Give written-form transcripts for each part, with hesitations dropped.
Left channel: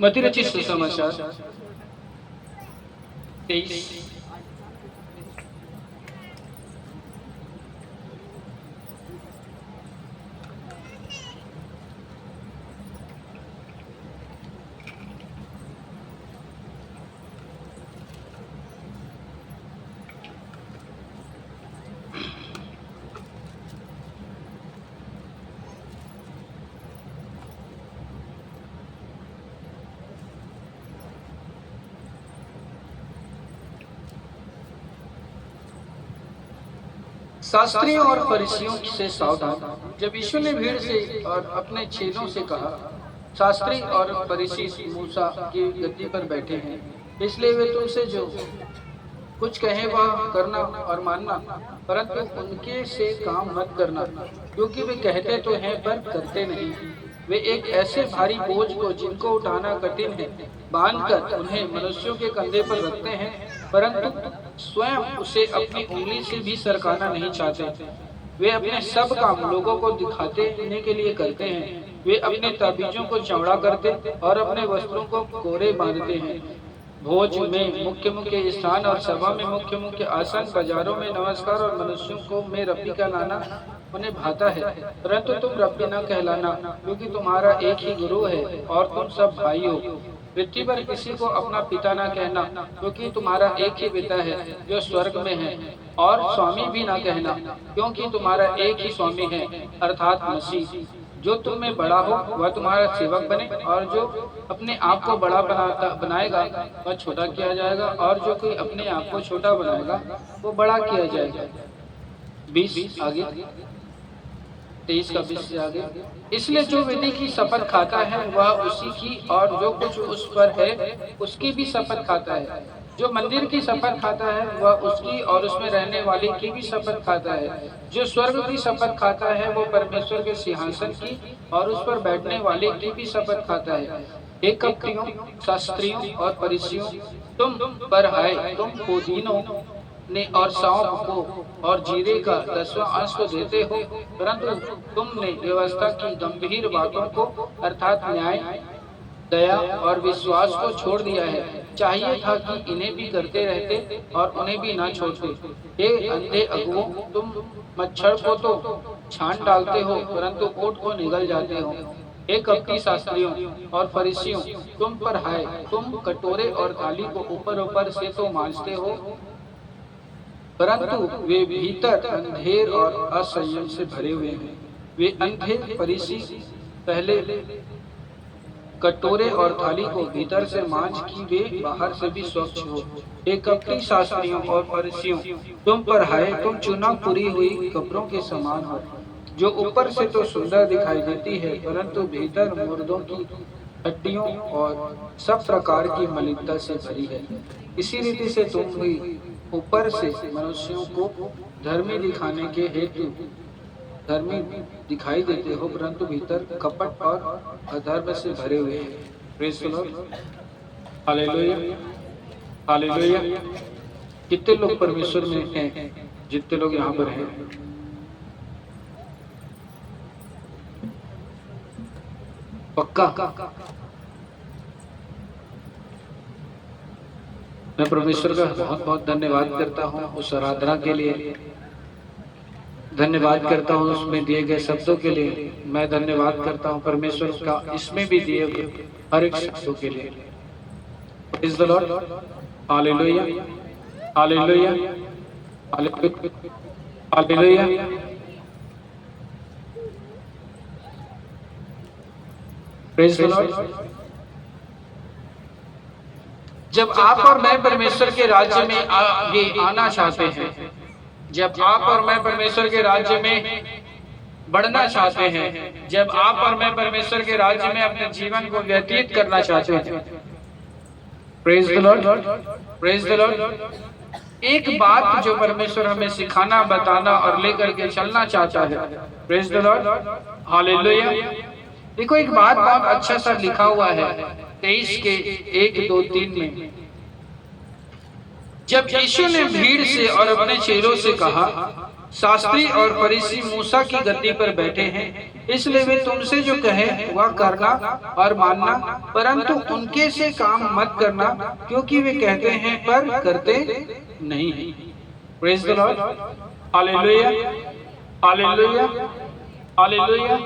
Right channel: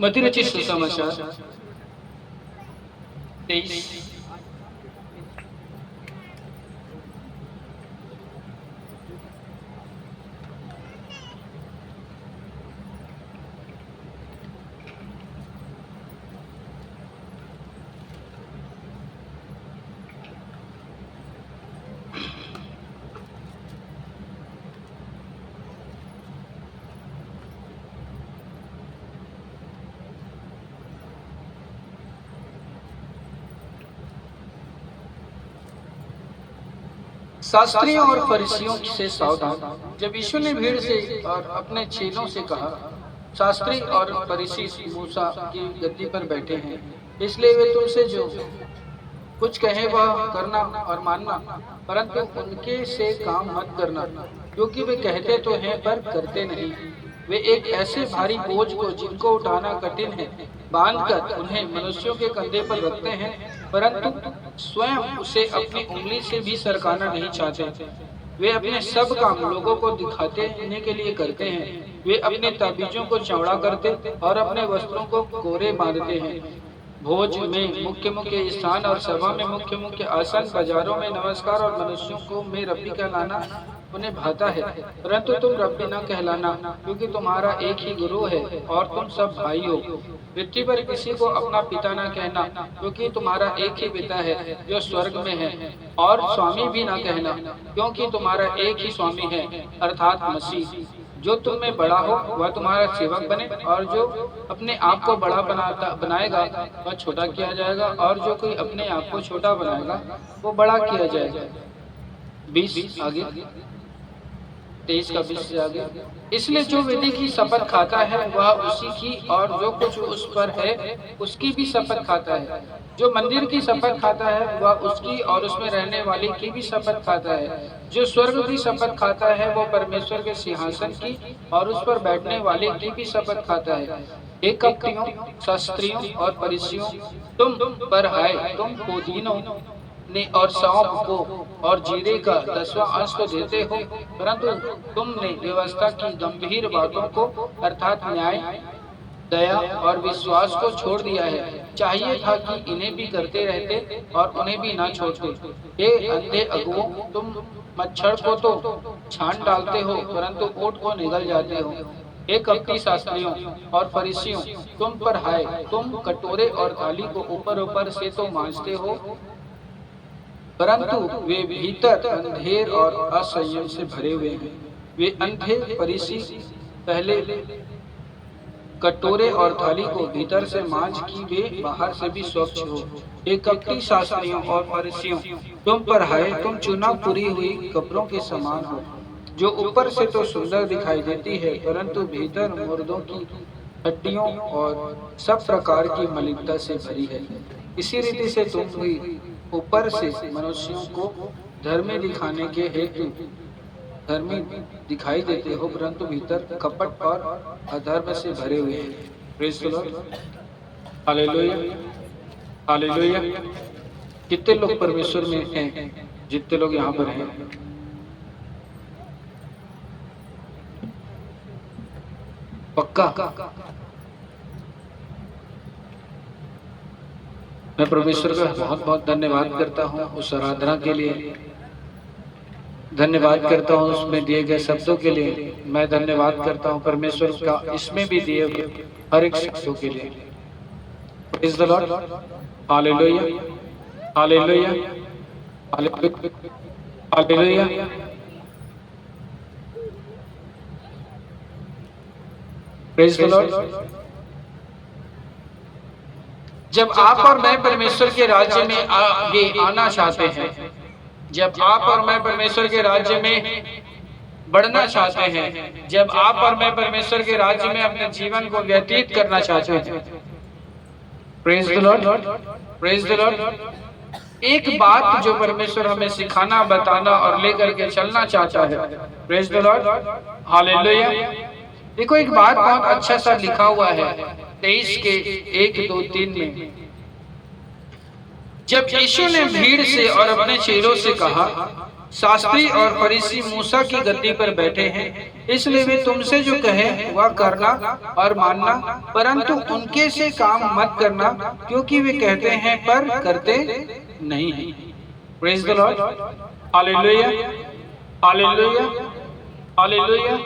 मती रचित सुसमाचार 23। शास्त्रियों और फरीसियों से सावधान। जब यीशु ने भीड़ से और अपने चेलों से कहा, शास्त्री और फरीसी मूसा की गद्दी पर बैठे हैं, इसलिए वे तुमसे जो कुछ कहें वह करना और मानना, परंतु उनके से काम मत करना, क्योंकि वे कहते तो हैं पर करते नहीं। वे एक ऐसे भारी बोझ को जिनको उठाना कठिन है बांधकर उन्हें मनुष्यों के कंधे पर रखते हैं, परंतु स्वयं उसे अपनी उंगली से भी सरकाना नहीं चाहते। वे अपने सब काम लोगों को दिखाने के लिए करते हैं। वे अपने ताबीजों को चौड़ा करते और अपने वस्त्रों को कोरे बांधते हैं। भोज में मुख्य मुख्य स्थान और सभा में मुख्य मुख्य आसन, बाजारों में नमस्कार और मनुष्यों को में रब्बी का लाना उन्हें भाता है, परंतु तुम रब्बी न कहलाना, क्योंकि तुम्हारा एक ही गुरु है और तुम सब भाई हो। पृथ्वी पर किसी को अपना पिता न कहना, क्योंकि तुम्हारा एक ही पिता है जो स्वर्ग में है, और स्वामी भी न कहना, क्योंकि तुम्हारा एक ही स्वामी है अर्थात मसीह। जो तुम में बड़ा हो वह तुम्हारा सेवक बने, और जो अपने आप को बड़ा बनाएगा वह छोटा किया जाएगा, और जो कोई अपने आप को छोटा बनाएगा वो बड़ा किया जाएगा। 20 आगे, 23 का 20 से आगे। इसलिए जो वेदी की शपथ खाता है वह उसी की और जो कुछ उस पर है उसकी भी शपथ खाता है। जो मंदिर की शपथ खाता है वह उसकी और उसमें रहने वाले की भी शपथ खाता है। जो स्वर्ग की शपथ खाता है वो परमेश्वर के सिंहासन की और उस पर बैठने वाले की भी शपथ खाता है। हे कपटियों, शास्त्रियों और फरीसियों, तुम पर हाय, तुम पुदीनों ने और सौंफ को और जीरे का 10वां अंश को देते हो, परंतु तुमने व्यवस्था की गंभीर बातों को अर्थात न्याय, दया और विश्वास को छोड़ दिया है। चाहिए था कि इन्हें भी करते रहते और उन्हें भी ना छोड़ते। हे अंधे अगुओं, तुम मच्छर को तो छान डालते हो परंतु ऊंट को निगल जाते हो। हे कपटी शास्त्रियों और फरीसियों, तुम पर हाय, तुम कटोरे और थाली को ऊपर ऊपर से तो मांजते हो, परंतु वे भीतर अंधेर और असंयम से भरे हुए हैं। वे अंधे फरीसी पहले कटोरे और थाली को भीतर से मांझ की वे बाहर से भी स्वच्छ हो। एक कपटी शास्त्रियों और फरीसियों, तुम पर हाय, तुम चुनाव पूरी हुई कपड़ों के समान हो, जो ऊपर से तो सुंदर दिखाई देती है परंतु भीतर मुर्दों की हड्डियों और सब प्रकार की मलिनता से भरी है। इसी रीति से तुम भी ऊपर से मनुष्यों को धर्मी दिखाने के हेतु धर्मी दिखाई देते हो, परंतु भीतर कपट और अधर्म से भरे हुए हैं। Praise the Lord, hallelujah, hallelujah. कितने लोग परमेश्वर में हैं? जितने लोग यहाँ पर हैं, पक्का मैं परमेश्वर का बहुत बहुत धन्यवाद करता हूँ उस आराधना के लिए, धन्यवाद करता हूँ उसमें दिए गए शब्दों के लिए। मैं धन्यवाद करता हूँ परमेश्वर का इसमें भी दिए हुए हर एक शब्दों के लिए। Praise the Lord, hallelujah, hallelujah, hallelujah. Praise the Lord. जब आप और मैं परमेश्वर के राज्य में आगे आना चाहते हैं, जब आप और मैं परमेश्वर के राज्य में बढ़ना चाहते हैं, जब आप और मैं परमेश्वर के राज्य में अपने जीवन को व्यतीत करना चाहते हैं, praise the Lord, praise the Lord. एक बात जो परमेश्वर हमें सिखाना, बताना और लेकर के चलना चाहता है, प्रेज़ द लॉर्ड, हालेलुया। देखो एक बात बहुत अच्छा सा लिखा हुआ है 23 के 1, 2, 3 में। जब यीशु ने भीड़ से और अपने चेलों से कहा, शास्त्री और फरीसी मूसा की गद्दी पर बैठे हैं, इसलिए वे तुमसे जो कहे वह करना और मानना, परंतु उनके से काम मत करना, क्योंकि वे कहते हैं पर करते नहीं हैं। Praise the Lord, hallelujah, hallelujah, hallelujah.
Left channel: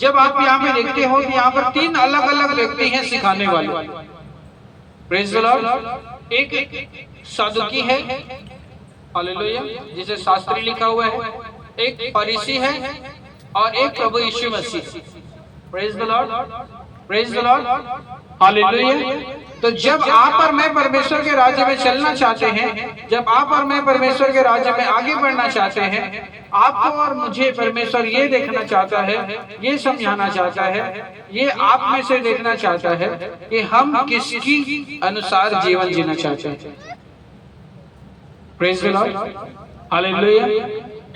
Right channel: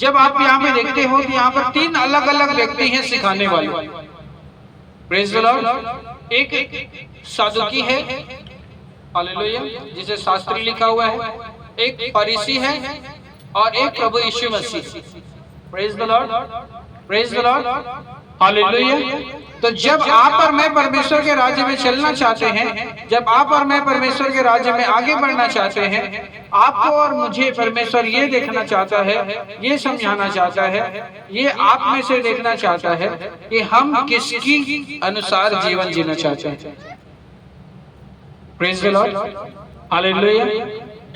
जब आप यहाँ पे देखते हो कि यहाँ पर 3 अलग अलग व्यक्ति हैं सिखाने वाले। Praise the Lord. एक सादुकी है, हालेलुया, जिसे शास्त्री लिखा हुआ है, एक फरीसी है और एक प्रभु यीशु मसीह। Praise the Lord, praise the Lord, hallelujah. तो जब आप और मैं परमेश्वर के राज्य में चलना चाहते हैं, जब आप और मैं परमेश्वर के राज्य में आगे बढ़ना चाहते हैं, आपको और मुझे परमेश्वर ये देखना चाहता है, ये समझाना चाहता है, ये आप में से देखना चाहता है कि हम किसकी अनुसार जीवन जीना चाहते हैं। Praise the Lord, hallelujah.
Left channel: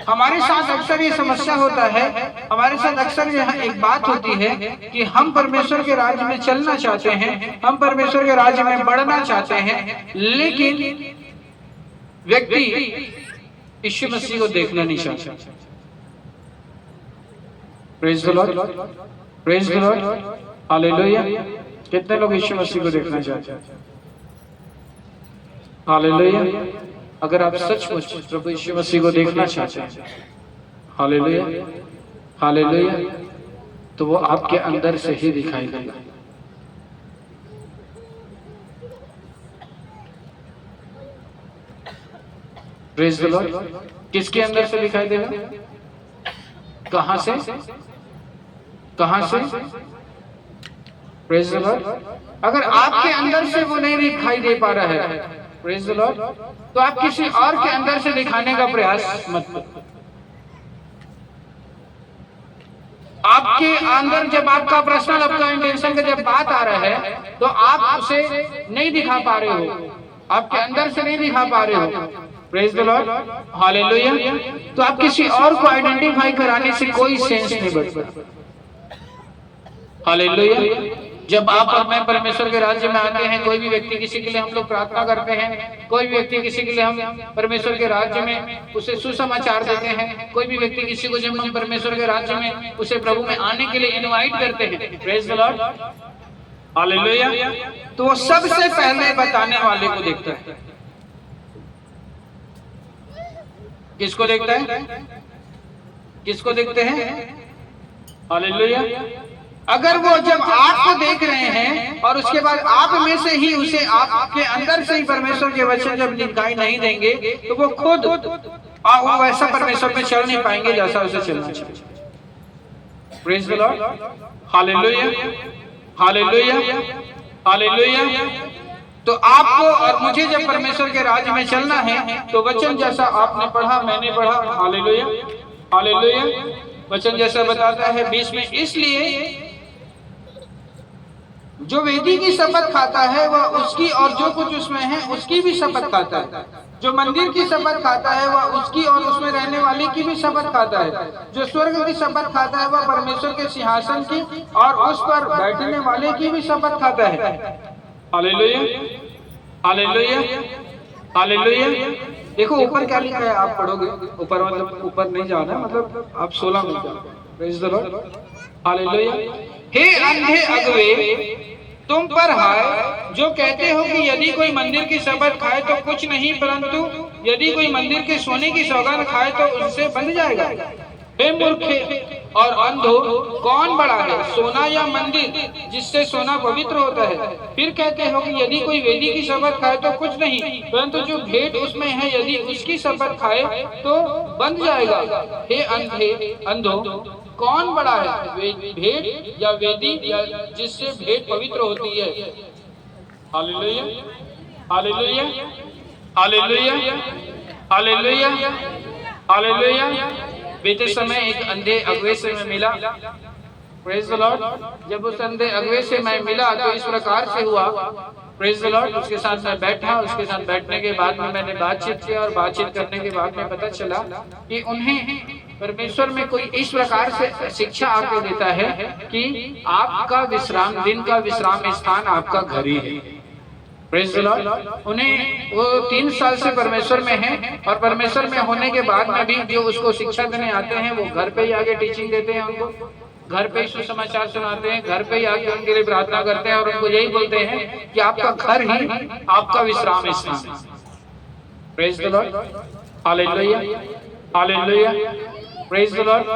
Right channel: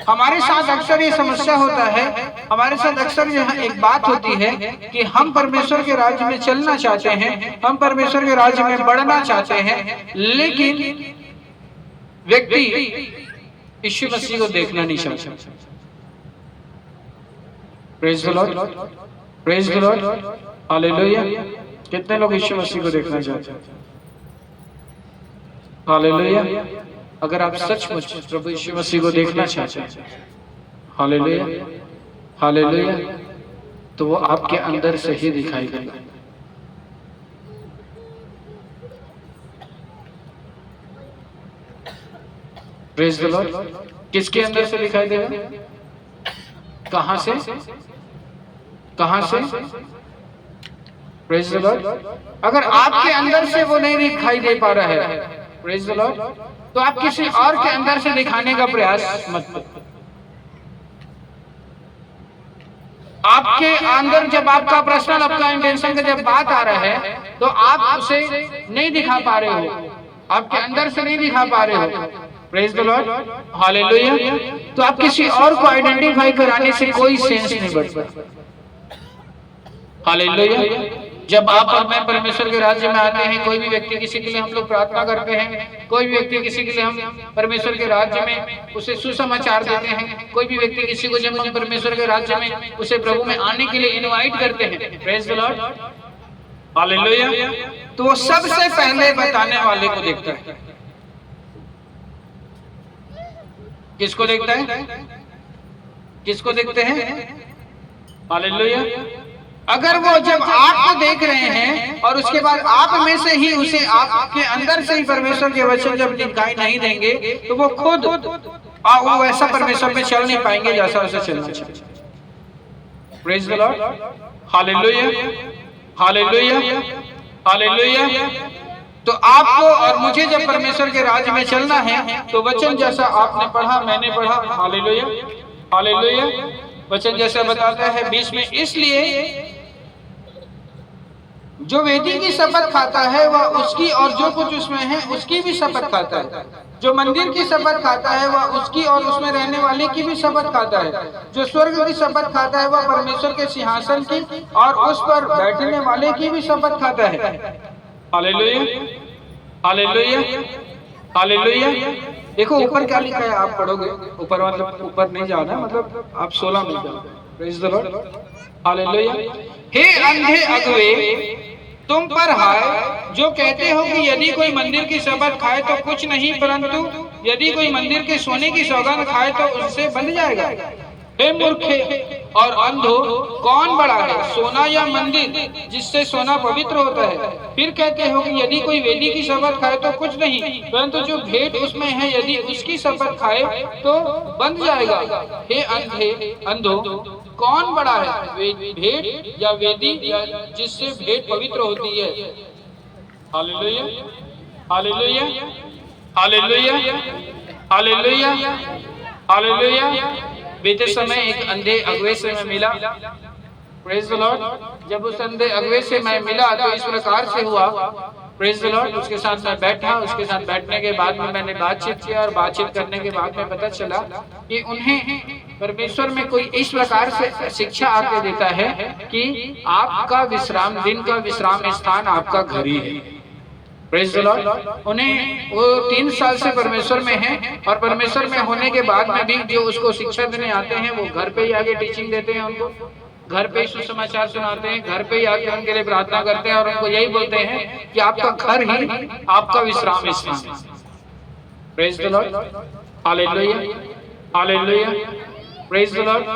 हमारे साथ अक्सर ये समस्या होता है, हमारे साथ अक्सर यहाँ एक बात होती है कि हम परमेश्वर के राज्य में चलना चाहते हैं, हम परमेश्वर के राज्य में बढ़ना चाहते हैं, लेकिन व्यक्ति यीशु मसीह को देखना नहीं चाहता। Praise the Lord, praise the Lord, hallelujah. कितने लोग यीशु मसीह को देखना चाहते हैं? हालेलुया। अगर आप सचमुच प्रभु यीशु मसीह को देखना चाहते हैं, हालेलुया, हालेलुया, तो वो आपके अंदर से ही दिखाई देगा। Praise the Lord. किसके अंदर से दिखाई देगा? कहां से? कहां से? Praise the Lord. अगर आपके अंदर से वो नहीं दिखाई दे पा रहा है, प्रेज द लॉर्ड, तो आप किसी और के अंदर से दिखाने का प्रयास मत करो। आपके अंदर जब आपका पर्सनल, आपका इंटेंशन का जब बात आ रहा है, तो आप उसे नहीं दिखा पा रहे हो, आपके अंदर से नहीं दिखा पा रहे हो। Praise the Lord, hallelujah. तो आप किसी और को आइडेंटिफाई कराने से कोई सेंस नहीं बढ़ता। हालेलुया। जब आप और मैं परमेश्वर के राज्य में आते हैं, कोई भी व्यक्ति किसी के लिए हम लोग प्रार्थना करते हैं, कोई भी व्यक्ति किसी के लिए हम परमेश्वर के राज्य में उसे सुसमाचार देते हैं, कोई भी व्यक्ति किसी को जब हम परमेश्वर के राज्य में उसे प्रभु में आने के लिए इनवाइट करते हैं, प्रेज द लॉर्ड, हालेलुया, तो वो सबसे पहले बताने वाले को देखता है। किसको देखता है? किसको देखते हैं? हालेलुया। अगर वो जब आपको देख रहे हैं और उसके बाद आप में से ही उसे, आपके अंदर से ही परमेश्वर के वचन जब दिखाई नहीं देंगे, तो वो खुद वो वैसा परमेश्वर में चल नहीं पाएंगे जैसा उसे चलना चाहिए। Praise the Lord, hallelujah, hallelujah, hallelujah. तो आपको और मुझे जब परमेश्वर के राज्य में चलना है, तो वचन जैसा आपने पढ़ा, मैंने पढ़ा, हालेलुया, हालेलुया, वचन जैसा बताता है 20 में, इसलिए जो वेदी की शपथ खाता है वह उसकी और जो कुछ उसमें है उसकी भी शपथ खाता है। जो मंदिर की शपथ खाता है वह उसकी और उसमें रहने वाले की भी शपथ खाता है। जो स्वर्ग की शपथ खाता है वह परमेश्वर के सिंहासन की और उस पर बैठने वाले की भी शपथ खाता है। Hallelujah, hallelujah, hallelujah. देखो ऊपर क्या लिखा है, आप पढ़ोगे, ऊपर मतलब ऊपर नहीं जाना, मतलब आप 16 में जाओ। Praise the Lord, hallelujah. हे अंधे अगुए, तुम पर हाय जो कहते हो कि यदि कोई मंदिर की शपथ खाए तो कुछ नहीं, परंतु यदि कोई मंदिर के सोने की सौगंध खाए तो उससे बंध जाएगा। हे मूर्खे और अंधो, कौन बड़ा है, सोना या मंदिर जिससे सोना पवित्र होता है? फिर कहते हो कि यदि कोई वेदी की शपथ खाए तो कुछ नहीं, परंतु जो भेंट उसमें है यदि उसकी शपथ खाए तो बंध जाएगा। हे अंधे अंधो, कौन बड़ा है, भेंट या वेदी या जिससे भेंट पवित्र होती है? Hallelujah, hallelujah, hallelujah, hallelujah, hallelujah. बीते समय एक अंधे अगुए से मैं मिला, प्रेज द लॉर्ड। जब उस अंधे अगुए से मैं मिला तो इस प्रकार से हुआ, प्रेज द लॉर्ड। उसके साथ मैं बैठा, उसके साथ बैठने के बाद में मैंने बातचीत किया और बातचीत करने के बाद में पता चला कि उन्हें परमेश्वर में कोई इस प्रकार से शिक्षा आके देता है कि आपका विश्राम दिन का विश्राम स्थान आपका घर ही है। Praise the Lord. उन्हें वो 3 साल से परमेश्वर में हैं और परमेश्वर में होने के बाद में भी जो उसको शिक्षा देने आते हैं वो घर पे ही आगे टीचिंग देते हैं, उनको घर पे ही सुसमाचार सुनाते हैं, घर पे ही आके उनके लिए प्रार्थना करते हैं और उनको यही बोलते हैं कि आपका घर ही आपका विश्राम स्थान है। Praise the Lord, hallelujah, hallelujah, praise the Lord,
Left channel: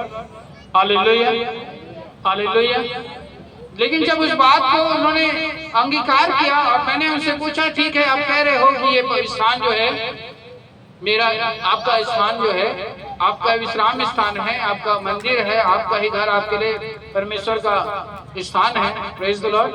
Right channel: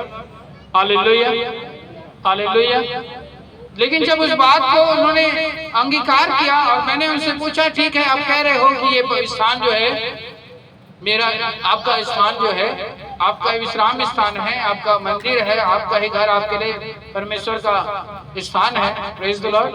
hallelujah, hallelujah. लेकिन जब उस बात को उन्होंने अंगीकार किया और मैंने उनसे पूछा, ठीक है आप कह रहे हो कि ये स्थान जो है मेरा, आपका स्थान जो है आपका विश्राम स्थान है, आपका मंदिर है, आपका ही घर आपके लिए परमेश्वर का स्थान है, प्रेज़ द लॉर्ड,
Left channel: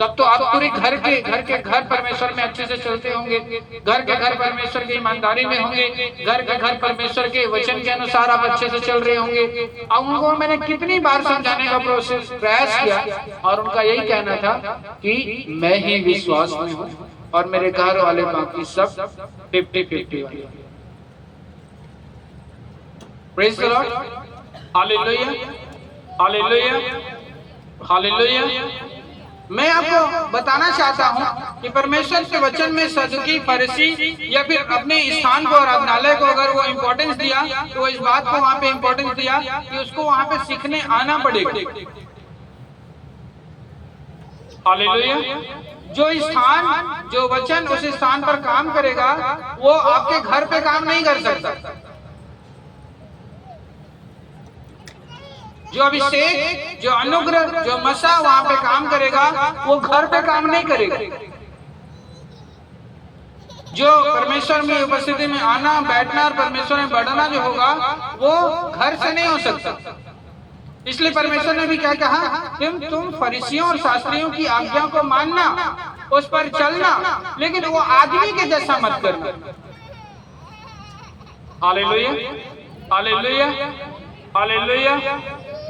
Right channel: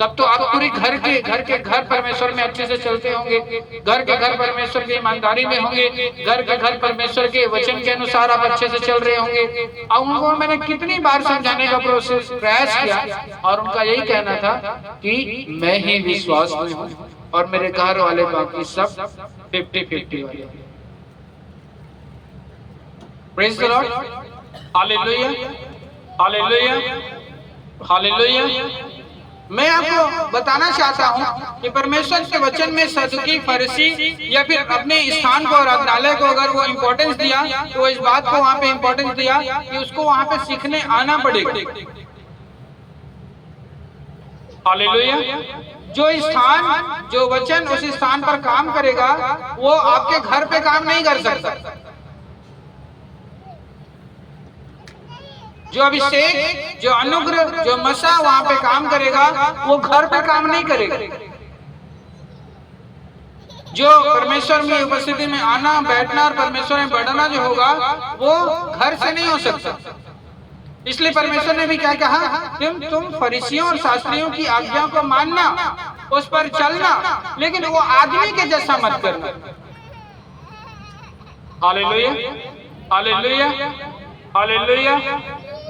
तब तो आप पूरी घर के घर परमेश्वर में अच्छे से चलते होंगे, घर के घर परमेश्वर की ईमानदारी में होंगे, घर के घर परमेश्वर के वचन के अनुसार आप अच्छे से चल रहे होंगे। और उनको मैंने कितनी बार समझाने का प्रयास किया और उनका यही कहना था कि मैं ही विश्वास में हूँ और मेरे घर वाले बाकी सब 50-50 वाले। Praise the Lord, hallelujah, hallelujah, hallelujah. मैं आपको बताना चाहता हूं कि परमेश्वर के वचन में सदुकी, फरीसी या फिर अपने स्थान को, आराधनालय को अगर वो इम्पोर्टेंस दिया तो इस बात को वहां पे इम्पोर्टेंस दिया कि उसको वहां पे सीखने आना पड़ेगा। हालेलुया। जो स्थान, जो वचन उस स्थान पर काम करेगा वो आपके घर पे काम नहीं कर सकता। जो अभिषेक, जो अनुग्रह, जो मसा वहां पे काम करेगा वो घर पे काम नहीं करेगा। जो परमेश्वर में उपस्थिति में आना, बैठना और परमेश्वर में बढ़ना जो होगा वो घर से नहीं हो सकता। इसलिए परमेश्वर ने भी क्या कहा, तुम फरीसियों और शास्त्रियों की आज्ञाओं को मानना, उस पर चलना, लेकिन वो आदमी के जैसा मत करना। Hallelujah, hallelujah, hallelujah,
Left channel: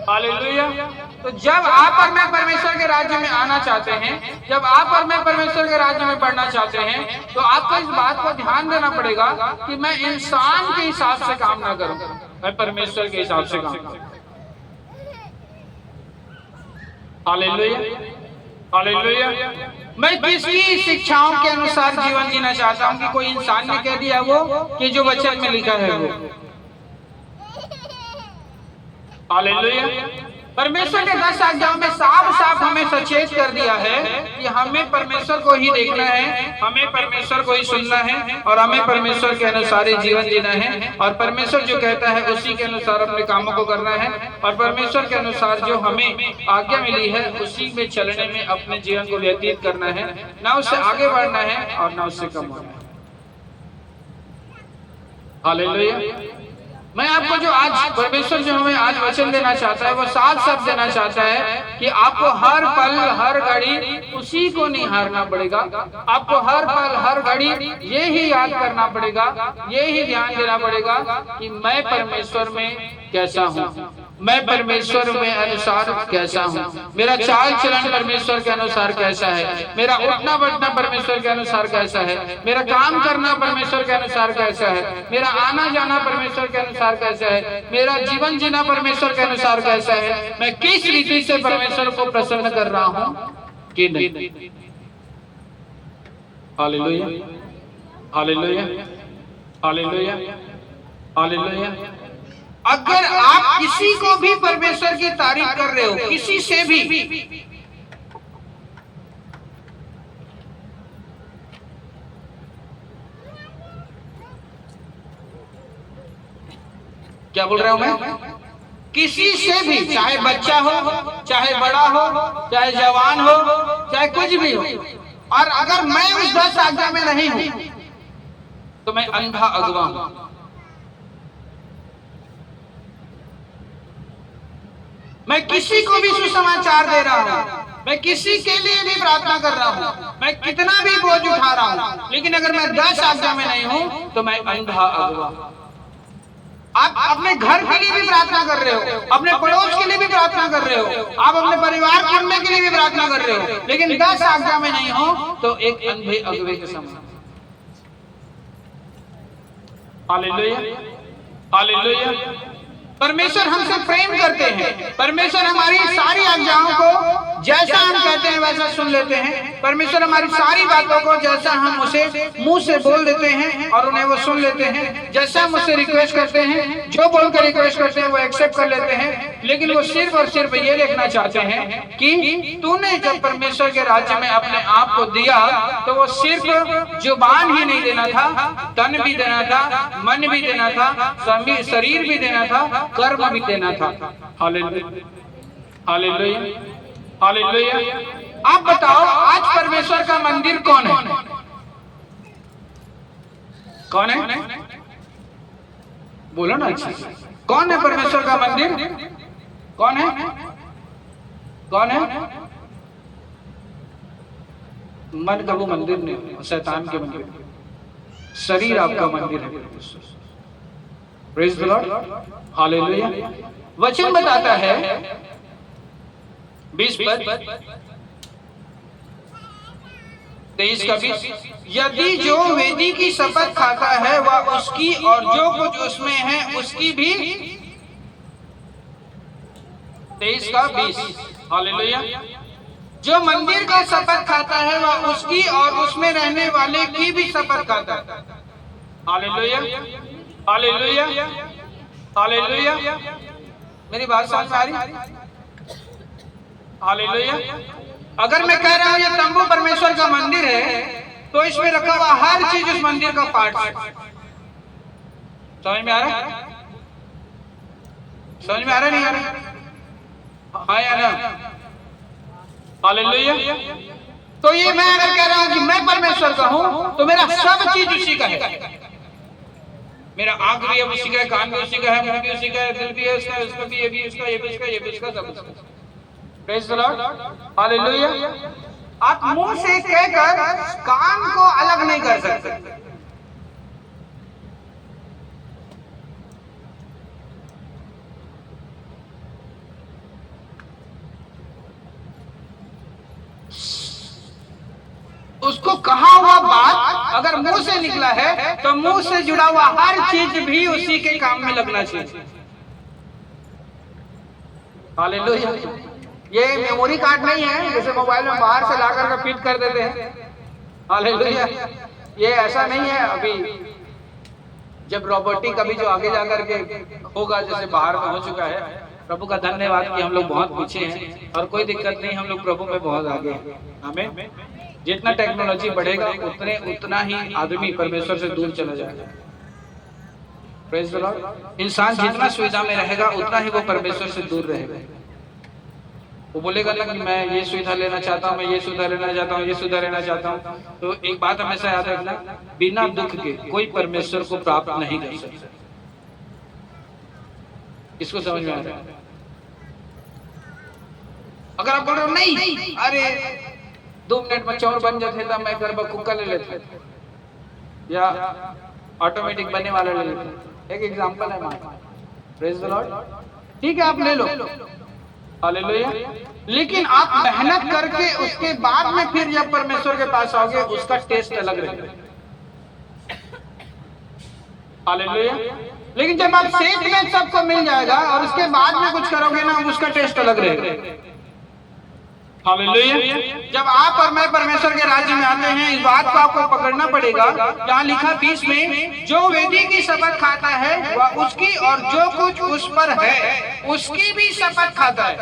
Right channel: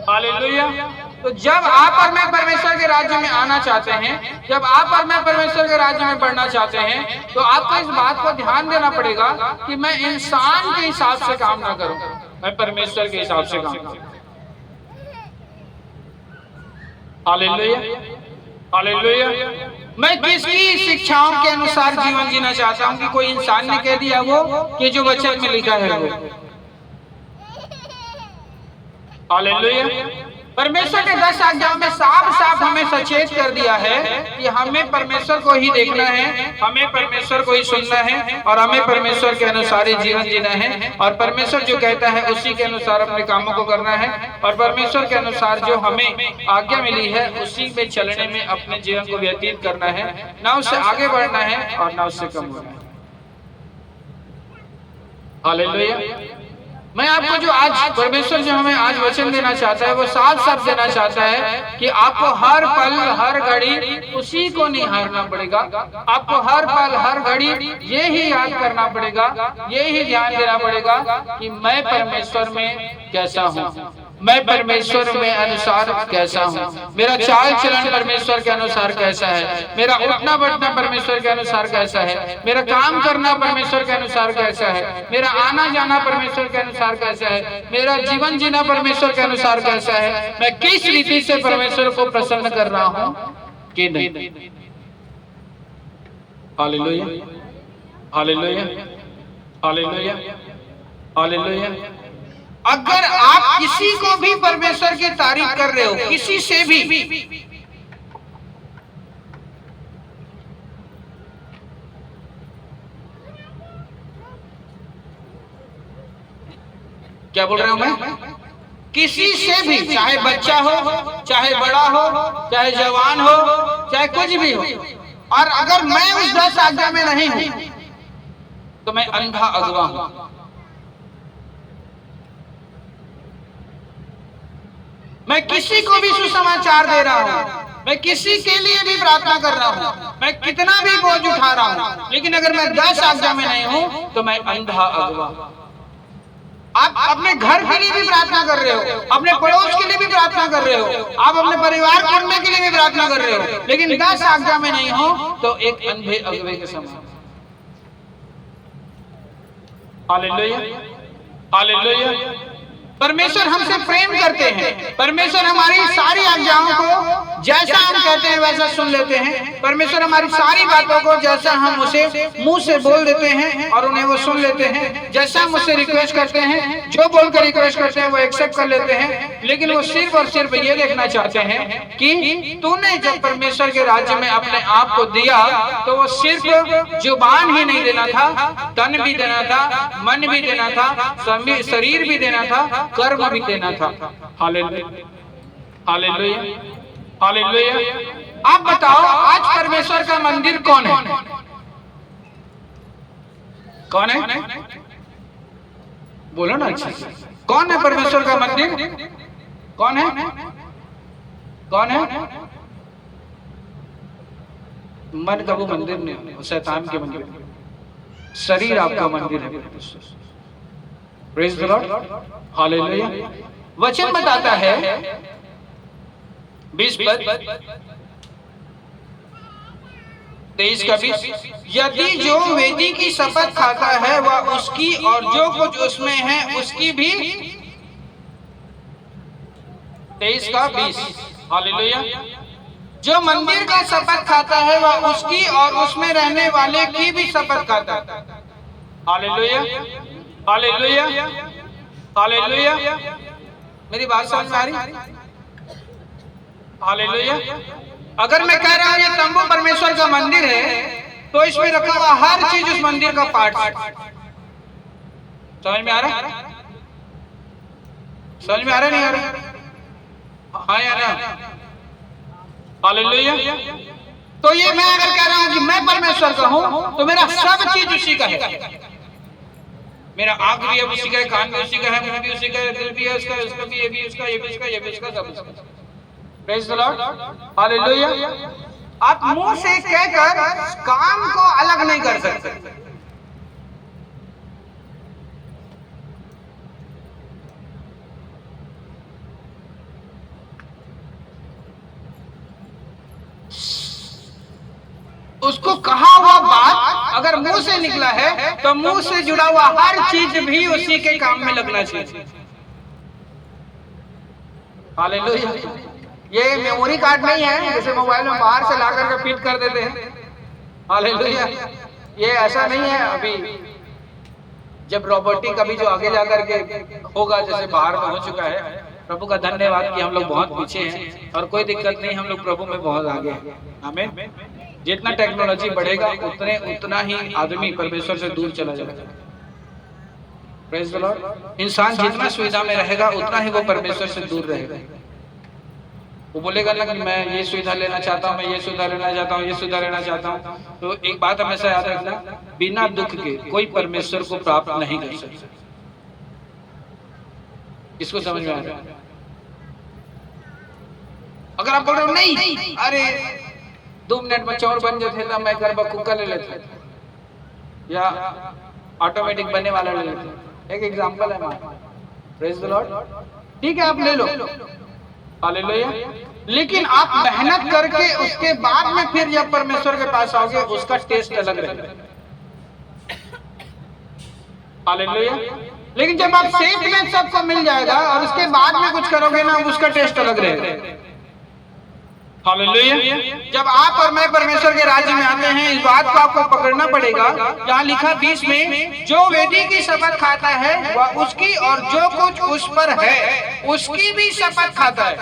hallelujah. तो जब आप और मैं परमेश्वर के राज्य में आना चाहते हैं, जब आप और मैं परमेश्वर के राज्य में बढ़ना चाहते हैं, तो आपको इस बात को ध्यान देना पड़ेगा कि मैं इंसान के हिसाब से काम ना करूं, मैं परमेश्वर के हिसाब से काम करूं। Hallelujah, hallelujah. मैं किसकी शिक्षाओं के अनुसार जीवन जीना चाहता हूं कि कोई इंसान ने कह दिया वो कि जो वचन में लिखा है वो। हालेलुया। परमेश्वर के 10 आज्ञाओं में साफ साफ हमें सचेत कर दिया है कि हमें परमेश्वर को ही देखना है, हमें परमेश्वर को ही सुनना है और हमें परमेश्वर के अनुसार ही जीवन जीना है। और परमेश्वर जो कहता है उसी के अनुसार अपने कामों को करना है और परमेश्वर के अनुसार जो हमें आज्ञा मिली है उसी में चलने में अपने जीवन को व्यतीत करना है, ना उससे आगे बढ़ना है और ना उससे कम होना है। हालेलुया। मैं आपको जो आज परमेश्वर जो हमें आज वचन देना चाहता है वो साफ साफ देना चाहता है कि आपको हर पल हर घड़ी उसी को निहारना पड़ेगा। आपको हर पल हर घड़ी ये ही याद करना पड़ेगा, ये ही ध्यान देना पड़ेगा कि मैं परमेश्वर में कैसा हूँ, मैं परमेश्वर में अनुसार कैसा हूँ, मेरा चाल चलन परमेश्वर के अनुसार कैसा है, मेरा उठना बैठना परमेश्वर के अनुसार कैसा है, मेरा काम करना परमेश्वर के अनुसार कैसा है, मेरा आना जाना परमेश्वर के अनुसार कैसा है, मेरा जीवन जीना परमेश्वर के अनुसार कैसा है, मैं किस रीति से परमेश्वर को प्रसन्न कर रहा हूँ कि नहीं। Hallelujah, hallelujah, hallelujah, hallelujah. अगर आप किसी को भी परमेश्वर की तारीफ कर रहे हो, किसी से भी, क्या बोल रहा हूं मैं, किसी से भी, चाहे बच्चा हो, चाहे बड़ा हो, चाहे जवान हो, चाहे कुछ भी हो, और अगर मैं उस 10 आज्ञा में नहीं हूं तो मैं अंधा अगवा हूं। मैं किसी को भी सुसमाचार दे रहा हूँ, मैं किसी के लिए भी प्रार्थना कर रहा हूँ, मैं कितना भी बोझ उठा रहा हूँ, लेकिन अगर मैं 10 आज्ञा में नहीं हूँ तो मैं अंधा अगवा। आप अपने घर के लिए भी प्रार्थना कर रहे हो, अपने पड़ोस के लिए भी प्रार्थना कर रहे हो, आप अपने परिवार कुटुंब के लिए भी प्रार्थना कर रहे हो, लेकिन 10 आज्ञा में नहीं हो तो एक अंधे अगवे के समान। Hallelujah, hallelujah. परमेश्वर हमसे प्रेम करते हैं, परमेश्वर हमारी सारी आज्ञाओं को जैसा हम कहते हैं वैसा सुन लेते हैं। परमेश्वर हमारी सारी बातों को जैसा हम उसे मुंह से बोल देते हैं और उन्हें वो सुन लेते हैं। जैसा हम उससे रिक्वेस्ट करते हैं, जो बोलकर रिक्वेस्ट करते हैं वो एक्सेप्ट कर लेते हैं। लेकिन वो सिर्फ और सिर्फ ये देखना चाहते हैं कि तूने जब परमेश्वर के राज्य में अपने आप को दिया तो वो सिर्फ जुबान ही नहीं देना था, तन भी देना था, मन भी देना था, शरीर भी देना था, कर्म भी देना था। Hallelujah, hallelujah, hallelujah. आप बताओ आज परमेश्वर का मंदिर कौन है? कौन है? बोलो ना अच्छा। कौन है परमेश्वर का मंदिर? कौन है? कौन है? मन का वो मंदिर नहीं, शैतान के मंदिर। शरीर आपका मंदिर है। Praise the Lord, hallelujah. वचन बताता है 20 पद 23 का 20, यदि जो वेदी की शपथ खाता है वह उसकी और जो कुछ उसमें है उसकी भी। 23 का 20, हालेलुया। जो मंदिर का शपथ खाता है वह उसकी और उसमें रहने वाले की भी शपथ खाता है। Hallelujah, hallelujah, hallelujah. मेरी बात समझ में आ रही? हालेलुया। अगर मैं कह रहा हूं ये तंबू परमेश्वर का मंदिर है तो इसमें रखा हुआ हर चीज उस मंदिर का पार्ट। समझ में आ रहा है? समझ में आ रहा नहीं आ रहा? हाँ या ना? हालेलुया। तो ये मैं अगर कह रहा हूं कि मैं परमेश्वर का हूं तो मेरा सब चीज उसी का है। मेरा आंख भी उसी का है, कान भी उसी का है, मुंह भी उसी का है, दिल भी है उसका, उसका भी, ये भी उसका, ये भी उसका, ये भी उसका, सब उसका। Praise the Lord, hallelujah. आप मुंह से कहकर कान को अलग नहीं कर सकते। उसको कहा हुआ बात अगर मुंह से निकला है तो मुंह से जुड़ा हुआ हर चीज भी उसी के काम में लगना चाहिए। हालेलुया। ये मेमोरी कार्ड नहीं है जैसे मोबाइल में बाहर से ला करके फिट कर देते हैं। हालेलुया। ये ऐसा नहीं है। अभी जब रोबोटिक अभी जो आगे जाकर के होगा, जैसे बाहर में हो चुका है, प्रभु का धन्यवाद कि हम लोग बहुत पीछे हैं और कोई दिक्कत नहीं, हम लोग प्रभु में बहुत आगे हैं। आमीन। जितना टेक्नोलॉजी बढ़ेगा उतना ही आदमी परमेश्वर से दूर चला जाएगा। Praise the Lord. इंसान जितना सुविधा में रहेगा उतना ही वो परमेश्वर से दूर रहेगा। वो बोलेगा ना कि मैं ये सुविधा लेना चाहता हूँ, मैं ये सुविधा लेना चाहता हूँ, ये सुविधा लेना चाहता हूँ। तो एक बात हमेशा याद रखना, बिना दुख के कोई परमेश्वर को प्राप्त नहीं कर सकता। इसको समझ में आ रहा है? अगर आप बोल रहे हो नहीं, अरे 2 मिनट में चोर बन जाते तो मैं घर पर कुक्का ले लेता या ऑटोमेटिक बनने वाला ले लेता। एक एग्जांपल है हमारा। Praise the Lord. ठीक है, आप ले लो, हालेलुया। लेकिन आप मेहनत करके उसके बाद में फिर जब परमेश्वर के पास आओगे उसका टेस्ट अलग रहेगा। हालेलुया। लेकिन जब आप सेफ में सबको मिल जाएगा और उसके बाद में कुछ करोगे ना, उसका टेस्ट अलग रहेगा। हालेलुया। जब आप और मैं परमेश्वर के राज्य में आते हैं, इस बात को आपको पकड़ना पड़ेगा। यहाँ लिखा 20 में, जो वेदी की शपथ खाता है वह उसकी और जो कुछ उस पर है उसकी भी शपथ खाता है।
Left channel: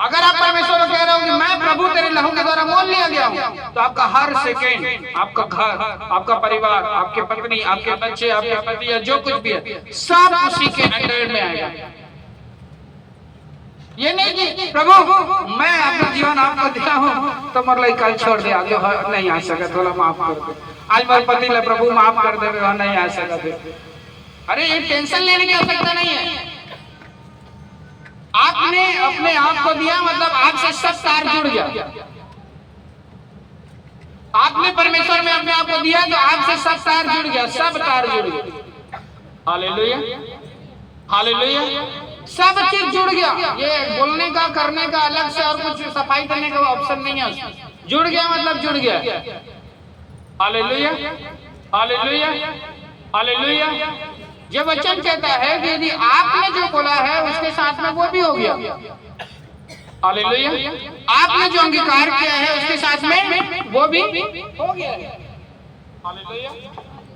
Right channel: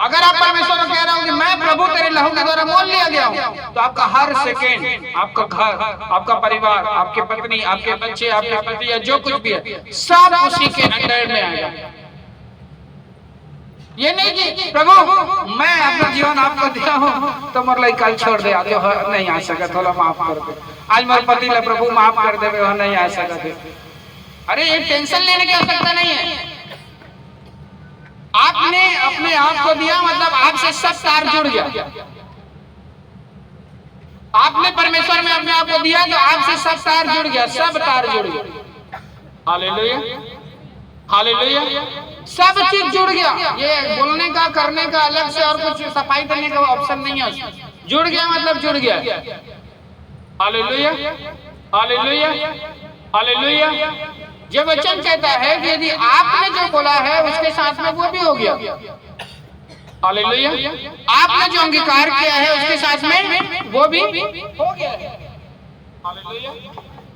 अगर आप परमेश्वर को कह रहे हो कि मैं प्रभु तेरे लहू के द्वारा मोल लिया गया हूँ, तो आपका हर सेकेंड, आपका घर, आपका परिवार, आपके पत्नी, आपके बच्चे, आपके पति या जो कुछ भी है, सब उसी के अंडर में आएगा। ये नहीं कि प्रभु मैं अपना जीवन आपको दिया हूँ तो मोर लाइक कल छोड़ दे, आगे नहीं आ सका, थोड़ा माफ कर दे। आज मेरे पति ने प्रभु माफ कर दे, वह नहीं आ सका थे। अरे ये टेंशन लेने की आवश्यकता नहीं है। आपने अपने आप को दिया, मतलब आपसे सब तार जुड़ गया। आपने परमेश्वर में अपने आप को दिया तो आपसे सब तार जुड़ गया, सब तार जुड़ गया। Hallelujah, hallelujah. सब चीज जुड़ गया। ये बोलने का, करने का अलग से और कुछ सफाई करने का ऑप्शन नहीं है उसमें। जुड़ गया मतलब जुड़ गया। हालेलुया, हालेलुया, हालेलुया, ये वचन कहता है कि यदि आपने जो बोला है उसके साथ में वो भी हो गया। हालेलुया। आपने जो अंगीकार किया है उसके साथ में वो भी हो गया। हालेलुया।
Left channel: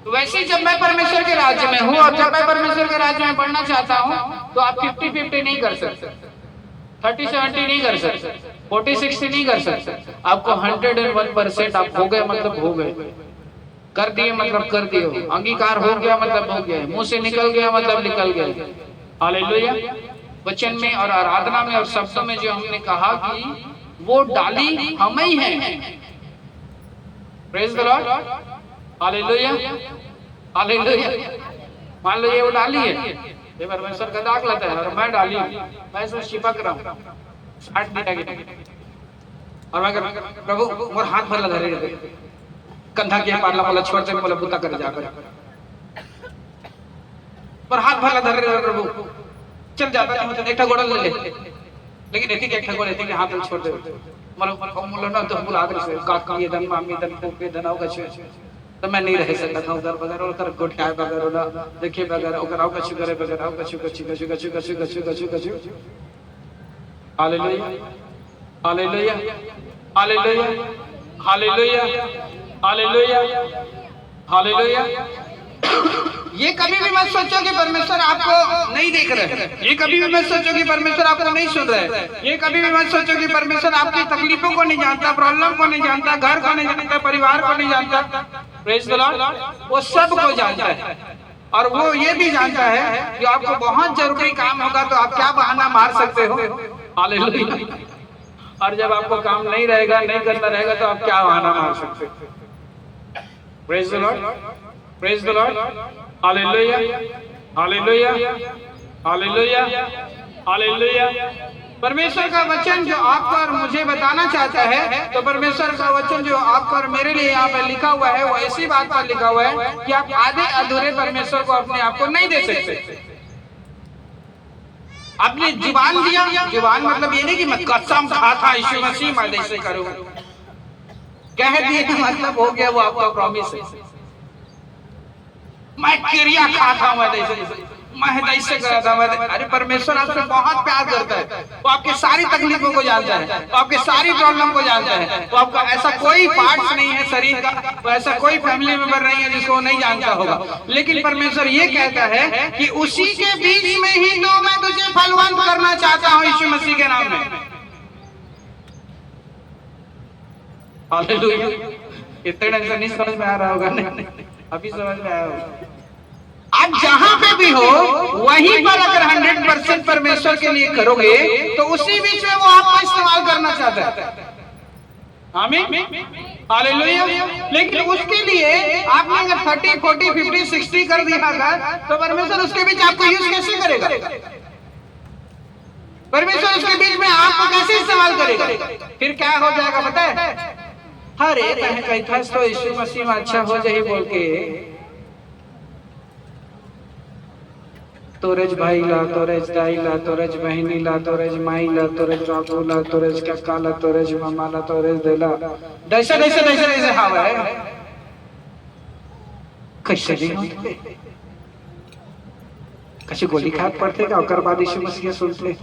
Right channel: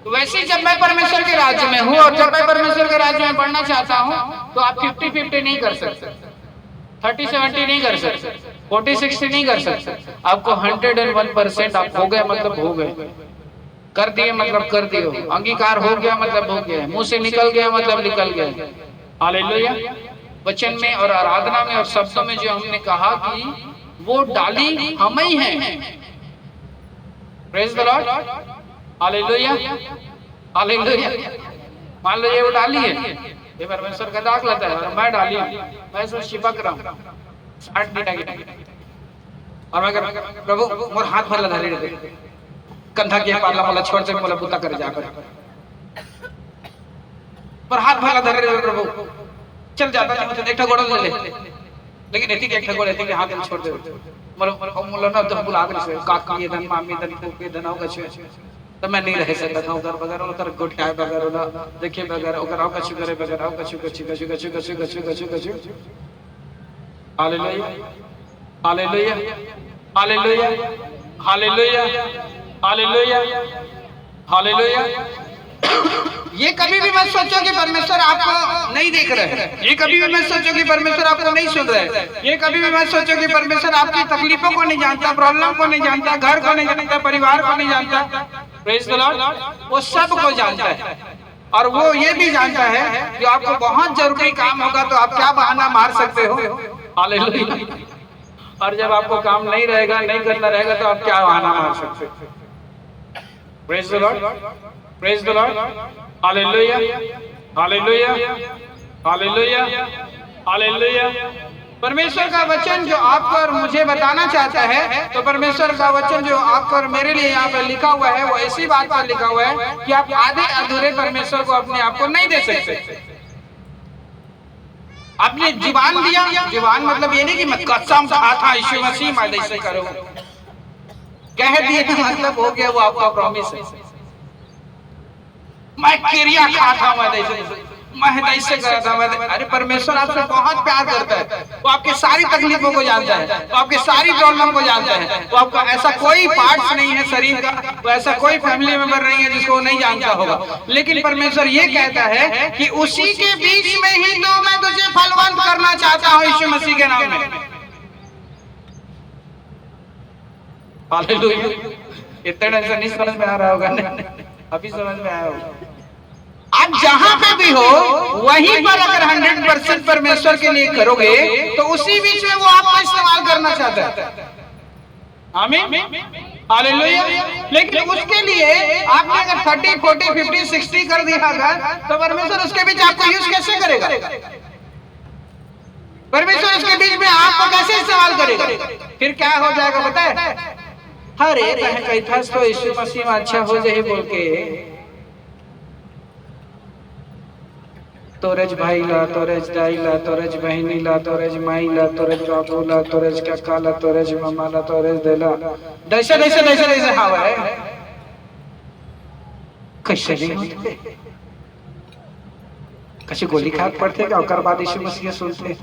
तो वैसे जब मैं परमेश्वर के राज्य में हूँ और जब मैं परमेश्वर के राज्य में बढ़ना चाहता हूँ तो आप 50-50 नहीं कर सकते, 30-70 नहीं कर सकते, 40-60 नहीं कर सकते। आपको 101% आप हो गए मतलब हो गए, कर दिए मतलब कर दिए, अंगीकार हो गया मतलब हो गया, मुंह से निकल गया मतलब निकल गया। हालेलुया। वचन में और आराधना में और शब्दों में जो हमने कहा कि वो डाली हम ही हैं। Praise the Lord. Hallelujah. Hallelujah. मान लो ये वो डाली है, ये परमेश्वर का दाग लेता है और मैं डाली हूं, मैं इसमें चिपक रहा हूं 60 मिनट और मैं प्रभु मोर हाथ भर लगा रहे कंधा के पाला वाला छोड़ दे वाला बुता कर जाकर पर हाथ भर लगा रहे प्रभु चल जाता है मतलब एकटा गोड़ ले लेकिन एती के एकटा गोड़ एती के हाथ में छोड़ दे मोर ना तो बुला कर से काका ये धन मामी धन को पे धनाओ कछु तो मैं नहीं रह सकता था उधर बगैर उधर गोठा बगैर उधर देखिए बगैर उधर आओ कछु करे बगैर आओ कछु कछु कछु कछु कछु कछु कछु कछु। Hallelujah. Hallelujah. Hallelujah. Hallelujah. Hallelujah. Hallelujah. ये कभी भी मत सोचो कि परमेश्वर आपको नहीं देख रहे हैं, ये कभी भी मत सोचो कि परमेश्वर आपको नहीं सुन रहे हैं, ये कभी भी मत सोचो कि परमेश्वर आपकी तकलीफों को नहीं जानता, प्रॉब्लम को नहीं जानता, घर को नहीं जानता, परिवार को नहीं जानता। Praise the Lord. वो सब को जानता है और वो ये भी जानता है कि आपको बहुत जरूरी काम होगा तो आप क्या बहाना मार सकते हो। हालेलुया। और जब आपको काम नहीं रहेगा, नहीं करना रहेगा तो आप क्या बहाना मार सकते हो। Praise the Lord. Praise the Lord. Hallelujah. Hallelujah. Hallelujah. Hallelujah. परमेश्वर का वचन जो आपको और मुझे बताना चाहता है, तो परमेश्वर का वचन जो आपको और मेरे लिए यहाँ पर लिखा हुआ है वो ऐसी बात पर लिखा हुआ है कि आप आधे अधूरे परमेश्वर को अपने आप को नहीं दे सकते। आपने जुबान दिया, जुबान मतलब ये नहीं कि मैं कसम खाता यीशु मसीह मैं ऐसे करूंगा, कह दिए तो मतलब हो गया, वो आपका प्रॉमिस है। मैं क्रिया खाता मैं ऐसे करा था मैं, अरे परमेश्वर आपसे बहुत प्यार करता है, वो आपकी सारी तकलीफों को जानता है, वो आपकी सारी प्रॉब्लम को जानता है, वो आपका ऐसा कोई पार्ट्स नहीं है शरीर का, वो ऐसा कोई फैमिली मेंबर नहीं है जिसको नहीं जानता होगा। लेकिन परमेश्वर ये कहता है कि उसी के बीच में ही तो मैं तुझे फलवंत करना चाहता हूँ यीशु मसीह के नाम में। हालेलुया। इतना नहीं समझ में आ रहा होगा ना, अभी समझ में आया होगा। आप जहां पे भी हो वहीं पर अगर 100% परमेश्वर के लिए करोगे तो उसी बीच में वो आपका इस्तेमाल करना चाहता है। आमीन। हालेलुया। लेकिन उसके लिए आपने अगर 30, 40, 50, 60 कर दिया होगा तो परमेश्वर उसके बीच आपको यूज कैसे करेगा? परमेश्वर उसके बीच में आपको कैसे इस्तेमाल करेगा? फिर क्या हो जाएगा पता है? अरे तने कही था तो यीशु मसीह में अच्छा हो जाए बोल के तोरेज भाई ला, तोरेज दाई ला, तोरेज बहनी ला, तोरेज माई ला, तोरेज बाबू ला, तोरेज काका ला, तोरेज मामा ला, तोरेज देला, दैसे दैसे दैसे दैसे हवा है। कैसे नहीं होते, कैसे गोली खा पड़ते का और बाद यीशु मसीह सुनते।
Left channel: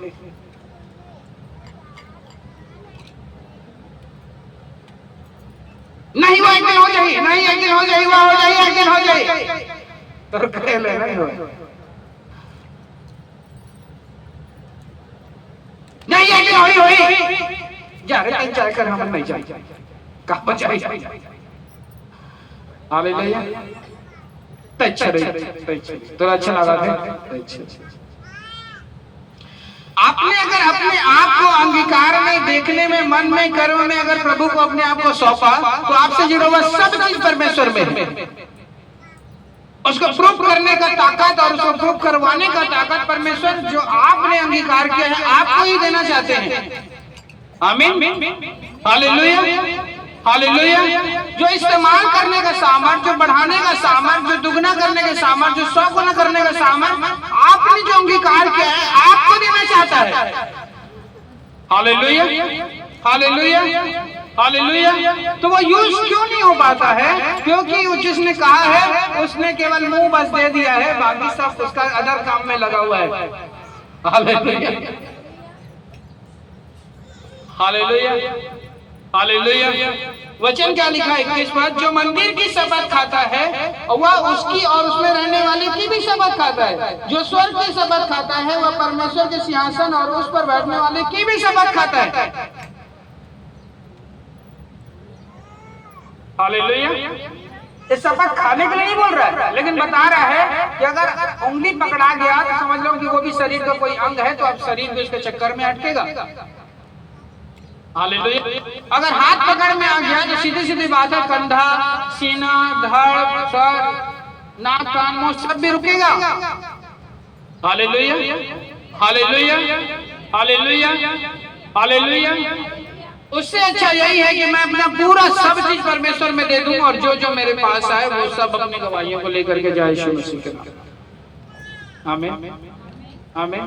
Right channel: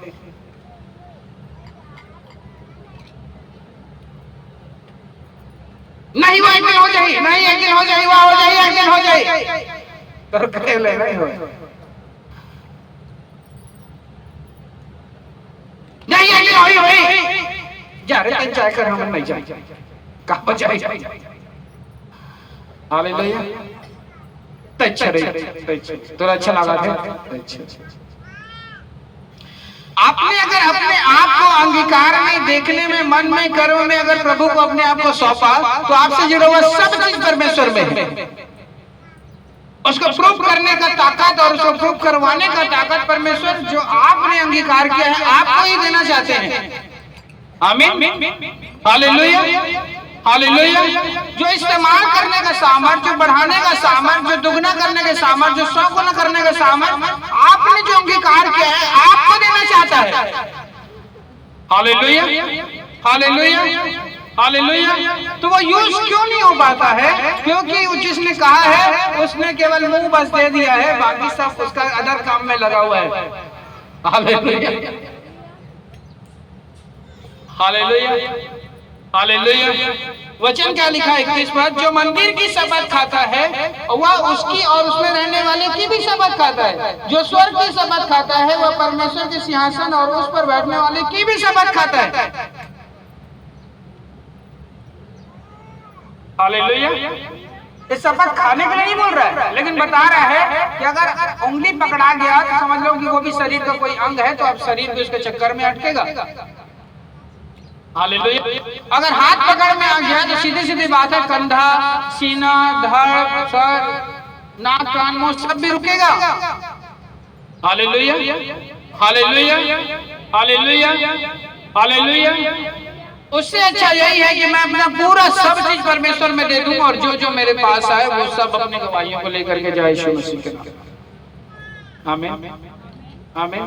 नहीं वो एक दिन हो जाए, नहीं एक दिन हो जाए, वो हो जाए, एक दिन हो जाए, तो पहले नहीं हो, नहीं एक दिन होई जा रहे 3-4 कर हम नहीं जाए कहाँ बचाई। हालेलुया। अच्छा तो अच्छा लगा था। आपने अगर अपने आप को अंगीकार में, देखने में, मन में, कर्म में अगर प्रभु को अपने आप को सौंपा तो आपसे जुड़ा हुआ सब चीज परमेश्वर में है। उसको प्रूफ करने का ताकत और उसको प्रूफ करवाने का ताकत परमेश्वर जो आपने अंगीकार किया है आपको ही देना चाहते हैं। आमीन। हालेलुया। हालेलुया। जो इस्तेमाल करने का सामर्थ, जो बढ़ाने का सामर्थ, जो दुगना करने का सामर्थ, जो 100 गुना करने का सामर्थ आपने जो अंगीकार किया है आपको देना चाहता है। हालेलुया। हालेलुया। हालेलुया। तो वो यूज क्यों नहीं हो पाता है? क्योंकि जिसने कहा है उसने केवल मुंह बस दे दिया है, बाकी सब उसका अदर काम में लगा हुआ है। Hallelujah, hallelujah, hallelujah. वचन क्या लिखा है 21 पद, जो मंदिर की शपथ खाता है वह उसकी और उसमें रहने वाले की भी शपथ खाता है। जो स्वर्ग की शपथ खाता है वह परमेश्वर के सिंहासन और उस पर बैठने वाले की भी शपथ खाता है। हालेलुया। इस शपथ खाने के लिए नहीं बोल रहा है, लेकिन बता रहा है कि अगर उंगली पकड़ा गया तो समझ लो कि वो भी शरीर का कोई अंग है, तो अब शरीर भी उसके चक्कर में अटकेगा। हालेलुया। अगर हाथ पकड़ में आ गया तो सीधी सीधी बात है, कंधा, सीना, धड़, सर, नाक, कान, मुंह सब भी रुकेगा। Hallelujah, hallelujah, hallelujah, hallelujah. उससे अच्छा यही है कि मैं अपना पूरा सब चीज परमेश्वर में दे दूं और जो जो मेरे पास आए वो सब अपनी गवाहियों को लेकर के जाए यीशु मसीह के नाम। आमीन, आमीन।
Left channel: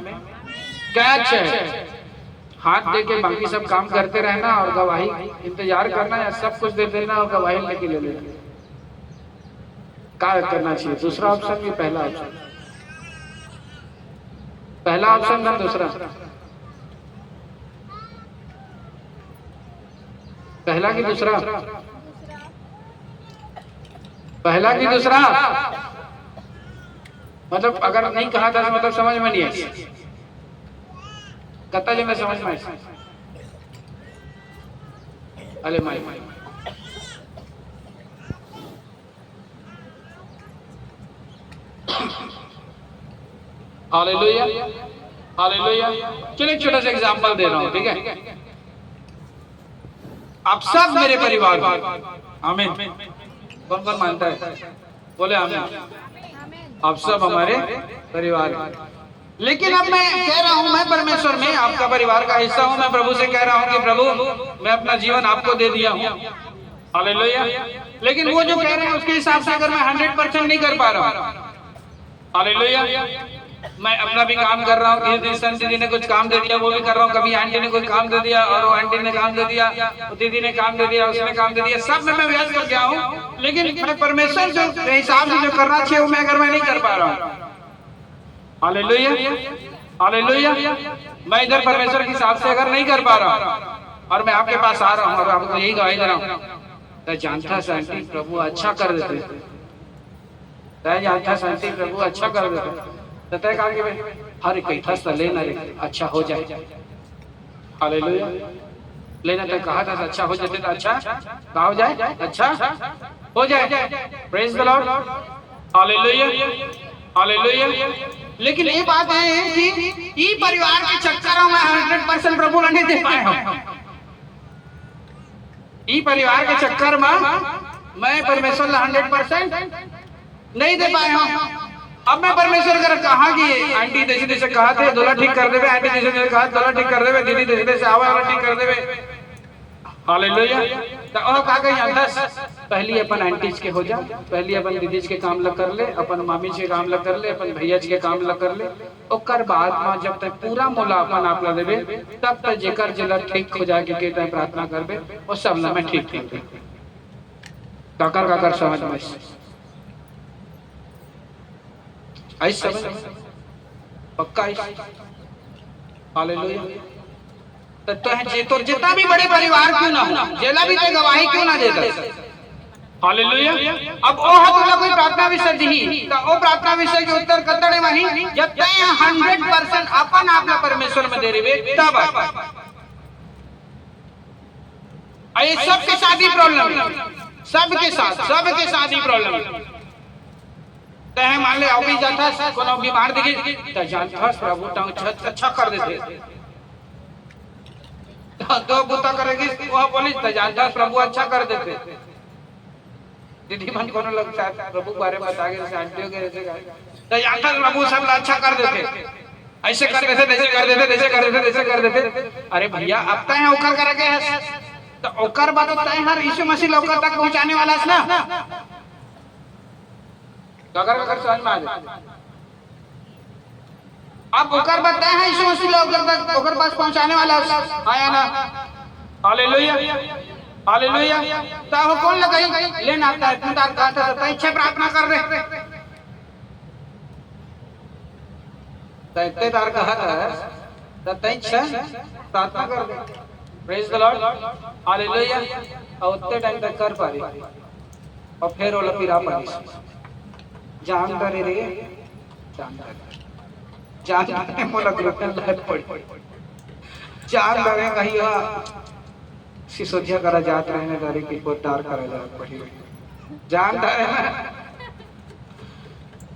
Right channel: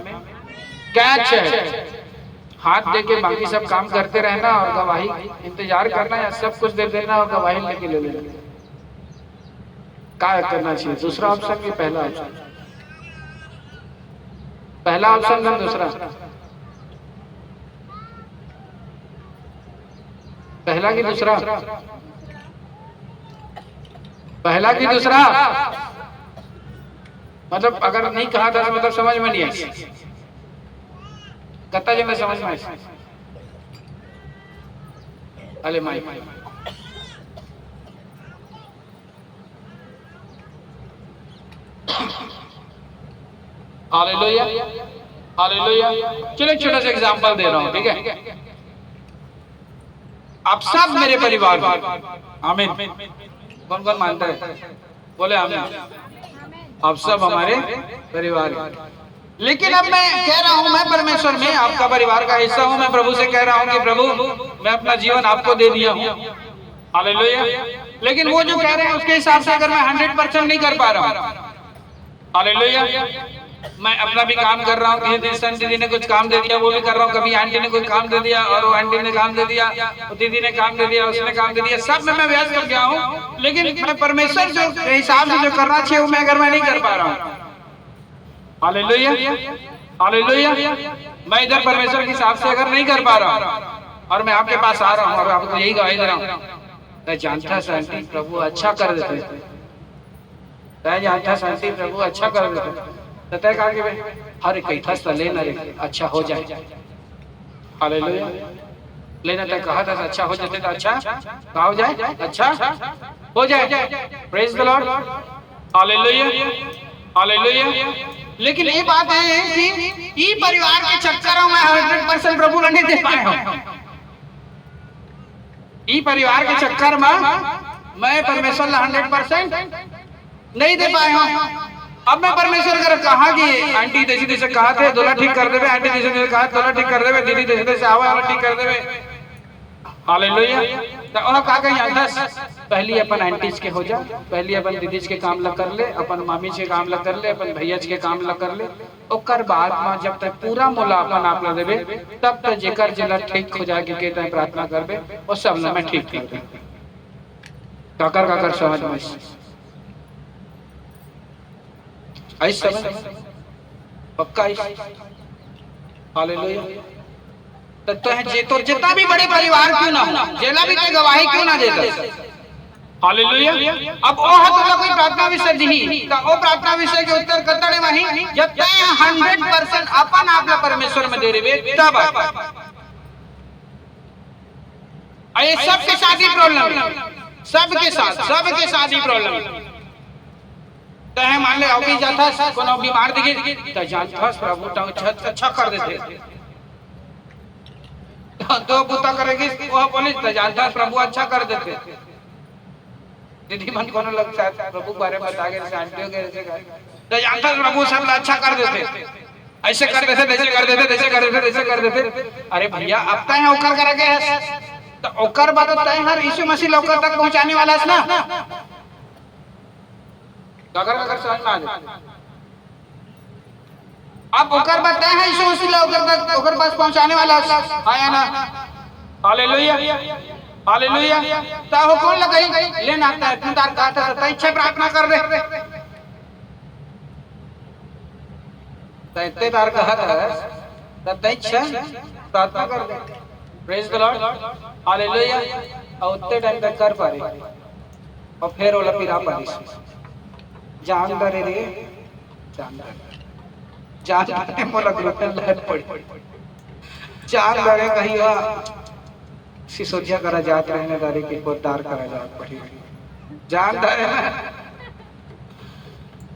क्या अच्छा है? हाथ दे के बाकी सब काम करते रहना और गवाही इंतजार करना, या सब कुछ दे देना और गवाही लेके ले लेना? क्या करना चाहिए? दूसरा ऑप्शन भी पहला ऑप्शन? पहला ऑप्शन था दूसरा? पहला की दूसरा? पहला की दूसरा? मतलब अगर नहीं कहा था तो मतलब समझ में नहीं आई। कत्ता जी में समझ में आई? अरे माई, हालेलुया, हालेलुया। चलो एक छोटा सा एग्जांपल दे रहा हूं, ठीक है? आप सब मेरे परिवार, आमीन। कौन कौन मानता है? बोले आमीन। आप सब हमारे परिवार। लेकिन अब मैं कह रहा हूं, मैं परमेश्वर में आपका परिवार का हिस्सा हूं। मैं प्रभु से कह रहा हूं कि प्रभु मैं अपना जीवन आपको दे दिया हूं। हालेलुया। लेकिन वो जो कह रहे हैं उसके हिसाब से अगर मैं 100% नहीं कर पा रहा हूं, हालेलुया, मैं अपना भी काम कर रहा हूँ, दीदी ने कुछ काम दे दिया वो भी कर रहा हूँ, कभी आंटी ने कोई काम दे दिया और वो आंटी ने काम दे दिया, दीदी ने काम दे दिया, उसने काम दे दिया, सब में मैं व्यस्त कर गया हूँ। लेकिन मैं परमेश्वर जो हिसाब से जो करना चाहिए वो मैं अगर मैं नहीं कर पा रहा हूँ, हालेलुया, हालेलुया, मैं इधर परमेश्वर के हिसाब से अगर नहीं कर पा रहा हूँ और मैं आपके पास आ रहा हूँ और आपको यही गवाही दे रहा हूँ, तो जानता शांति प्रभु अच्छा कर देते, जानता शांति प्रभु अच्छा कर देते। तय कहा कि भाई हर कई था लेना अच्छा हो जाए। हालेलुया। लेना तय कहा था अच्छा हो जाते तो अच्छा कहा हो जाए, अच्छा हो जाए। Praise the Lord. Hallelujah, hallelujah. लेकिन ये बात है कि ये परिवार के चक्कर में 100% प्रभु नहीं दे पाए हूं। ये परिवार के चक्कर में मैं परमेश्वर 100% नहीं दे पाए हूं। अब मैं परमेश्वर अगर कहा कि आंटी जैसे जैसे कहा थे दोला ठीक कर देवे, आंटी जैसे जैसे कहा दोला ठीक कर देवे, दीदी जैसे जैसे आवा ठीक कर देवे, हालेलुया। तो वह का कहीं अंदर पहली अपन आंटीज के हो जा, पहली अपन दीदीज के काम लग कर ले, अपन मामी के काम लग कर ले, अपन भैया के काम लग कर ले, ओकर बाद में जब तक पूरा मोला अपन आप ला देवे तब तक जेकर जिला ठीक हो जाके के तय प्रार्थना करबे वो सब ना मैं ठीक कर दे। काकर काकर समझ में ऐसा पक्का हालेलुया। तो है जे तो जितना भी बड़े परिवार क्यों ना हो, जेला भी तो गवाही क्यों ना देता, हालेलुया। अब ओ है तो कोई प्रार्थना विषय दी तो ओ प्रार्थना विषय के उत्तर कतड़े वही जब तय 100% अपन आपला परमेश्वर में दे रेवे तब ये सबके साथ ही प्रॉब्लम है, सबके साथ ही प्रॉब्लम है। है मान ले अभी जाता कोनो बीमार दिखी तो जानता प्रभु तो अच्छा कर देते, तो बुता करेगी वह पुलिस तो जानता प्रभु अच्छा कर देते। दीदी मन कोनो लगता है प्रभु बारे में बता के आंटियों के जैसे तो जानता प्रभु सब अच्छा कर देते, ऐसे कर देते, जैसे कर देते, जैसे कर देते, जैसे कर देते। अरे भैया अब तय है ओकर करे है तो ओकर बाद तय हर यीशु मसीह लोग तक पहुंचाने वाला है ना, अगर समझ में आ जाए। अब ओकर बताए हैं यीशु मसीह लोग तक ओकर पास पहुंचाने वाला आया ना, हालेलुया, हालेलुया। ताहो कौन लगाई लेन आता है तू तार गाता है इच्छा प्रार्थना कर रहे तैते तार का है तै इच्छा प्रार्थना कर रहे प्रेज द लॉर्ड हालेलुया। और उतने टाइम तक कर पा रही और फिर वो लपीरा पा रही जान डरे रे जान मोला ग्लूटन लहर पड़ी जान डरे कहीं हुआ सिसोदिया करा जात रहने दारी की पोतार करा जात पड़ी जान डरे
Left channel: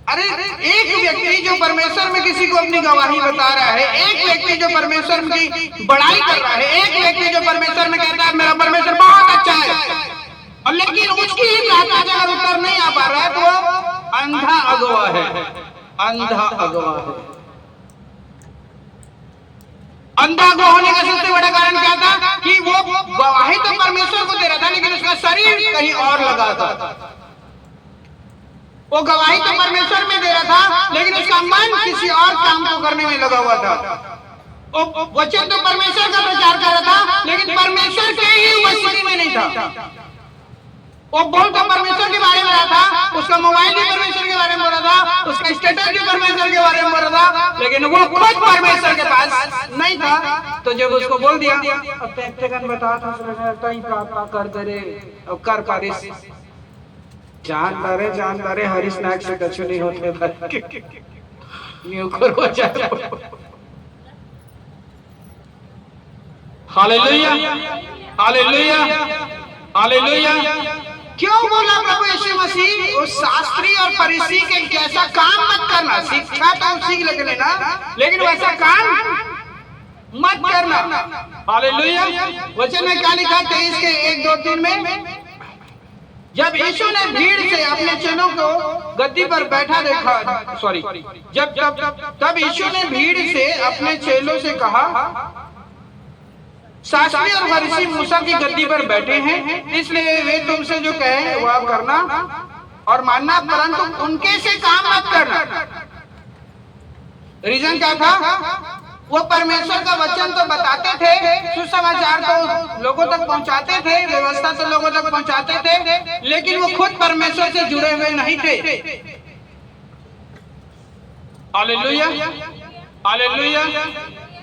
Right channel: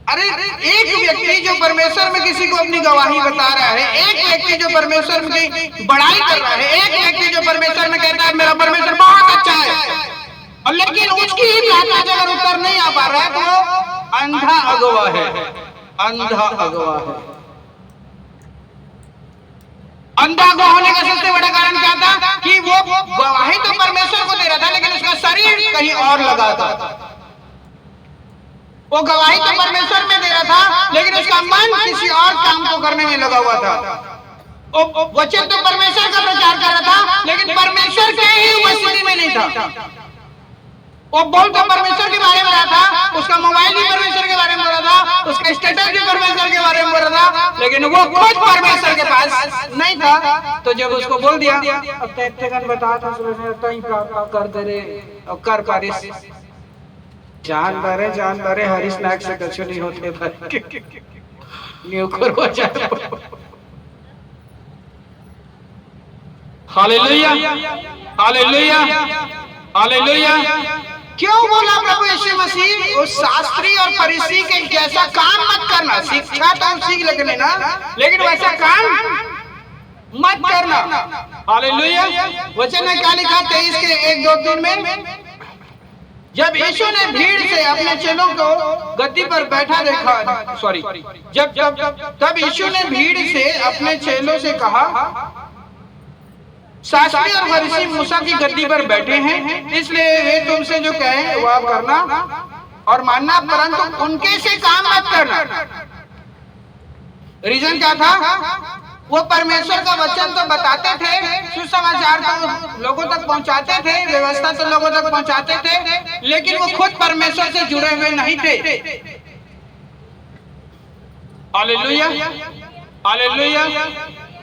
अरे एक व्यक्ति जो परमेश्वर में किसी को अपनी गवाही बता रहा है, एक व्यक्ति जो परमेश्वर की बड़ाई कर रहा है, एक व्यक्ति जो परमेश्वर में कहता है मेरा परमेश्वर बहुत अच्छा है, और लेकिन उसकी ही प्रार्थना अगर उत्तर नहीं आ पा रहा है तो वो अंधा अगवा है, अंधा अगवा है। अंधा अगवा होने का सबसे बड़ा कारण क्या था कि वो गवाही तो परमेश्वर को दे रहा था लेकिन उसका शरीर कहीं और लगा था। वो गवाही तो परमेश्वर में दे रहा था लेकिन उसका मन किसी और काम को करने में लगा हुआ था। वचन तो परमेश्वर का प्रचार कर रहा था लेकिन परमेश्वर के ही वचन में नहीं था। वो बोल तो परमेश्वर के बारे में रहा था, उसका मोबाइल भी परमेश्वर के बारे में बोल रहा था, उसका स्टेटस भी परमेश्वर के बारे में बोल रहा था, लेकिन वो खुद परमेश्वर के पास नहीं था। तो जब उसको बोल दिया अब तैतेगन बता था प्रार्थना कर दे रे और कर पारिस जान दारे हरीश नायक से कुछ नहीं होते न्यू करो जाए। Hallelujah hallelujah hallelujah. क्यों बोला प्रभु यीशु मसीह उस शास्त्री और फरीसी के जैसा काम मत करना। शिक्षा तो हम सीख लेना लेकिन वैसा काम मत करना। हालेलुया। वचन में क्या लिखा 23 के 1-2-3 में जब यीशु ने भीड़ से अपने चेलों को गद्दी पर बैठा देखा तब यीशु ने भीड़ से अपने चेलों से कहा शास्त्री और फरीसी मूसा की गद्दी पर बैठे हैं इसलिए वे तुमसे जो कहें वह करना और मानना परंतु उनके से काम मत करना। रीजन क्या था? वो परमेश्वर का वचन तो बताते थे, सुसमाचार तो लोगों तक पहुंचाते थे, व्यवस्था तो लोगों तक पहुंचाते थे, लेकिन वो खुद परमेश्वर से जुड़े हुए नहीं थे। Hallelujah hallelujah.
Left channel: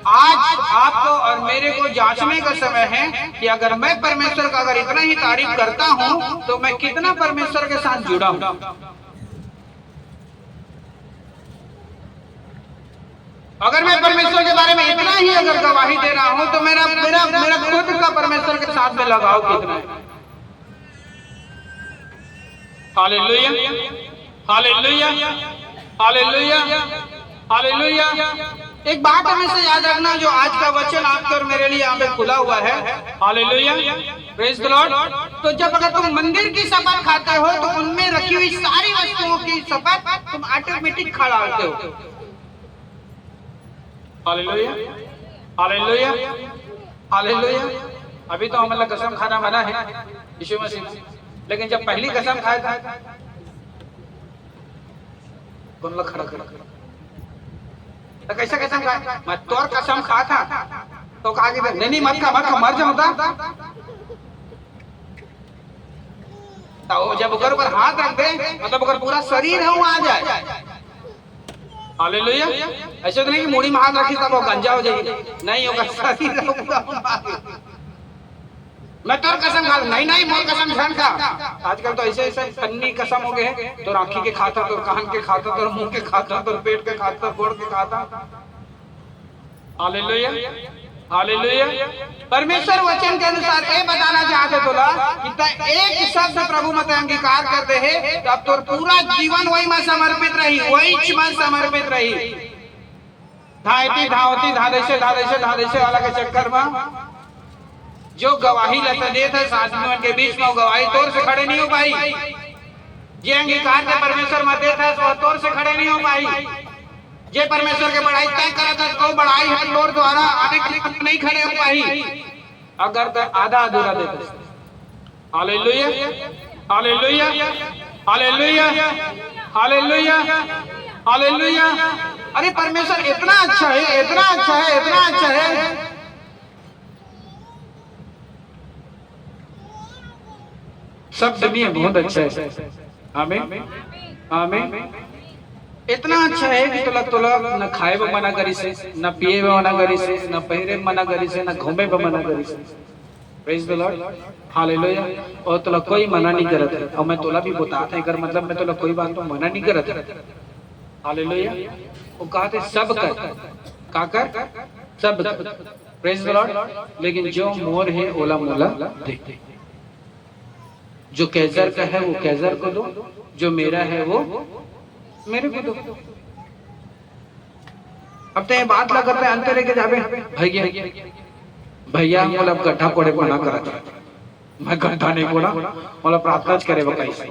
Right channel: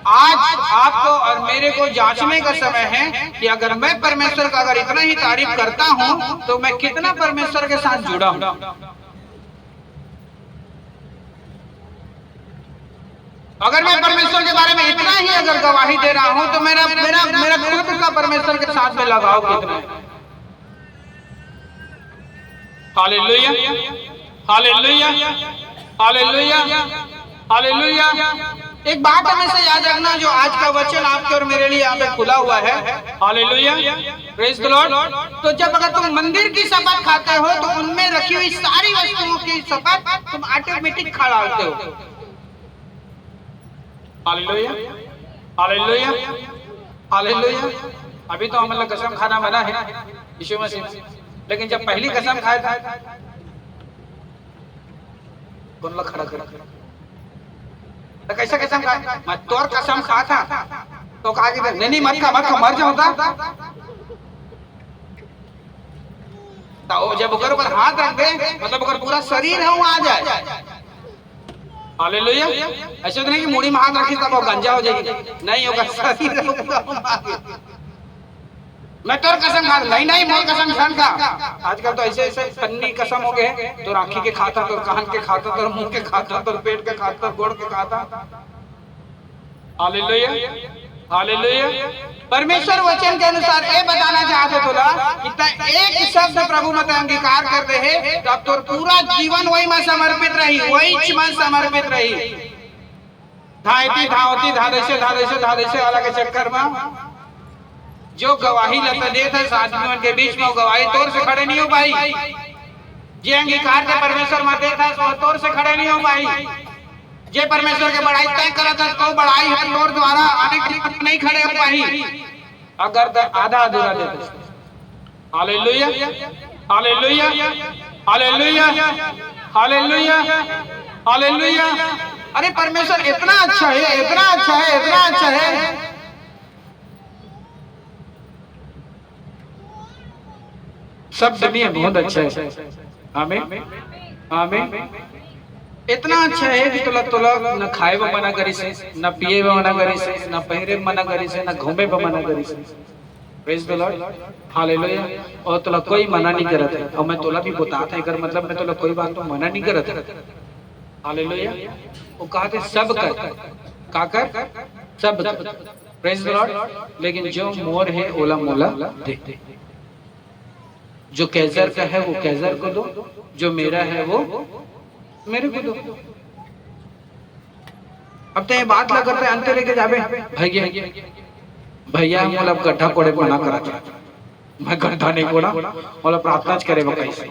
आज आपको और मेरे को जांचने का समय है कि अगर मैं परमेश्वर का अगर इतना ही तारीफ करता हूं तो मैं कितना परमेश्वर के साथ जुड़ा हूं। अगर मैं परमेश्वर के बारे में इतना ही अगर गवाही दे रहा हूं तो मेरा मेरा मेरा खुद का परमेश्वर के साथ में लगाव कितना है। Hallelujah hallelujah hallelujah hallelujah. एक बात हमेशा याद रखना, जो आज का वचन आपके और मेरे लिए यहाँ पे खुला हुआ है। Hallelujah praise the Lord. तो जब अगर तुम मंदिर की शपथ खाते हो तो उनमें रखी हुई सारी वस्तुओं की शपथ तुम ऑटोमेटिक खा डालते हो। Hallelujah hallelujah hallelujah. अभी तो हम लोग कसम खाना मना है यीशु मसीह, लेकिन जब पहली कसम खाया था कौन लोग खड़ा कर तो कैसे कसम खाया? मैं तोर कसम खा था तो कहा कि नहीं मत खा मर जाऊंगा। तो जब ऊपर पर हाथ रख दे मतलब अगर पूरा शरीर हम आ जाए। हालेलुया। ऐसे तो नहीं कि मूड़ी में हाथ रखी तब वो गंजा हो जाएगी, नहीं होगा शरीर। मैं तोर कसम खा नहीं मोर कसम खान खा। आजकल तो ऐसे ऐसे फन्नी कसम हो गए तो आँखी के खाता तो कान के खाता तो मुंह के खाता तो पेट के खाता गोड़ के खाता। Hallelujah hallelujah. परमेश्वर वचन के अनुसार ये बताना चाहते बोला कि एक शब्द प्रभु मत अंगीकार कर दे है तब तो पूरा जीवन वही में समर्पित रही, वही में समर्पित रही। धायती धावती धादेशे वाला के चक्कर में जो गवाही लेते दे था साथियों के बीच में गवाही तौर से खड़े नहीं हो पाई। जे अंगीकार के परमेश्वर मत दे था वो तौर से खड़े नहीं हो पाई। जे परमेश्वर के बढ़ाई तय करा था तो बढ़ाई है तौर द्वारा अभी नहीं खड़े हो पाई अगर आधा अधूरा देते। Hallelujah hallelujah hallelujah hallelujah hallelujah. अरे परमेश्वर इतना अच्छा है, इतना अच्छा है, इतना अच्छा है। सब दुनिया बहुत अच्छा है। आमीन आमीन। इतना अच्छा है कि तोला तोला न खाए में मना करी से, न पिए में मना करी से, न पहरे में मना करी से, न घूमे में मना करी से। Praise the Lord, hallelujah. और तोला कोई मना नहीं करत है। और मैं तोला भी बताता है, अगर मतलब मैं तोला कोई बात तो मना नहीं करत है। हालेलुया। वो कहते सब कर, का कर, सब कर। Praise the Lord. लेकिन जो मोर है ओला मोला दे, जो कैसर का है वो कैसर को दो, जो मेरा है वो मेरे को दो। अब तो ये बात लगा करते अंत लेके जावे भैया भैया हम लोग गड्ढा कोड़े को ना करा चाहते, मैं गड्ढा नहीं कोड़ा, मतलब प्रार्थना करे वो कैसे।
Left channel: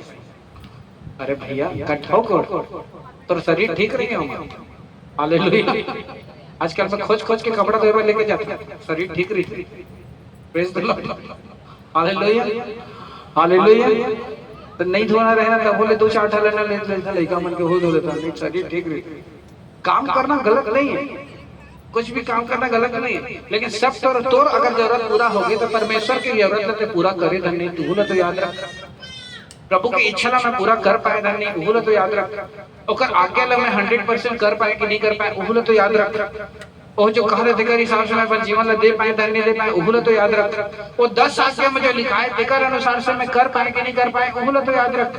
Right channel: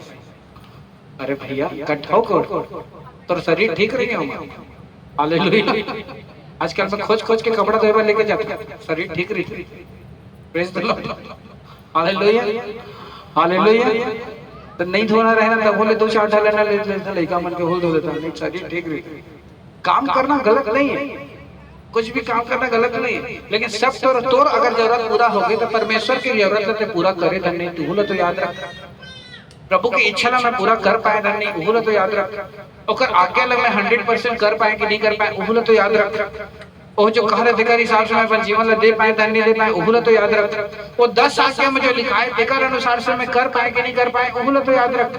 अरे भैया गड्ढा कोड़ तो शरीर ठीक नहीं होगा। हालेलुया। आजकल मैं खोज खोज के कपड़ा धोए लेके जाता, शरीर ठीक रही। Praise the Lord, hallelujah hallelujah. तो नहीं धोना रहना तो बोले 2-4 ढालना ले लेता, लड़का मन के हो धो लेता, नहीं शरीर ठीक रही। काम करना गलत नहीं है, कुछ भी काम करना गलत नहीं है, लेकिन सब तोर अगर जरूरत पूरा होगी तो परमेश्वर की जरूरत है पूरा करे धन नहीं तू तो याद रख। प्रभु की इच्छा ला मैं पूरा कर पाए धन नहीं उहुल तो याद रख। और आगे ला मैं 100% कर पाए कि नहीं कर पाए उहुल तो याद रख। वो जो कह रहे थे हिसाब से मैं अपन जीवन ला दे पाए धन नहीं दे पाए उहुल तो याद रख। वो 10 आज्ञा में जो लिखा है देकर अनुसार से मैं कर पाए कि नहीं कर पाए उहुल तो याद रख।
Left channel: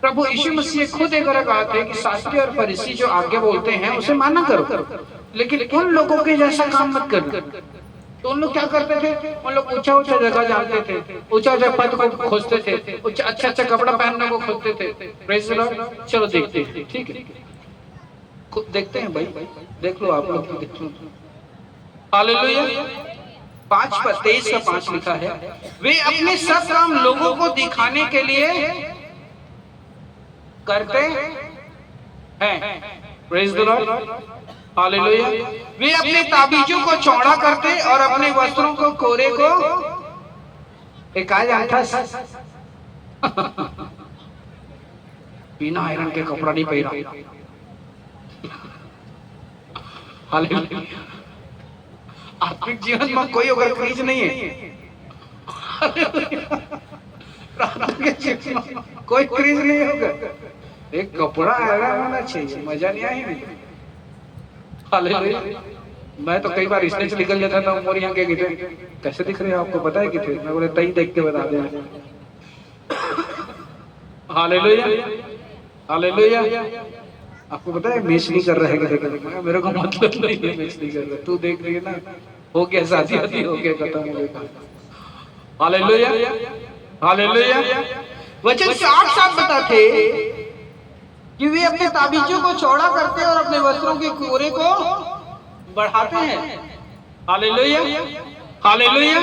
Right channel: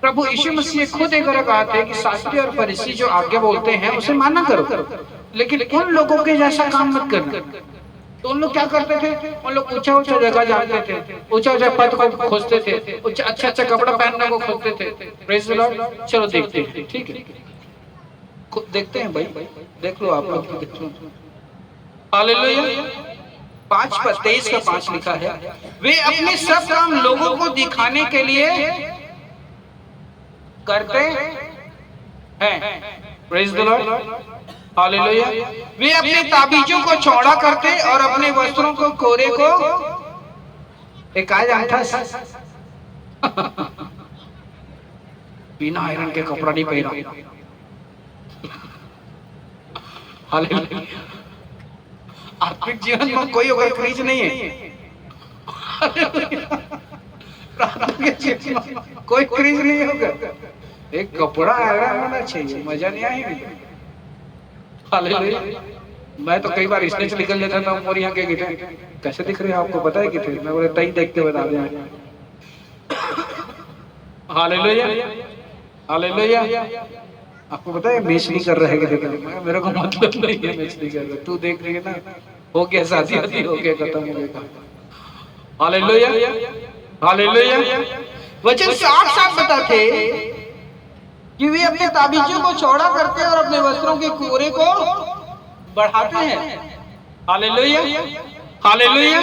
प्रभु यीशु मसीह खुद एक अलग बात है कि शास्त्री और फरीसी जो आगे बोलते हैं उसे माना करो, लेकिन उन लोगों के जैसा काम मत करना। तो उन लोग क्या करते थे, उन लोग ऊंचा ऊंचा जगह जाते थे, ऊंचा ऊंचा पद को खोजते थे, अच्छा अच्छा कपड़ा पहनने को खोजते थे। Praise the Lord. चलो देखते हैं, ठीक है देखते हैं भाई, देख लो आप लोग देख लो। हालेलुया। 5:23 का 5 लिखा है, वे अपने सब काम लोगों को दिखाने के लिए करते हैं। Praise the Lord, hallelujah. वे अपने ताबीजों को चौड़ा करते और अपने वस्त्रों को कोरे को एक आज अंठा बिना आयरन के कपड़ा नहीं पहना। हालेलुया। आत्मिक जीवन में कोई अगर क्रीज नहीं है, कोई क्रीज नहीं होगा, एक कपड़ा आयरन होना चाहिए, मजा नहीं आएगी। हालेलुया। मैं तो कई बार स्टेज निकल लेता था और यहाँ के थे कैसे दिख रहे हैं आपको पता है कि थे, मैं बोले तई देख के बता दें। Hallelujah hallelujah. आपको पता है मैच नहीं कर रहे हैं, मेरे को मतलब नहीं है मैच नहीं कर रहे, तू देख रही है ना, हो गया शादी आती हो गया खत्म हो गया। Hallelujah hallelujah. वचन साफ साफ बताते कि वे अपने ताबीजों को चौड़ा करते और अपने वस्त्रों के कोरे को बढ़ाते हैं। Hallelujah hallelujah.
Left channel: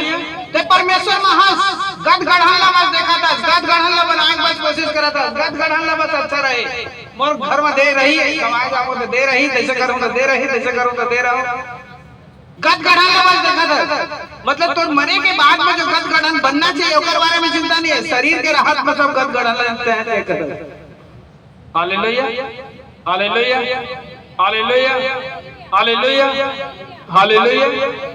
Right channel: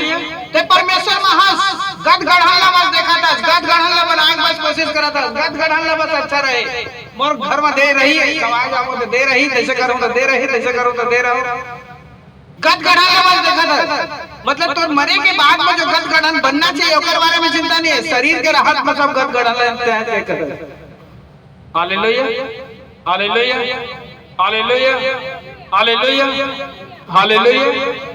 ते परमेश्वर महान गद गढ़ाला बस देखा था, गद गढ़ाला बनाए बस कोशिश करा था, गद गढ़ाला बस अच्छा रहे, मोर घर में दे रही है कमाए जाऊं तो दे रही, कैसे करूं तो दे रही, कैसे करूं तो दे रहा। गद गढ़ाला बस देखा था, मतलब तो मरे के बाद में जो गद गढ़न बनना चाहिए उसके बारे में चिंता नहीं है, शरीर के राहत में सब गद गढ़ाला है। Hallelujah hallelujah hallelujah hallelujah hallelujah.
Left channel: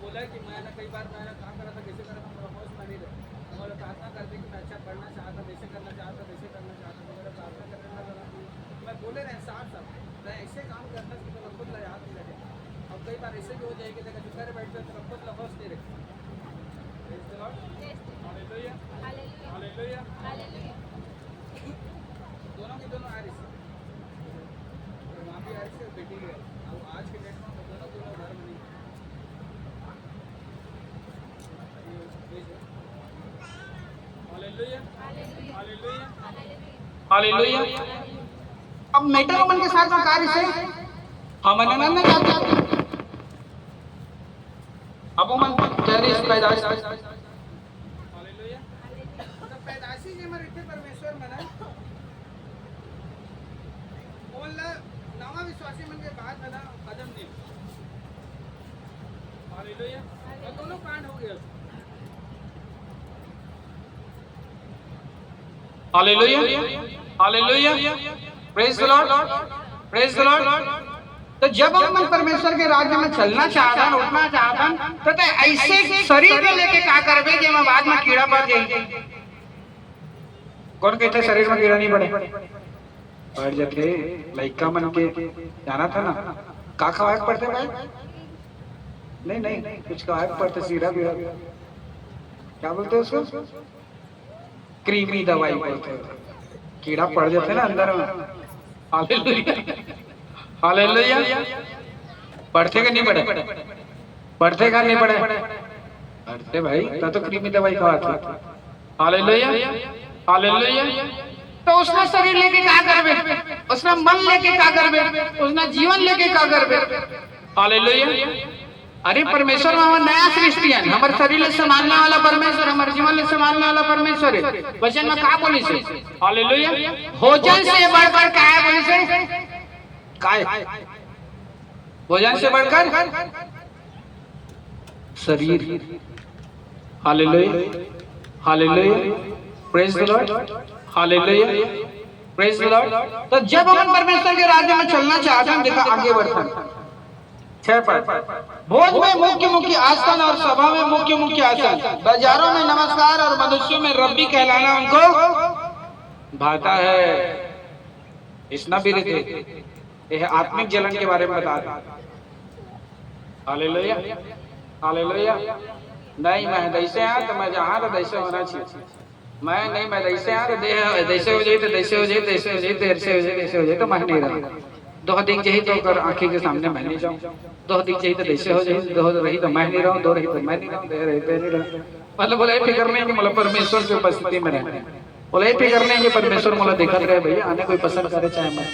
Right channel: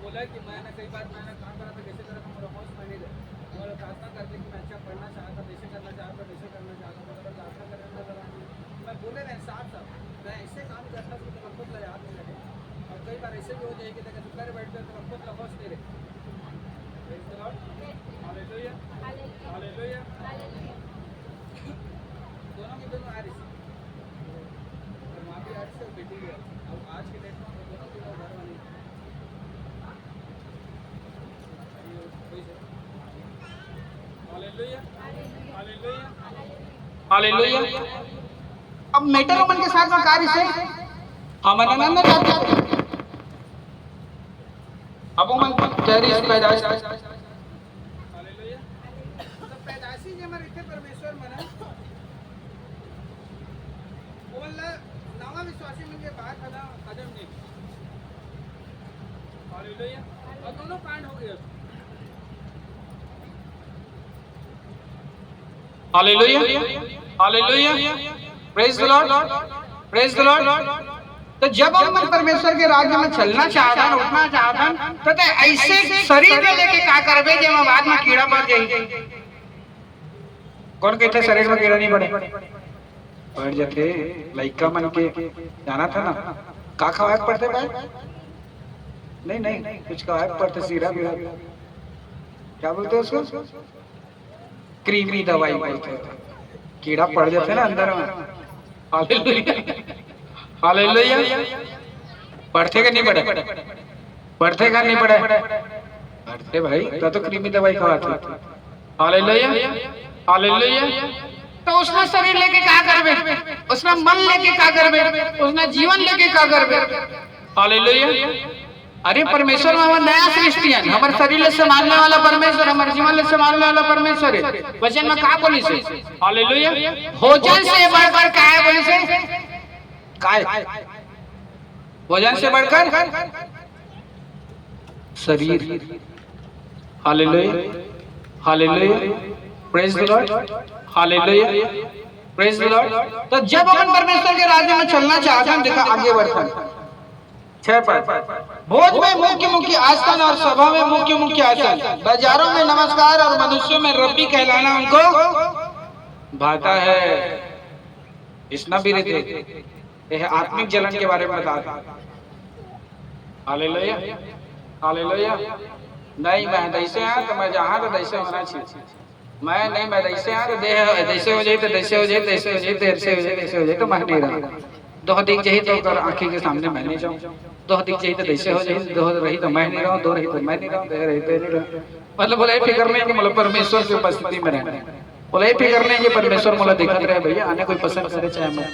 बोला कि मैंने कई बार मैंने काम करा था, कैसे करा था, मेरा होश में नहीं रहा, और प्रार्थना करते कि मैं अच्छा पढ़ना चाहता, वैसे करना चाहता, वैसे करना चाहता, तो मेरा प्रार्थना करने में जरा मैं बोले रहे साफ साफ मैं ऐसे काम करता कि तेरा खुद याद नहीं रहे, और कई बार ऐसे भी हो जाए कि देखा चुप करे बैठ जाए तेरा खुद लफोस नहीं रहे। Praise the Lord, hallelujah hallelujah. दोनों की दोनों आ रही और वहाँ भी आ रही और बेटी भी आ रही, अब आज के डेट में दोनों घर में नहीं। Hallelujah hallelujah hallelujah. अब मेटल मन के साथ में कार्य से हम आनंद में जाते हैं। अब मन तेरी पैदाइश हालेलुया। तो पैदाइशी जे मर इथे परमेश्वर मना ओला नवा विश्वासी मन के बाद हला आदम ने। हालेलुया। और दोनों कांड हो गए। Hallelujah, hallelujah, praise the Lord, praise the Lord. तो जब अपन परमेश्वर के राज्य में चलना चाहता है, उठना चाहता है, तो ऐसे शरीर में लेके क्या करबे जे में बाद में कीड़ा पड़ जाए। कौन कहते शरीर में कीड़ा नहीं पड़े? पड़ जाते लइका मन के जाना था ना, का खवाए पड़ते भाई? नहीं नहीं, कुछ खवाए पड़ते, सीरा भी क्या बोलते हैं उसको, क्रीमी दवाई बोलते हैं, कीड़ा पड़ जाते ना अंदर में। Hallelujah, hallelujah. पढ़ते का नहीं पड़े? पढ़ते का नहीं पड़े? पढ़ते भाई, तो क्रीमी दवाई खवाते। Hallelujah, hallelujah. तो उसने शरीर लेके क्या करबे, उसने मन लेके क्या करबे, उसने जीवन लेके क्या करबे। हालेलुया। अरे परमेश्वर में नया सृष्टि है, हमारे शरीर ले संभालने वाला परमेश्वर, हमारे जीवन ले संभालने वाला परमेश्वर है। वचन में क्या बोली से? हालेलुया। भोजन से बढ़कर क्या है बोली से? काय भोजन से बढ़कर शरीर। Hallelujah, hallelujah, praise the Lord, hallelujah, praise the Lord. तो जब अपन परमेश्वर के राज्य में चलना चाहते हैं, देखा आगे बढ़ता 6 पद, भोज में मुख्य मुख्य आसन और सभा में मुख्य मुख्य आसन, बाजारों में नमस्कार और मनुष्यों में रब्बी कहलाना उनको भाता है। इतना भी रहते यह आत्मिक जलन के बारे में बताता। Hallelujah, hallelujah. नहीं मैं दैसे यहाँ तो मैं जहाँ तो दैसे होना चाहिए, मैं नहीं मैं दैसे यहाँ तो देह दैसे हो जाए तो दैसे हो जाए, दैसे हो जाए तो ऐसे हो जाए, ऐसे हो जाए तो मैं नहीं रहा। दो दिख चाहिए तो कर आंखी के सामने मैं नहीं जाऊँ, दो दिख चाहिए तो दैसे हो जाए, दो रही तो मैं नहीं रहूँ, दो रही तो मैं नहीं रहूँ, दे रही तो नहीं रहूँ। मतलब बोला ये फिक्र नहीं कि मतलब परमेश्वर की उपस्थिति में रहना, बोला ये फिक्र नहीं कि परमेश्वर मुझे देखते रहे भैया आने कोई पसंद करे चाहे मैं,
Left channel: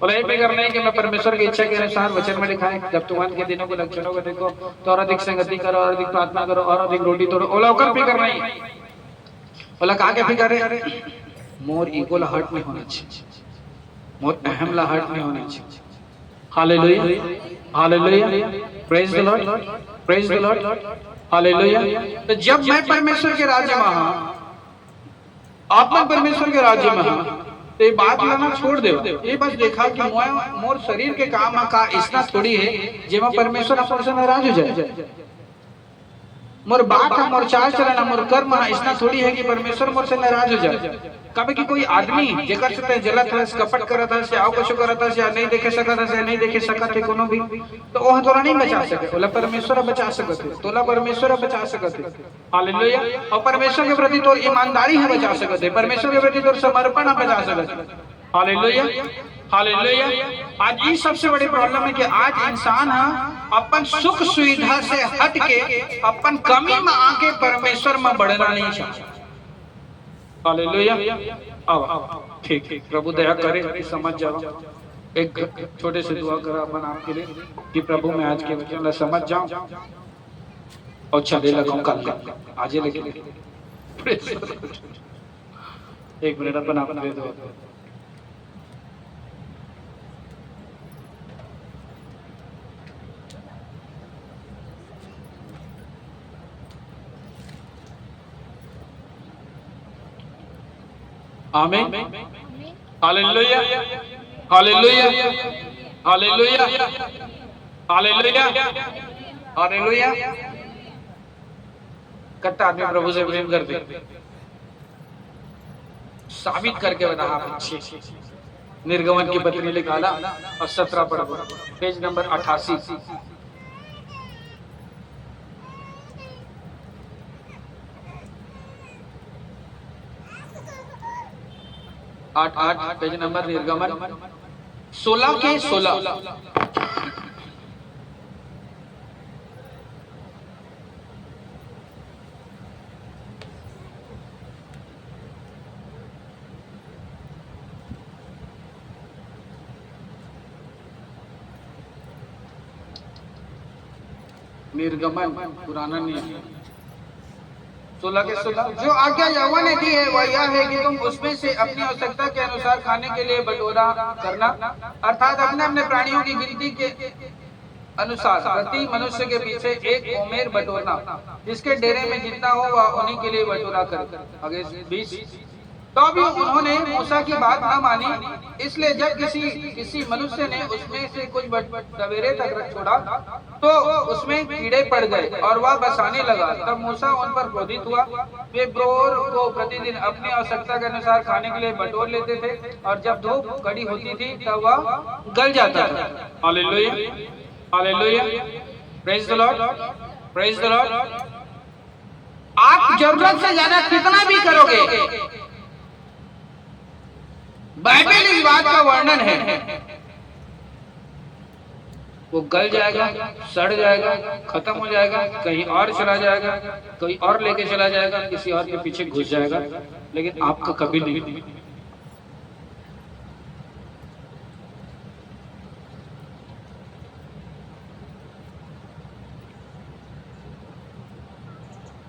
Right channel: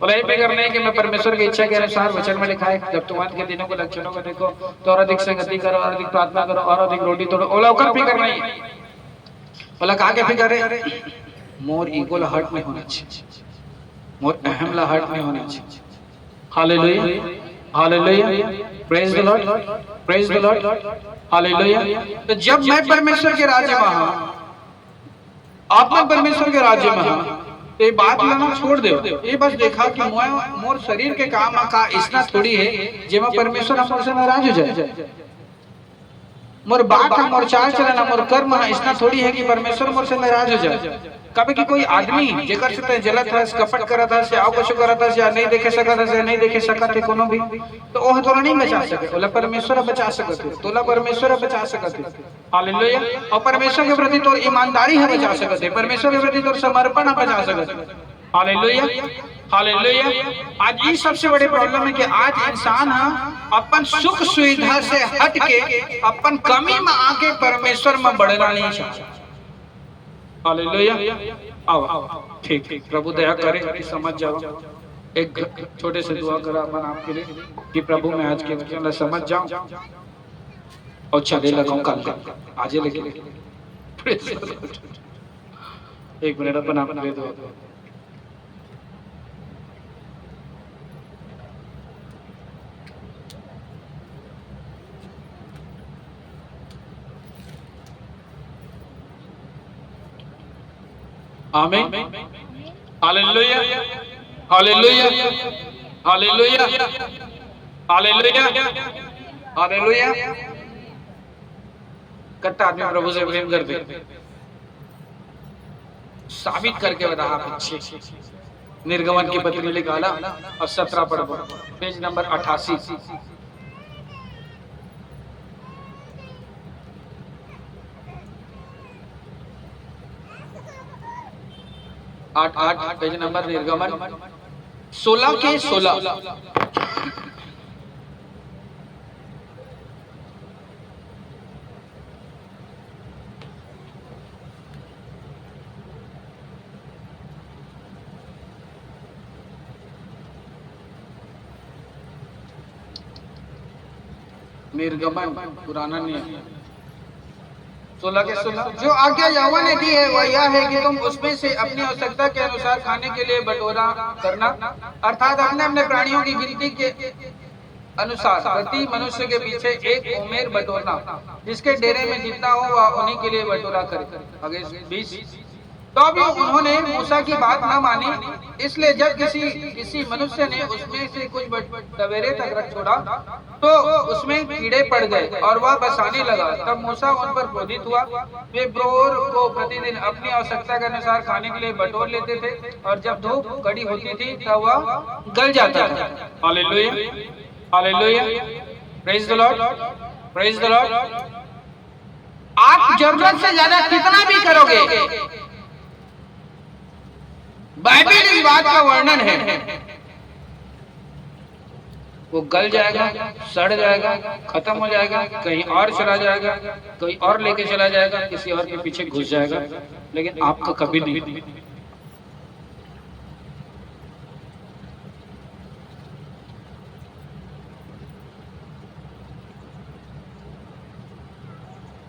बोला ये फिक्र नहीं कि मैं परमेश्वर की इच्छा के अनुसार वचन में लिखा है जब तुम के दिनों के लक्षणों को देखो तो और अधिक संगति करो, और अधिक प्रार्थना करो, और अधिक रोटी तोड़ो। बोला ओकर फिक्र नहीं, बोला कहा के फिक्र है, मोर ईगो ला हर्ट नहीं होना चाहिए, मोर अहम ला हर्ट नहीं होना चाहिए। Hallelujah, hallelujah, praise the Lord, praise the Lord, hallelujah. तो जब मैं परमेश्वर के राज्य में हूं, आप मन परमेश्वर के राज्य में हूं, तो ये बात लेना छोड़ दो। ये बस देखा कि मोर शरीर के काम का इतना थोड़ी है जे मैं परमेश्वर हमसे नाराज हो जाए। मोर बात है, मोर चाल चलन, मोर कर्म इतना थोड़ी है कि परमेश्वर मुझसे नाराज हो जाए। कभी कि कोई आदमी जेकर से जलत है, कपट करत है, आओ कुछ करत है, या नहीं देखे सकत है, या नहीं देखे सकत है कोनो भी, तो ओह तोरा नहीं बचा सके, बोला परमेश्वर बचा सकत है, तोला परमेश्वर बचा सकत है। हालेलुया। और परमेश्वर के प्रति तोर ईमानदारी है बचा सकत है, परमेश्वर के प्रति तोर समर्पण है बचा सकत है। Hallelujah, hallelujah. आज ये सबसे बड़ी प्रॉब्लम है कि आज इंसान अपन सुख सुविधा से हट के अपन कमी में आके परमेश्वर में बढ़ना नहीं चाहता। हालेलुया। आओ ठीक ठीक, प्रभु दया करे कि समझ जाओ। एक छोटे से दुआ करा अपन आपके लिए कि प्रभु मैं आज के वचन समझ जाऊं और चले लगूं कल आज लेके। एक मिनट अपन आप दे दो। आमीन, hallelujah, hallelujah, hallelujah, hallelujah, hallelujah. कितना आदमी प्रभु से प्रेम करते, साबित करके बता आप अच्छे। निर्गमन की पत्री निकाला और 17 पर पेज नंबर 88। 8 पेज नंबर निर्गमन 16 के 16। निर्गमन पुराना नियम 16 के 16। जो आज्ञा यहोवा ने दी है वह यह है कि तुम उसमें से अपनी आवश्यकता के अनुसार खाने के लिए बटोरा करना, अर्थात अपने अपने प्राणियों की गिनती के अनुसार प्रति मनुष्य के पीछे एक ओमेर बटोरना, जिसके डेरे में जितना हो वह उन्हीं के लिए बटोरा करे। आगे 20 तो भी उन्होंने मूसा की बात ना मानी। इसलिए जब किसी मनुष्य ने उसमें से कुछ सवेरे तक रख छोड़ा तो उसमें कीड़े पड़ गए और वह बसाने लगा। तब मूसा उन पर क्रोधित हुआ। वे ब्रोर को प्रतिदिन अपनी आवश्यकता के अनुसार खाने के लिए बटोर लेते थे और जब धूप कड़ी होती थी तब वह गल जाता था। Hallelujah, hallelujah, praise the Lord, praise the Lord. आप जरूरत से ज्यादा कितना भी करोगे, बाइबल इस बात का वर्णन है, वो गल जाएगा, सड़ जाएगा, खत्म हो जाएगा, कहीं और चला जाएगा, कोई और लेके चला जाएगा, किसी और के पीछे घुस जाएगा, लेकिन आपका कभी नहीं।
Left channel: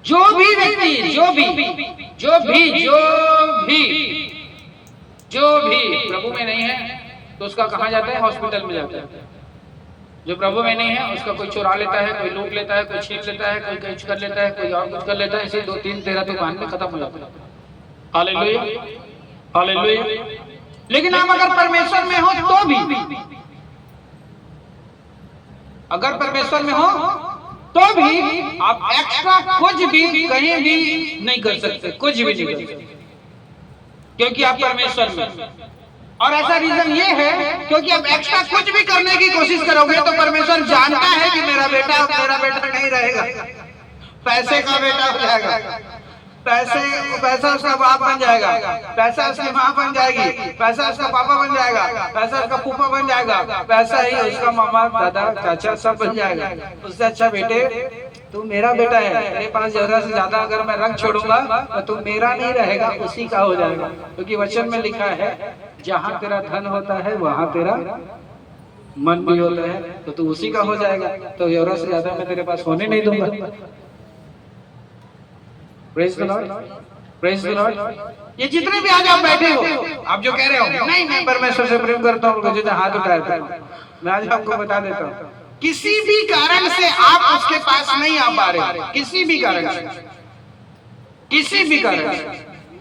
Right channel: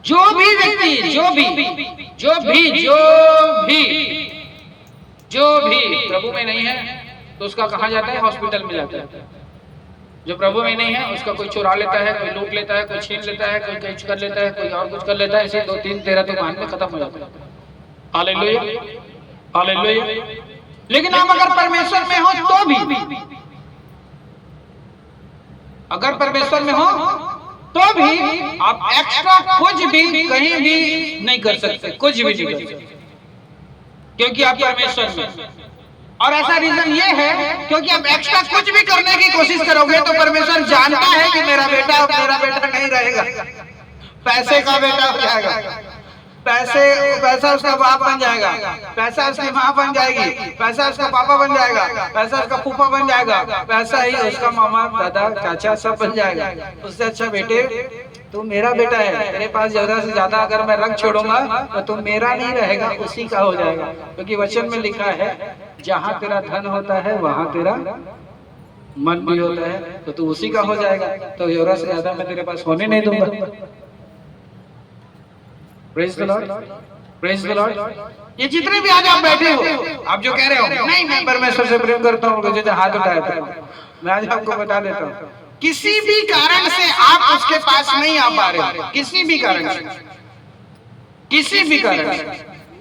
जो भी व्यक्ति जो भी प्रभु में नहीं है तो उसका कहा जाता है, हॉस्पिटल में जाता है। जो प्रभु में नहीं है उसका कोई चुरा लेता है, कोई लूट लेता है, कोई छीन लेता है, कोई कुछ कर लेता है, कोई और कुछ कर लेता है। ऐसे 2 3 13 तो मान में खत्म हो जाता है। Hallelujah, hallelujah. लेकिन आप अगर परमेश्वर में हो तो भी, अगर परमेश्वर में हो तो भी आप एक्स्ट्रा कुछ भी कहीं भी नहीं कर सकते, कुछ भी नहीं कर सकते, क्योंकि आप परमेश्वर में। और ऐसा रीजन ये है क्योंकि आप एक्स्ट्रा कुछ भी करने की कोशिश करोगे तो परमेश्वर जानता है कि मेरा बेटा नहीं रहेगा, पैसे का बेटा हो जाएगा, पैसा उसका बाप बन जाएगा, पैसा उसकी माँ बन जाएगी, पैसा उसका पापा बन जाएगा, पैसा उसका फूफा बन जाएगा, पैसा ही उसका मामा दादा चाचा सब बन जाएगा। उससे अच्छा बेटे तू मेरा बेटा है, तेरे पास ज्यादा से ज्यादा अगर मैं रख छोड़ूंगा तो तू मेरा नहीं रहेगा, उसी का हो जाएगा। क्योंकि वचन में लिखा है जहाँ तेरा धन होता है वहाँ तेरा मन भी होता है, तो तू उसी का हो जाएगा। तो ज़रूरत से ज्यादा मैं तेरे पास होने नहीं दूंगा। Praise the Lord, praise the Lord. ये जितने भी आज आप बैठे हो, आप जो कह रहे हो नहीं मैं परमेश्वर से प्रेम करता हूँ, मुझे जो हाथ उठाया था, मैं आज आपको बता देता हूँ, किसी भी कारण से आप उसके पास नहीं आ पा रहे, किसी भी कारण से, किसी भी कारण से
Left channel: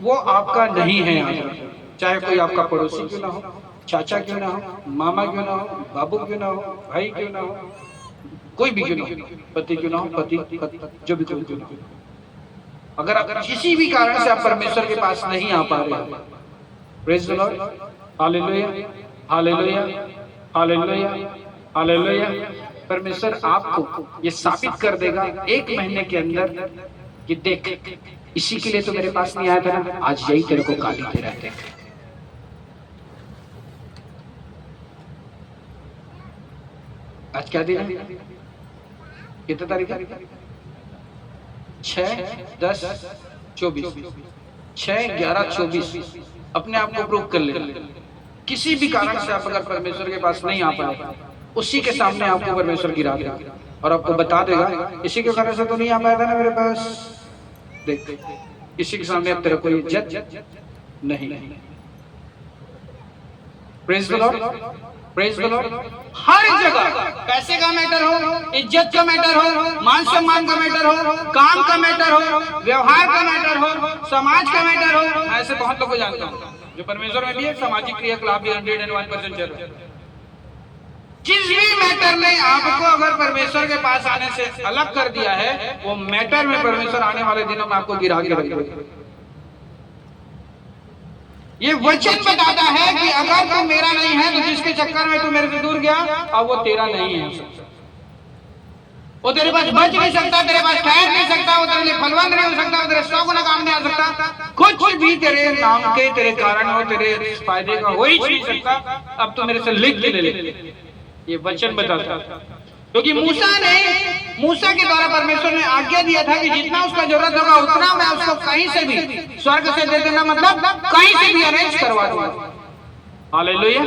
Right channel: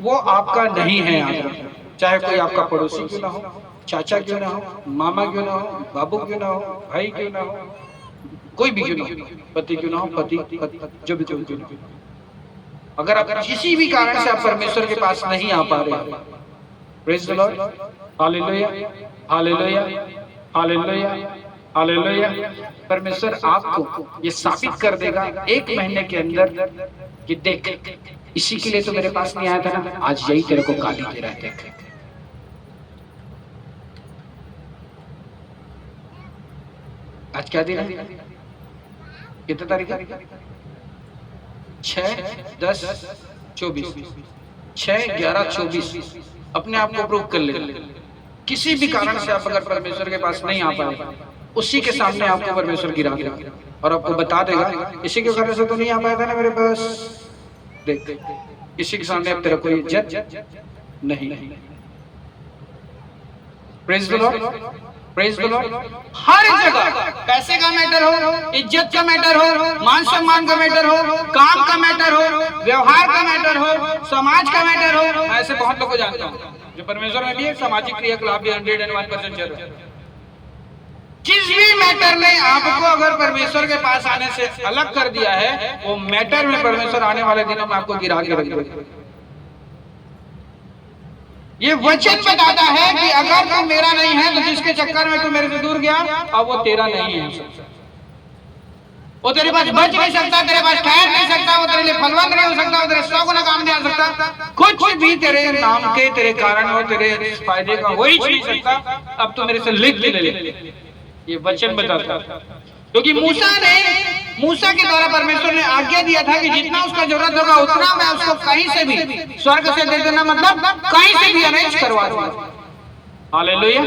वो आपका नहीं है आज। चाहे कोई आपका पड़ोसी क्यों ना हो, चाचा क्यों ना हो, मामा क्यों ना हो, बाबू क्यों ना हो, भाई क्यों ना हो, कोई भी क्यों ना हो, पति क्यों ना हो, पति जो भी क्यों ना हो, अगर आप किसी भी कारण से आप परमेश्वर के पास नहीं आ पा रहे, praise the Lord, hallelujah, hallelujah, hallelujah, hallelujah. परमेश्वर आपको ये साबित कर देगा 1 महीने के अंदर कि देख इसी के लिए तो मेरे पास नहीं आया था ना, आज यही तेरे को गाली दे रहे थे। आज क्या दिन है, कितने तारीख है? 6/10/24, 6/11/24। अपने आप को प्रूव कर ले। किसी भी कारण से आप अगर परमेश्वर के पास नहीं आ पाए, उसी के सामने आपको परमेश्वर गिरा देगा और आपको बता देगा इसी के कारण से तो नहीं आ पाया था ना मेरे पास, देख इसी के सामने अब तेरा कोई इज्जत नहीं। Praise the Lord, praise the Lord. हर जगह पैसे का मैटर हो, इज्जत का मैटर हो, मान सम्मान का मैटर हो, काम का मैटर हो, व्यवहार का मैटर हो, समाज का मैटर हो। मैं ऐसे बहुत लोगों को जानता हूँ जो परमेश्वर में भी है, सामाजिक क्रियाकलाप भी 101% चल रहा है। जिस भी मैटर ने आपको अगर परमेश्वर के पास आने से अलग कर दिया है, वो मैटर में परमेश्वर आने वाले दिनों में आपको गिरा के रख देगा। ये वचन बताता है कि अगर तू मेरा नहीं है तो जिसके चक्कर में तू मेरे से दूर गया, अब वो तेरा नहीं है। वो तेरे पास बच नहीं सकता, तेरे पास ठहर नहीं सकता, वो तेरे लिए फलवंत नहीं हो सकता, वो तेरे 100 गुना काम नहीं आ सकता, कुछ भी तेरे नाम के तेरे कारण वो तेरे फायदे का हो ही नहीं सकता। अब तो मेरे से लिख के ले, ये वचन बताता है। क्योंकि मूसा के द्वारा परमेश्वर ने आज्ञा दिया था कि जितना उसका जरूरत होगा उतना मैं उसको कहीं से भी स्वर्ग से दे देना, मतलब कहीं से भी अरेंज करवा दूंगा। हालेलुया।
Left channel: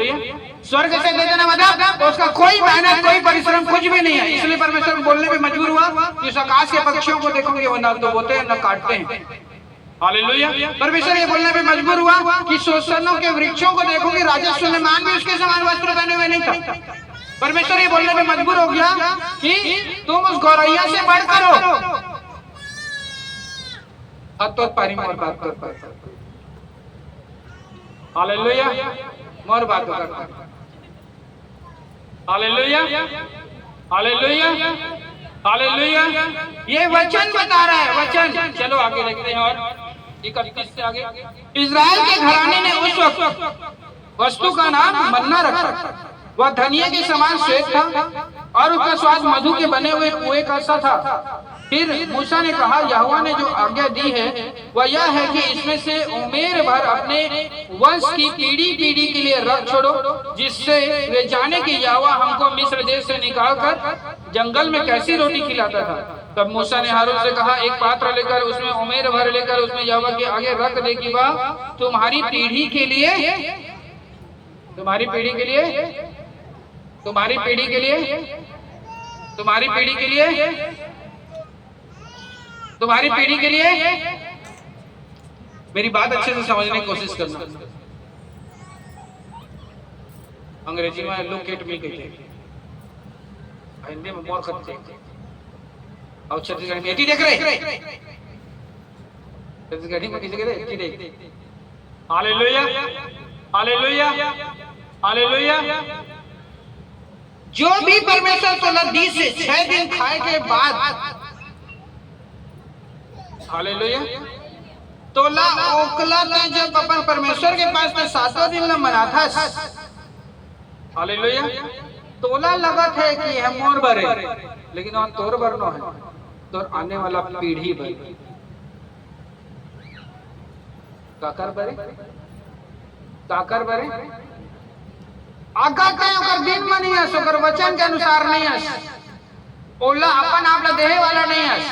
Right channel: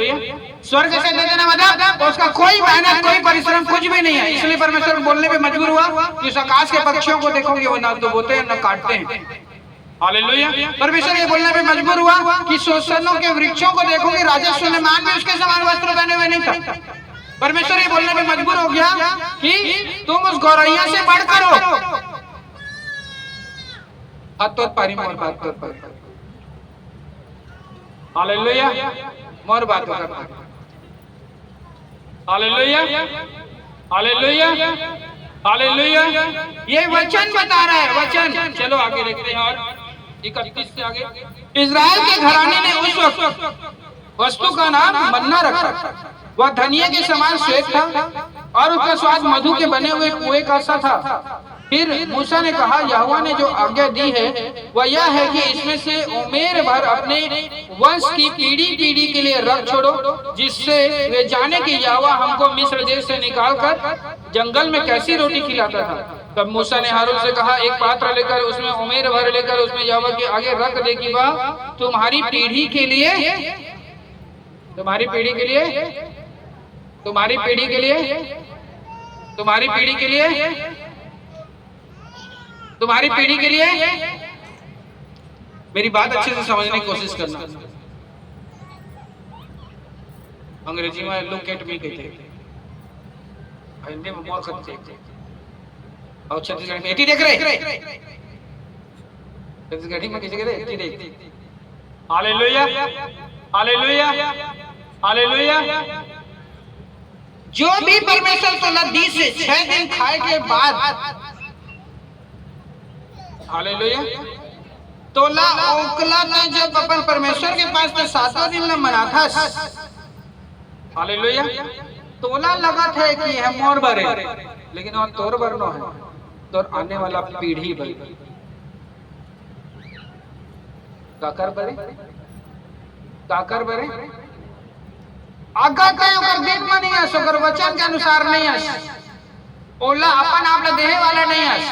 स्वर्ग से दे देना मतलब उसका कोई मेहनत कोई परिश्रम कुछ भी नहीं है। इसलिए परमेश्वर बोलने में मजबूर हुआ कि उस आकाश के पक्षियों को देखोगे वो ना तो बोते हैं ना काटते हैं। हालेलुया। परमेश्वर ये बोलने में मजबूर हुआ कि सोसनों के वृक्षों को देखोगे, राजा सुलेमान भी उसके समान वस्त्र पहने हुए नहीं था। परमेश्वर ये बोलने में मजबूर हो गया कि तुम उस गौरैया से बढ़कर हो। हालेलुया, मोर बात कर, हालेलुया, हालेलुया, हालेलुया। ये वचन बता रहा है, वचन। चलो आगे देखते हैं और 31 से आगे। इजराइल के घराने ने उस वक्त वस्तु का नाम मन्ना रखा। वह धनिया के समान श्वेत था और उसका स्वाद मधु के बने हुए कुएं का सा था। फिर मूसा ने कहा, यहोवा ने जो आज्ञा दी है वह यह है कि इसमें से उमेर भर अपने वंश की पीढ़ी पीढ़ी के लिए रख छोड़ो, जिससे वे जाने कि यहोवा हमको मिस्र देश से निकालकर जंगल में कैसी रोटी खिलाता था। तब मूसा ने हारून से कहा, एक पात्र लेकर उसमें उमेर भर लेकर उसमें यहोवा के आगे रख दे कि वह तुम्हारी पीढ़ी के लिए, तुम्हारी पीढ़ी के लिए, तुम्हारी पीढ़ी के लिए, तुम्हारी पीढ़ी के लिए, तुम्हारी पीढ़ी के लिए। मेरी बात अच्छे से समझने की कोशिश करना। अंग्रेजी में लुक एट मी कहते हैं, हिंदी में बहुत खतरे और छत्तीसगढ़ी में एटी देख रहे, छत्तीसगढ़ी में किसी कहते एटी देख। Hallelujah, hallelujah, hallelujah. जो भी परमेश्वर 20 से 6 दिन खाए के बाद, हालेलुया, तोला ओकला ने जब अपन परमेश्वर के पास में 7 दिन में मना था, हालेलुया, तोला लगा था कि हम मोर भरे, लेकिन और तोर भरनो है, तो आने वाला पीढ़ी भर काकर भरे, काकर भरे। अगर कहीं दिन में नहीं आस, अगर वचन के अनुसार नहीं आस, ओला अपन आप देहे वाला नहीं आस,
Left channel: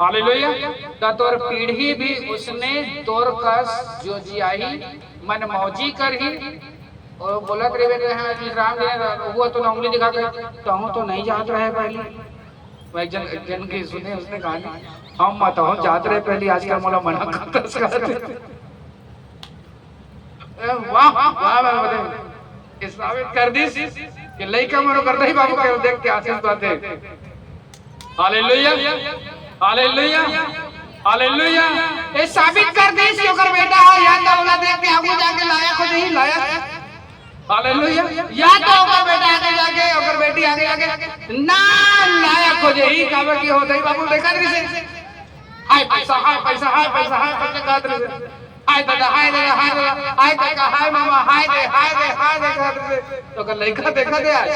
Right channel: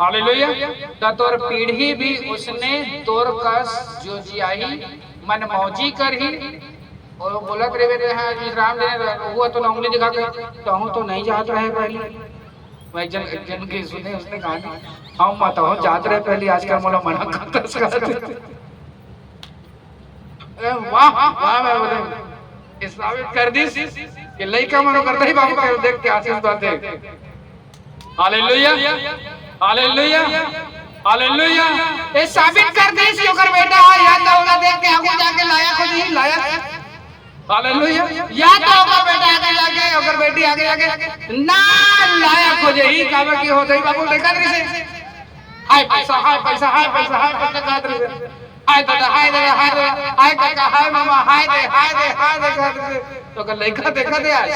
हालेलुया, तो तोर पीढ़ी भी उसने तोर कस जो जियाही मन मौजी करही। और बोलत रे बेटे, हाँ जी राम ने हुआ तो ना उंगली दिखा के, तो हूं तो नहीं जात रहे पहले। मैं जन के सुने उसने कहा, हम मत हो जात रहे पहले, आजकल मोला मना करता। वाह वाह वाह, साबित कर दी कि लइका मनो करता ही बाबू के देख के आशीष बात है। Hallelujah, hallelujah, hallelujah. ये साबित कर दी कि ओकर बेटा है, या तो ओला देख के आगू जाके लाया खुद ही लाया। हालेलुया, या तो ओकर बेटा आगे जाके, ओकर बेटी आगे जाके ना लाया खुद ही, काबर की होतई बाबू देखा रे से हाय पैसा, हाय पैसा, हाय पैसा, हाय पैसा काट रे, हाय दादा, हाय दादा, हाय दादा, हाय काका, हाय मामा, हाय दे, हाय दे, हाय दे काट रे। तो ओकर लइका देखा दे आज,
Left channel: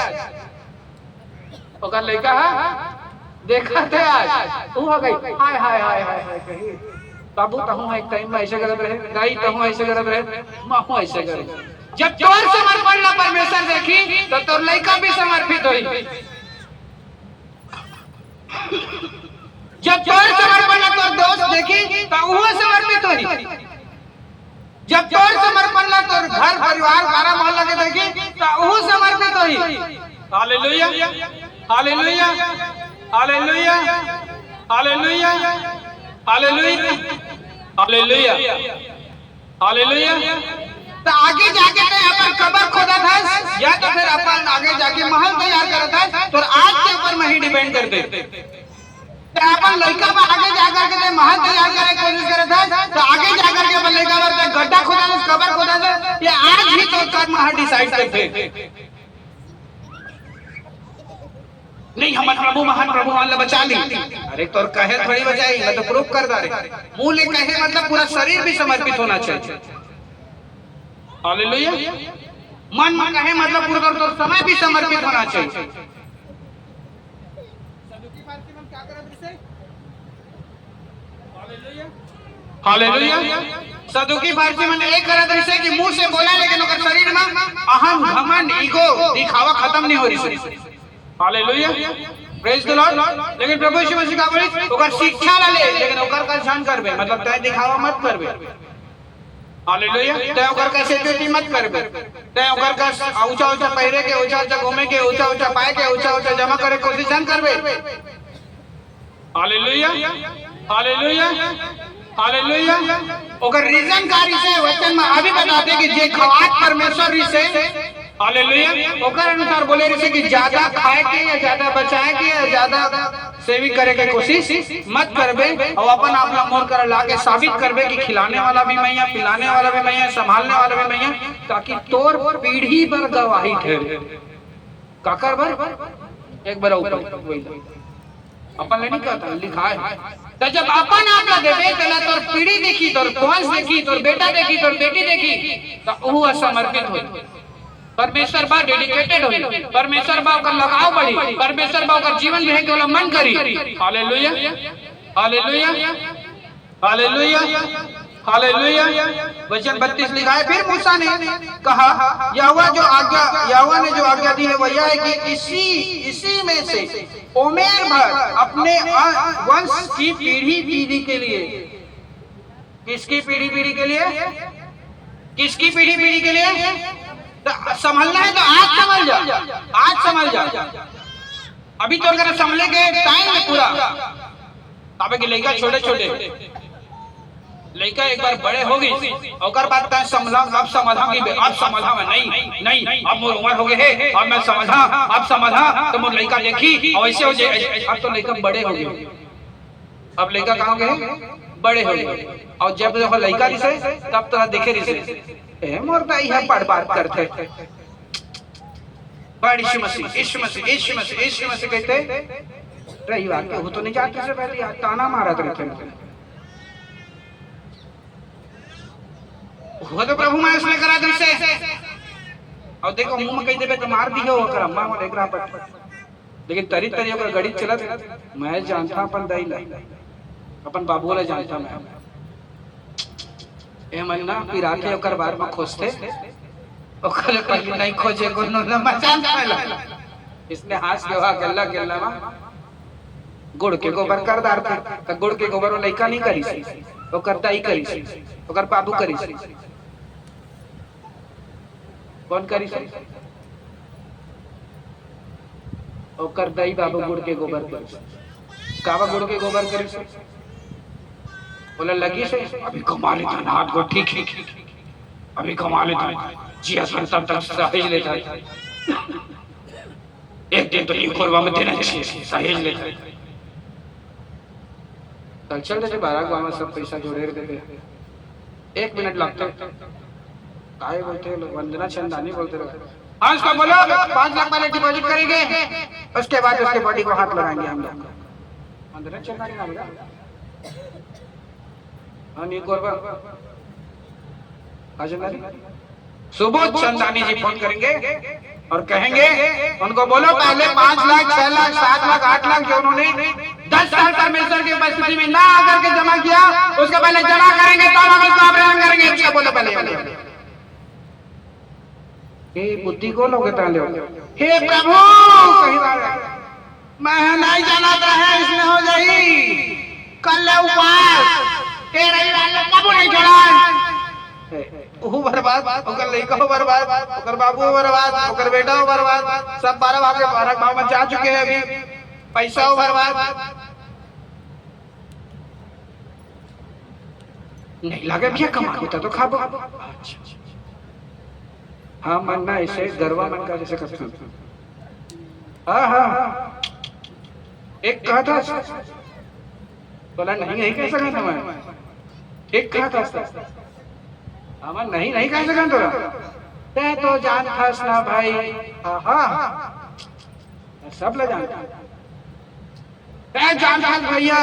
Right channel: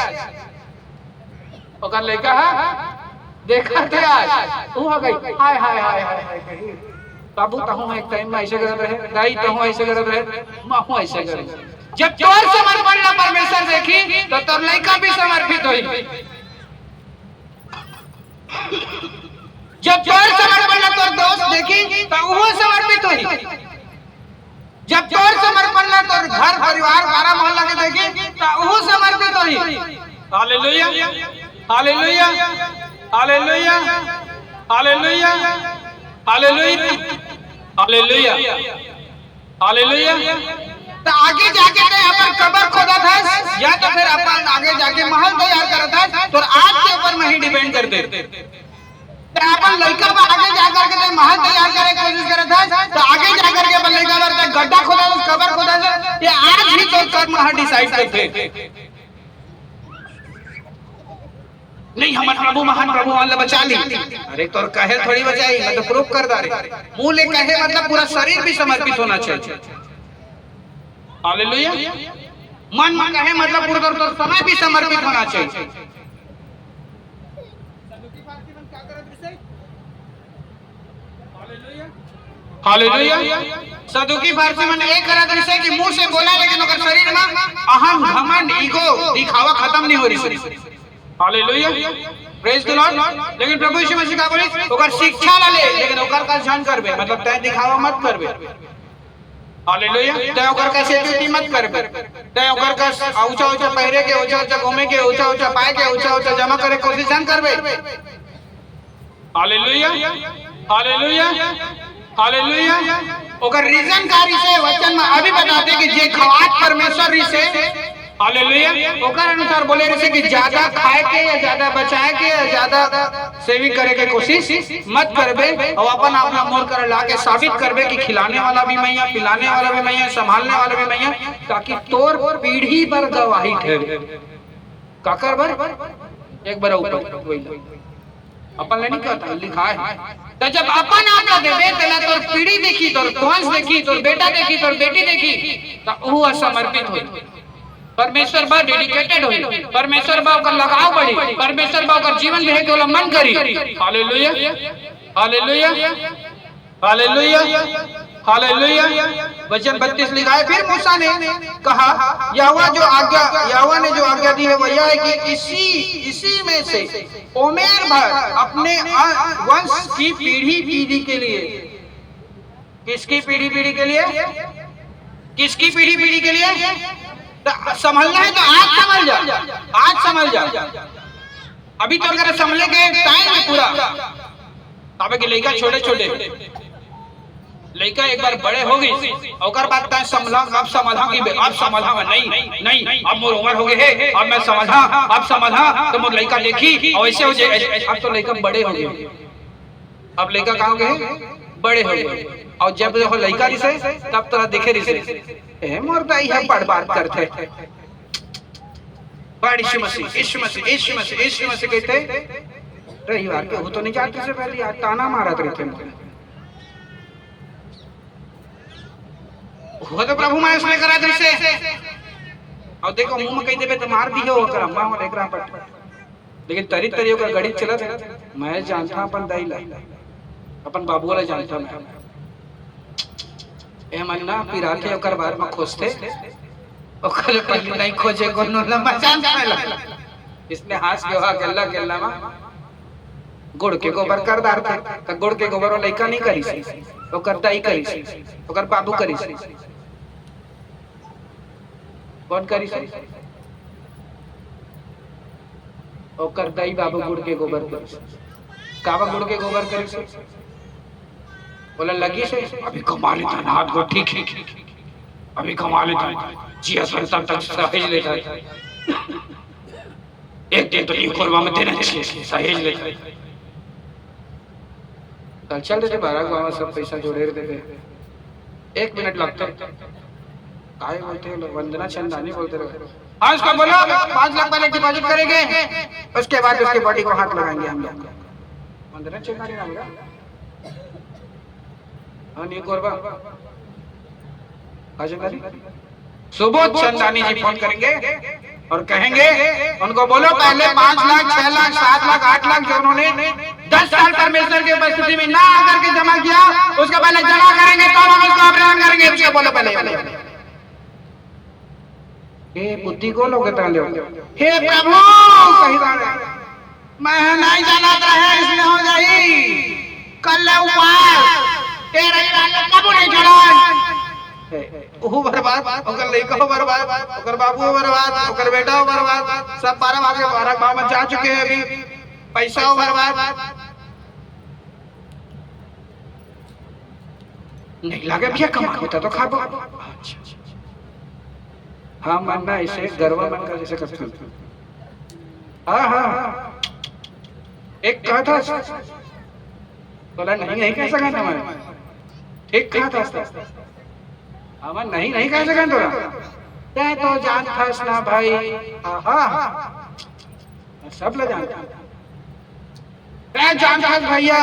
ओकर लइका है देखा थे आज, तू हो गई हाय हाय हाय हाय कही बाबू, तहु मैं एक टाइम में ऐसे करत रहे, गाई तहु ऐसे करत रहे, माहू ऐसे करे। जब तोर समर्पण ला परमेश्वर देखी तो तोर लइका भी समर्पित होई। जब तोर समर्पण ला तोर दोस्त देखी तो वो समर्पित होई। जब तोर समर्पण ला तोर घर परिवार सारा मोहल्ला के देखी तो वो समर्पित होई। Hallelujah, hallelujah, hallelujah, hallelujah, hallelujah, hallelujah, hallelujah. तो आगे जाके तो अपन कब्र खोदा था, या तो फिर अपन आगे जाके महल तैयार करता था, तो आज के ऊपर में ही डिपेंड करते। तो अपन लड़का पर आगे जाकर के महल तैयार करने की कोशिश करता, तो आगे जाकर के अपन लड़का पर गड्ढा खोदा, कब्र खोदा, ये आज ही तो कर्म हर डिसाइड करते। नहीं हमारे प्रभु महान प्रभु वाला बचा ली, अरे तो कहे थोड़ी बचाई, मैं तो प्रूफ कर दा रे। मुंह ले कहे मतलब पूरा शरीर भी समर्पित होना चाहिए। हालेलुया, मन में कहे मतलब पूरा तो समय भी समर्पित होना चाहिए। सदुकी फारसी में क्या करत रिसे? Hallelujah, hallelujah. सदुकी फारसी में एक करत रिसे कि मुंह से बोला लेकिन ओकर शरीर में अहम घमंड ईगो दिखावा खत्म नहीं हो रही। Hallelujah, praise the Lord. लेकिन प्रभु यीशु मसीह का बोली ओकर शिक्षा ला ले, लेकिन ओकर का ध्यान करबे, मतलब तय दिखावा मत करबे। हालेलुया, तय ओकर का सेफ्टी मत करबे, तय ओकर का ऊंचा ऊंचा पहरे के, ऊंचा ऊंचा घूमे के, ऊंचा ऊंचा पाए के, ऊंचा ऊंचा जमा करे कोशिश न करबे। Hallelujah, hallelujah, hallelujah. ओकर रीजन कारी से वचन में अभी बताते कि जे खवात परमेश्वर से, हालेलुया, ओकर अनुसार बोले रहे कि ज्यादा खाए के या ज्यादा बचाए के या ज्यादा सेविंग करे के कोशिश मत करबे और अपन अपना मोर कर ला के साबित करबे कि खिलाने वाला भी मैं, पिलाने वाला भी मैं, संभालने वाला भी मैं, ताकि तोर पीढ़ी पर गवाही ठहरे। काकर बर एक बार ऊपर वही अपन नहीं कहता लिखा है। तो जब अपन आपला देबे तला तोर पीढ़ी देखी, तोर वंश देखी, तोर बेटा देखी, तोर बेटी देखी, तो वो समर्पित होई, परमेश्वर बा डेडिकेटेड होई, परमेश्वर बा का लगाव बढ़ी, परमेश्वर बा का जीवन में के मन करी। Hallelujah hallelujah hallelujah hallelujah. वचन 32 लिखा है, फिर मूसा ने कहा यहोवा ने जो आज्ञा दी है वह यह है कि इसी में से ओमेर भर अपने वंश की पीढ़ी के लिए। किसकी पीढ़ी के लिए? किसकी पीढ़ी के लिए? तो संभलना है तो आज संभल जा, आज संभल जा। अभी तो अगर संभले के टाइम है पूरा, तब के लड़का छोटे लड़का एक बार बड़े हो गई और बात संभला, अब समझा नहीं अब मोर उम्र हो गए है, अब मैं समझा तो मोर लड़का देखी और ऐसे हो जाए। अब तो लड़का बड़े हो गए, अब लड़का कहाँ गए? बड़े हो गए। और जब देखो लड़का रिसे तब तोरा देखे रिसे मोर दाई हम बात करते बड़ी यीशु मसीह कहते रही बात वो तो नहीं जाते से पहले ताना मारा रहते वो तो प्रभु मैं इसने करा दृश्य और देखो मुंह में कही देवे तो मार दी हो कर अम्मा और एकरा पर, लेकिन तरी ओकर गड़ी चलत मैं जानता अपन दाई ला अपन बाबू वाला जानता मैं ए मन्ना पिराते ओकर बार में खोजते ओकर पहले नहीं खोजे कोनो लंबा जान ला इसने हाथ के गल्ला में गुड़ के गोबर कर डालते त गुड़ के गोबर वाला लइका नहीं करी सी ओकर दाई करी सी ओकर बाबू करी सी। कौन करी सी? ओकर दाई बाबू गुड़ के गोबर करी सी। कावा गुड़ के गोबर करी सी बोला लगी से अभी कमा लेता ना हाथ को ठीक अभी कमा लेता जी असल तब तक सहेज लेता एक दिन तो ये कोरबा में देना चाहिए सहेज लेता चल देते 12 गाँव में सब पैसा जोड़े देते 1 मिनट लगते काय बोलते वंदना चंदानी बोलते रहे। हाँ उसका बोलो 5 लाख पहले डिपॉजिट करेंगे उसके बाद उसके बॉडी को हाथ लगाएंगे हम लोग। वंदना चंदानी नाम का हाँ नहीं कोरबा सुबोध चंदानी जी फोन करेंगे और कहेंगे उनको बोलो पहले 5 लाख 6 लाख 7 लाख 8 लाख जो उन्होंने 10 साल परमेश्वर की उपस्थिति में ना आकर के जमा किया उसके पहले जमा करेंगे तो हम उसको अभियान करेंगे। उसका बोलो पहले हे बुद्धि को लोग ताले हे प्रभु कहीं मैं नहीं जाना है इसमें हो जाई कल उपवास तेरे कबो नहीं जोड़न ओहो बर्बाद ओकर लइका हो बर्बाद ओकर बाबू हो बर्बाद ओकर बेटा हो बर्बाद सब 12 गांव में जा चुके हैं अभी पैसा हो बर्बाद नहीं लगे भैया कमा होता तो खाबो। हाँ मनना ऐसे गर्व मन का जैसे करते हाँ एक कहा था बोला नहीं कह सका था मैं ठीक कहा था अमन नहीं कह सका तोरा तो जान खास ना भाई सब लोग जानता जान भैया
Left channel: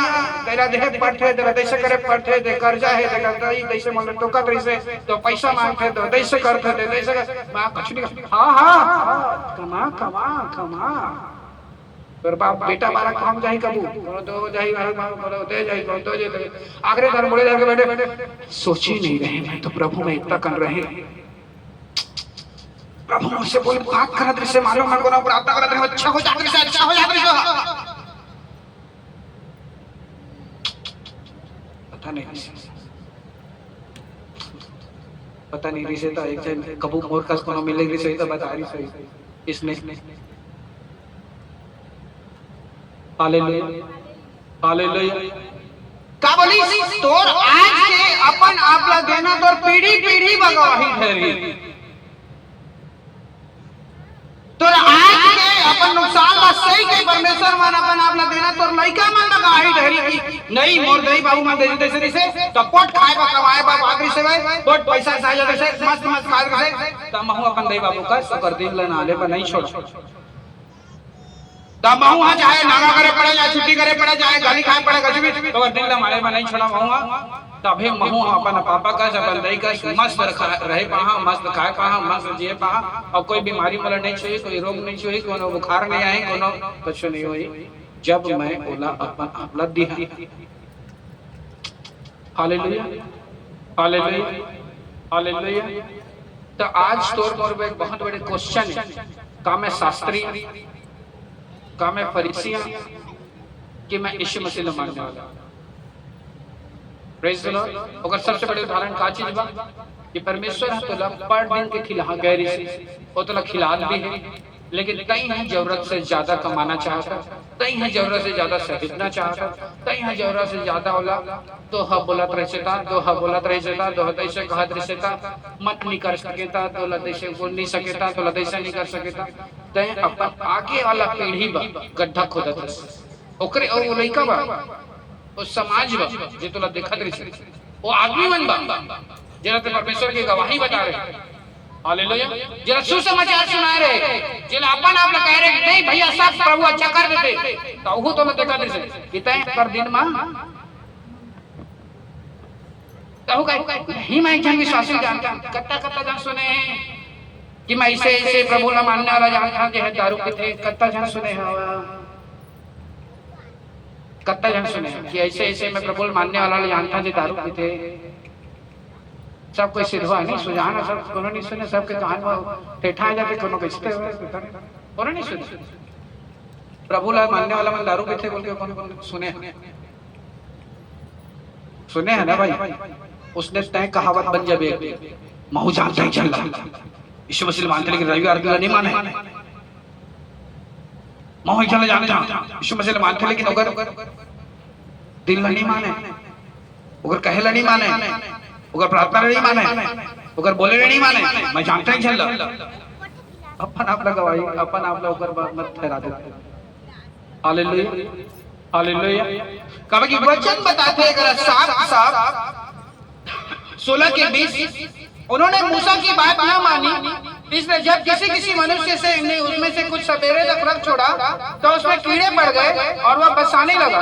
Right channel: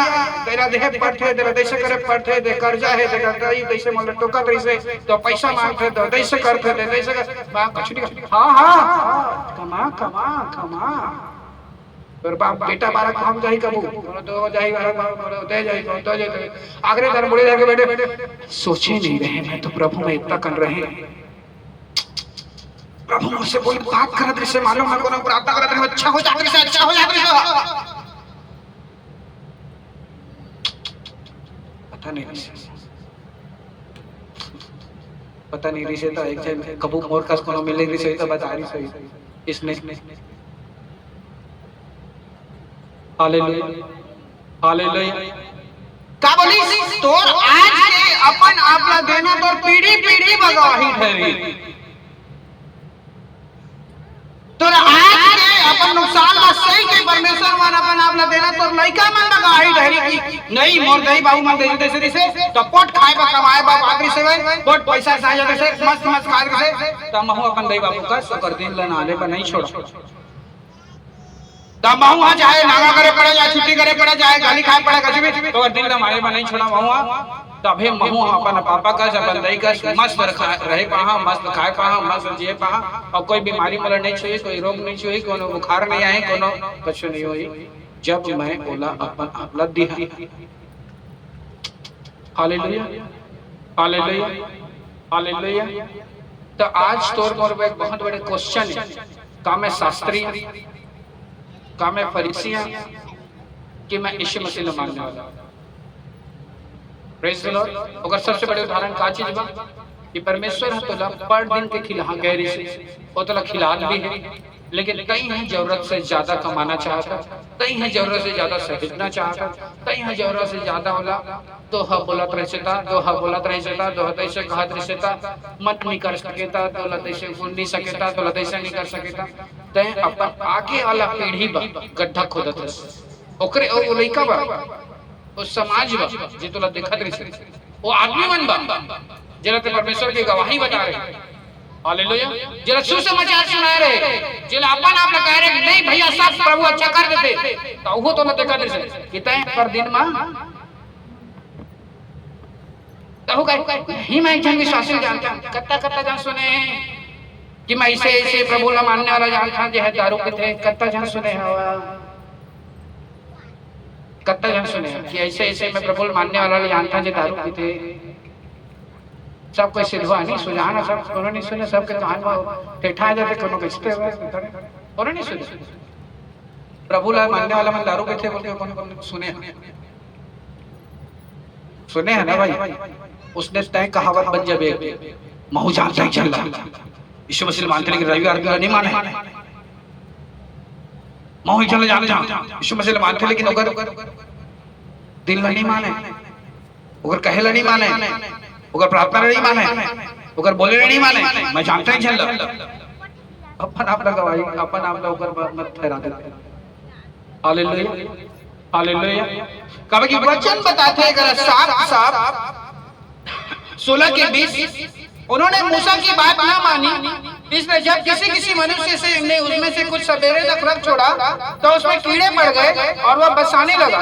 तेरा देह पढ़ते तेरा देश करे पढ़ते दे कर्जा है तेरा कई देश में तो का देश तो पैसा मांगते तो देश करते दे देश मां कुछ नहीं हां कमा पर बाप बेटा बारा काम जाई कबू तो जाई बारा काम दे जाई तो जाई आगरे घर मुड़े जाके बैठे सोचे नहीं रहे मैं तो प्रभु में इतना कर रहे प्रभु मुझसे बोल बात करा दृश्य मालूम मैं को प्रार्थना करा दे अच्छा हो जा पता नहीं रिसे तो एक जन कबू मोर कस कोनो मिलेगी सही तो बता रही सही इसने हालेलुया का बोली तोर आज के अपन आपला देना तोर पीढ़ी बगवाही ठहरी तोर आज देना तो लइका मन लगा ही ढहरी की नहीं मोर दई बाबू मन दे देसे दिसे तो पोट खाए बा कमाए बा आदमी से पोट पैसा साजा देसे मस्त मस्त खा देसे त महू अपन दई बाबू का कर दिन ले नाले में नहीं छोड़ त महू हा चाहे नागा करे पड़े या छुट्टी करे पड़े जाए गाली खाए पड़े कभी भी तो दिन ले मारे में नहीं छोड़ा महू तभी महू अपन पापा का अपन दई का मस्त रहे पाहा मस्त खाए पाहा मस्त जिए पाहा और कोई बीमारी मला नहीं छुई कोई रोग नहीं छुई कोनो बुखार नहीं आए कोनो कुछ नहीं हुई जब मैं बोला अपन आपला दिया हालेलुया हालेलुया हालेलुया। तो आज तौर पर एक बहुत बड़े क्वेश्चन है का मैं शास्त्री का मैं फरीसिया कि मैं यीशु मसीह मानने वाला प्रेज द लॉर्ड। अगर सबसे बड़े उदाहरण का चीज बा कि परमेश्वर है तोला पर दिन के खिला गैर वो तोला खिलात भी है लेकिन कई है जरूरत से ज्यादा कमाना चाहता कई है जरूरत से ज्यादा सहितना चाहता कई है जरूरत से ज्यादा होला तो हा बोलत रहता तो हा बोलत रहता तो तैसे कहत रहता मत नहीं कर सकेता तो लतैसे बोल नहीं सकेता तो लतैसे नहीं कर सकेता तै अपन आगे वाला पीढ़ी बा गड्ढा खोदत है ओकरे ओ लइका बा वो समाज बा जे तोला देखत रही वो आदमी मन बा जेला ते परमेश्वर की गवाही बता रहे हालेलुया जेला सुसमाचार सुना रहे जेला अपन आप कह रहे नहीं भैया सब प्रभु अच्छा कर देते तो वो तोला देखत रही कितने पर दिन में कहू कहीं ही मैं जन विश्वासी जानता कत्ता कत्ता जन सुने कि मैं ऐसे प्रभु ला मानने वाला जानता जे है दारू पीते कत्ता जन सुने हवा कत्ता जन सुने कि ऐसे मैं प्रभु मानने वाला जानता जे दारू पीते सब कोई सिद्धवा नहीं सुझाना सब कोनो नहीं सुने सबके कहानी ठेठा जाते कोनो बेचते हुए कोनो नहीं सुने प्रभु ला मानने वाला मन दारू पीते बोलते कौन सुने है ना भाई उसने तय कहावत बन जाबे महू जानता ही चल यीशु मसीह मानते लेकिन रविवार को नहीं माने महू ही चले जाने यीशु मसीह मानते लेकिन अगर दिल में नहीं माने अगर कहे नहीं माने अगर प्रार्थना नहीं माने अगर बोले नहीं माने मैं जानता ही चल अपन आप गवाही अपन आप ऊपर मत ठहरा देते हालेलुया हालेलुया कभी कि वचन बताते हैं अगर साफ 16 के 20 उन्होंने मूसा की बात ना मानी इसलिए जब किसी मनुष्य से ने उसमें से कुछ सवेरे तक रख छोड़ा तो उसमें कीड़े पड़ गए और वह बसाने लगा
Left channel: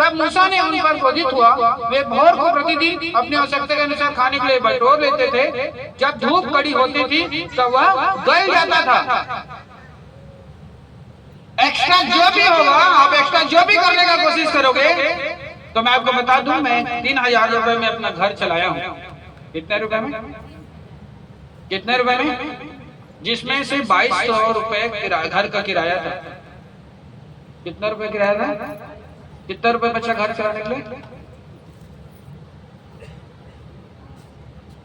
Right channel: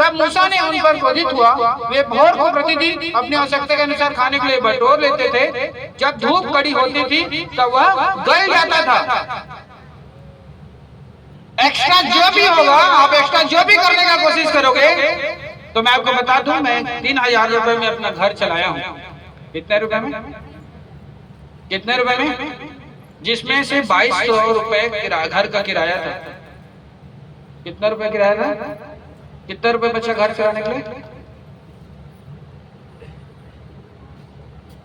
तब मूसा ने उन पर क्रोधित हुआ वे भोर को प्रतिदिन अपनी आवश्यकता के अनुसार खाने के लिए बटोर लेते थे जब धूप कड़ी होती थी तब वह गल जाता था। एक्स्ट्रा जो भी होगा आप एक्स्ट्रा जो भी करने का कोशिश करोगे तो मैं आपको बता दूं मैं 3000 रुपए में अपना घर चलाया हूँ कितने रुपए में जिसमें से 2200 रुपए घर का किराया था। कितना रुपए किराया था कितने रुपए बचा घर चलाने के लिए।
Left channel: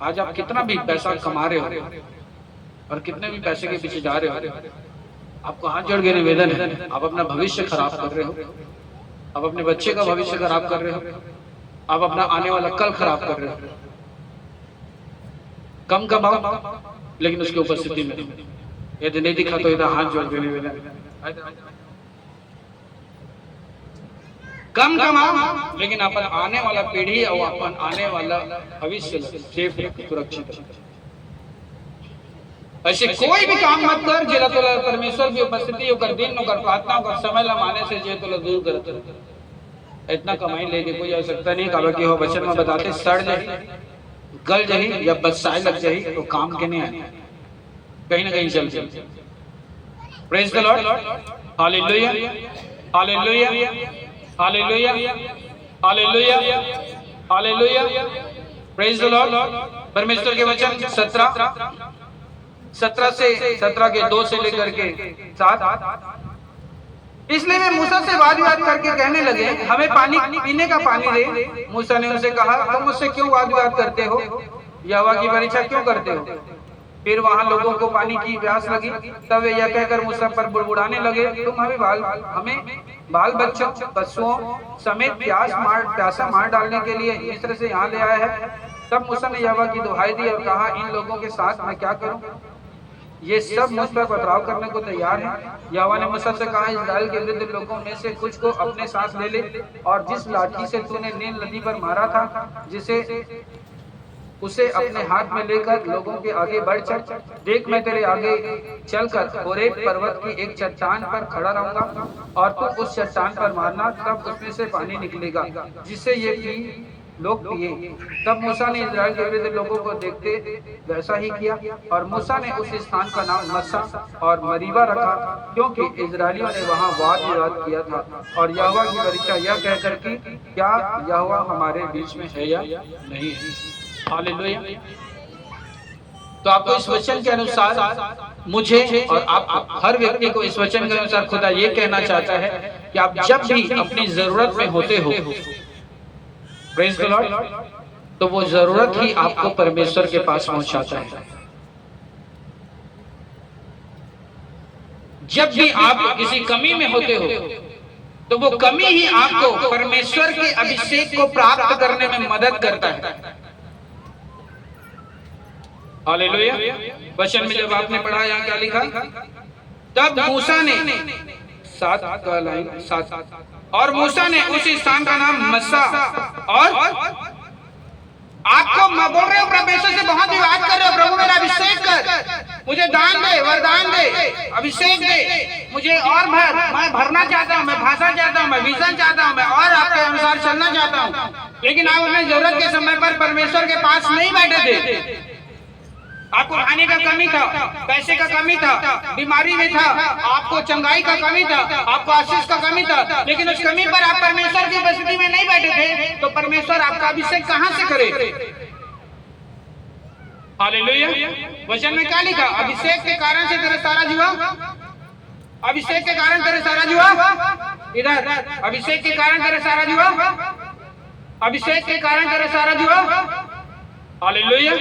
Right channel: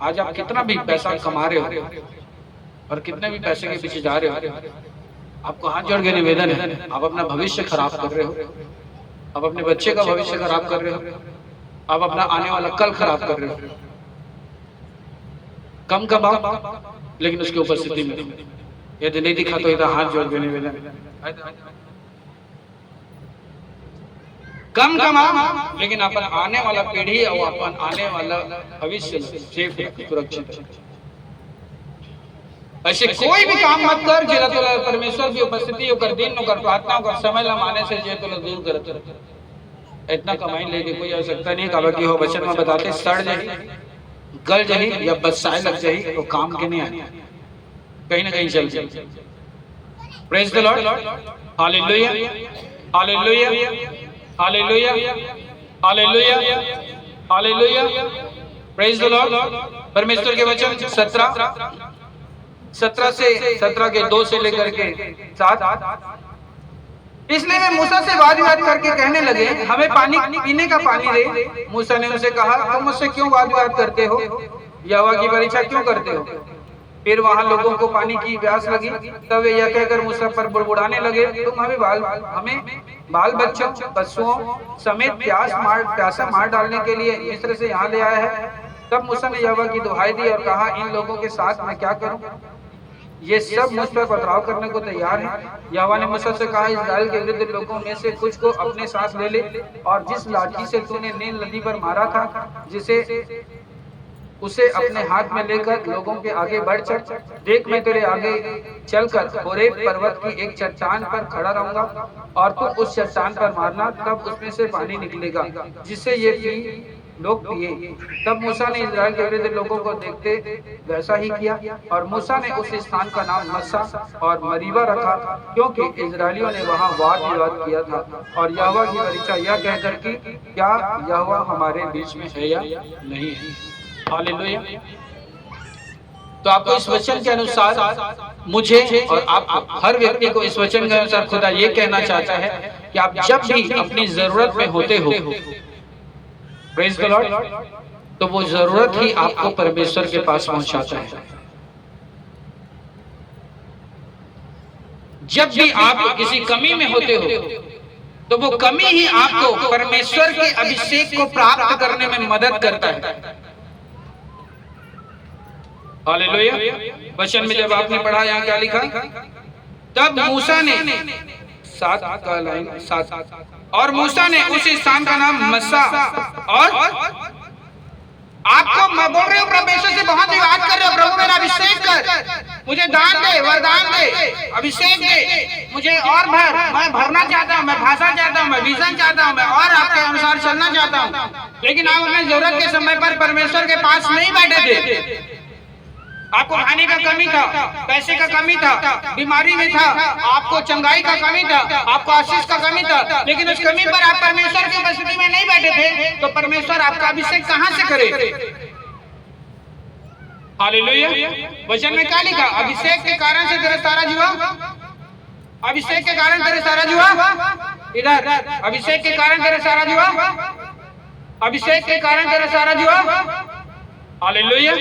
आज आप कितना भी पैसा कमा रहे हो और कितने भी पैसे के पीछे जा रहे हो आपको हाथ जोड़ के निवेदन है आप अपना भविष्य खराब कर रहे हो आप अपने बच्चे का भविष्य खराब कर रहे हो आप अपना आने वाला कल खराब कर रहे हो। कम कमाओ लेकिन उसकी उपस्थिति में यदि नहीं दिखा तो इधर हाथ जोड़ के निवेदन कम कमाओ लेकिन अपन आने वाला पीढ़ी और अपन आने वाला भविष्य सेफ सुरक्षित। ऐसे कोई भी काम मत कर जिला तो परमेश्वर की उपस्थिति होकर दिन होकर प्रार्थना होकर समय लमाने से जे तो दूर करते इतना कमाई लेके कोई आवश्यकता नहीं कहा कि हो बचन में बताते सड़ जाए गल जाए या बसाए लग जाए तो काम के नहीं आने कहीं ना कहीं चल जाए। Praise the Lord hallelujah hallelujah hallelujah hallelujah hallelujah praise the Lord. परमेश्वर के वचन 17 के 2 से लेकर के 7 इसलिए वे मूसा से वाद विवाद करके कहने लगे हमें पानी पीने का पानी दे। मूसा ने उनसे कहा तुम मुझसे क्यों वाद विवाद करते हो यहोवा की परीक्षा क्यों करते हो। फिर वहां लोगों को पानी की प्यास लगी तब वे यह कहकर मूसा पर बुड़बुड़ाने लगे तुम हमें बाल बच्चों पशुओं समेत प्यासा मार डालने के लिए मिस्र से यहाँ ले आया है। तब मूसा ने यहोवा की दुहाई दी और कहा इन लोगों के साथ मैं क्या करूं। ये सब मुझ पर पथराव करने को तैयार हैं। यहोवा ने मूसा से कहा, इस्राएल के वृद्ध लोगों में से कुछ को अपने साथ ले ले, और जिस लाठी से तूने नील नदी पर मारा था, उसे अपने हाथ में लेकर लोगों के आगे बढ़ चल। देख, मैं तेरे आगे चलकर होरेब पर्वत की एक चट्टान पर खड़ा रहूंगा, और तू उस चट्टान पर मारना, तब उसमें से पानी निकलेगा जिससे ये लोग पिए। तब मूसा ने इस्राएल के वृद्ध लोगों को देखते वैसा ही किया, और मूसा ने उस स्थान का नाम मस्सा और मरीबा रखा, क्योंकि इस्राएलियों ने वहां वाद विवाद किया था और यहोवा की परीक्षा यह कहकर कि क्या यहोवा हमारे बीच में है या नहीं है। हालेलुया। तो आपको इस वचन के अनुसार, मुझे और आप हर व्यक्ति को इस वचन के अनुसार खुदा ये कहना चाहता है कि आप जब भी अपनी जरूरत में होते हो, प्रेज़ द लॉर्ड, तो वो जरूरत ही आपको परमेश्वर के पास पहुंचाता है। जब भी आप किसी कमी में होते हो, तो वो कमी ही आपको परमेश्वर के अभिषेक को प्राप्त करने में मदद करता है। हालेलुया। वचन में जब आपने पढ़ा, यहाँ क्या लिखा, तब मूसा ने 7 और मूसा ने उस स्थान का नाम मस्सा, और आपको मैं बोल रहे हो परमेश्वर से बहुत विवाद कर रहे हो, प्रभु मेरा अभिषेक कर, मुझे दान दे, वरदान दे, अभिषेक दे, मुझे और भर, मैं भरना चाहता हूँ, मैं भाषा चाहता हूँ, मैं विजन चाहता हूँ, मैं और आपके अनुसार चलना चाहता हूँ। लेकिन आप अपने जरूरत के समय पर परमेश्वर के पास नहीं बैठे थे। आपको खाने का कमी था, पैसे का कमी था, बीमारी में था, आपको चंगाई का कमी था, आपको आशीष का कमी था, लेकिन उस कमी पर आप परमेश्वर की उपस्थिति में नहीं बैठे थे, तो परमेश्वर आपका अभिषेक कहां से करे। हालेलुया। वचन में क्या लिखा, अभिषेक के कारण से तेरा सारा जीवन, अभिषेक के कारण तेरे सारा जीवन, इधर अभिषेक के कारण तेरे सारा जीवन, अभिषेक के कारण तेरा सारा जीवन। हालेलुया।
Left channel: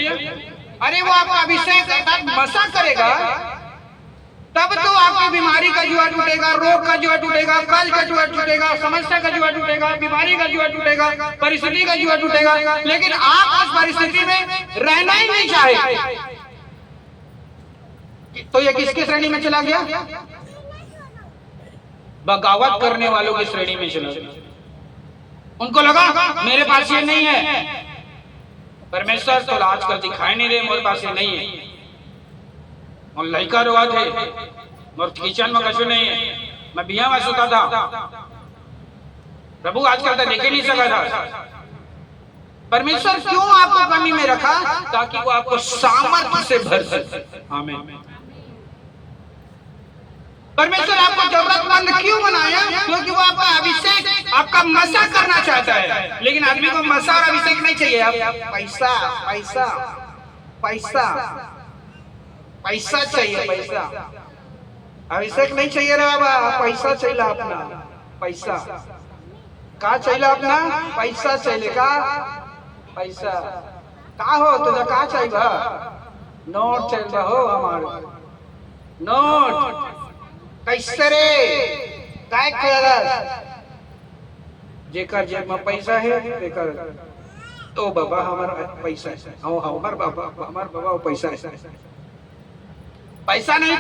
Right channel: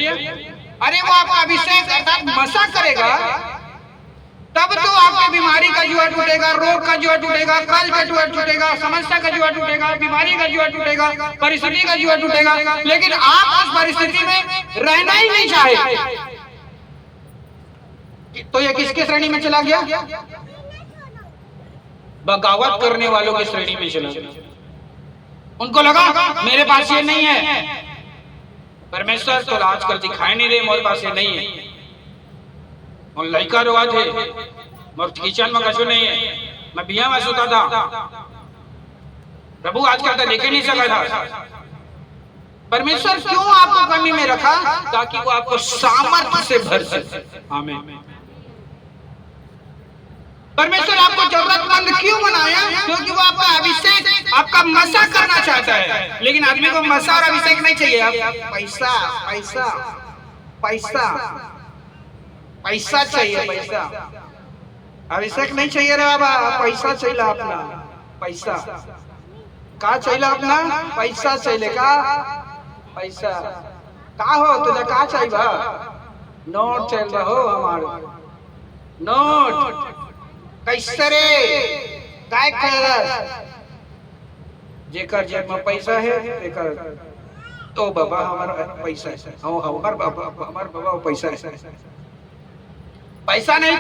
अरे वो आपका अभिषेक अर्थात मसा करेगा, तब तो आपकी बीमारी का जुआ टूटेगा, रोग का जुआ टूटेगा, कर्ज का जुआ टूटेगा, समस्या का जुआ टूटेगा, बीमारी का जुआ टूटेगा, परिस्थिति का जुआ टूटेगा। लेकिन आप उस परिस्थिति में रहना ही नहीं चाहे, तो ये किसके श्रेणी में चला गया, बगावत करने वालों की श्रेणी में चला गया। उनको लगा मेरे पास ये नहीं है, परमेश्वर तो आजकल दिखाई नहीं दे, मोर पास ये नहीं है, और लड़का रोआ थे, मोर किचन में कछु नहीं है, मैं बिया में सोता था, प्रभु आजकल तो देखे नहीं सका था। परमेश्वर क्यों आपको कमी में रखा, ताकि वो आपको सामर्थ्य से भर सके। आमीन। परमेश्वर आपको जरूरतमंद क्यों बनाया, क्योंकि वो आपका अभिषेक, आपका मसा करना चाहता है। लेकिन आदमी को मसा और अभिषेक नहीं चाहिए, आप पैसा पैसा पैसा पैसा चाहिए, पैसा, अभिषेक नहीं चाहिए रे बाबा, पैसा चाहिए अपना, पैसा का चाहिए अपना, पैसा चाहिए का, पैसा का हो तुझे का चाहिए, नोट चाहिए हो हमारे, नोट कैसे रे, काय खाया जेकर जेब में पैसा है, जेकर तो बाबा हमारा पैसा है, हमार बाबा पैसा है, पैसा नहीं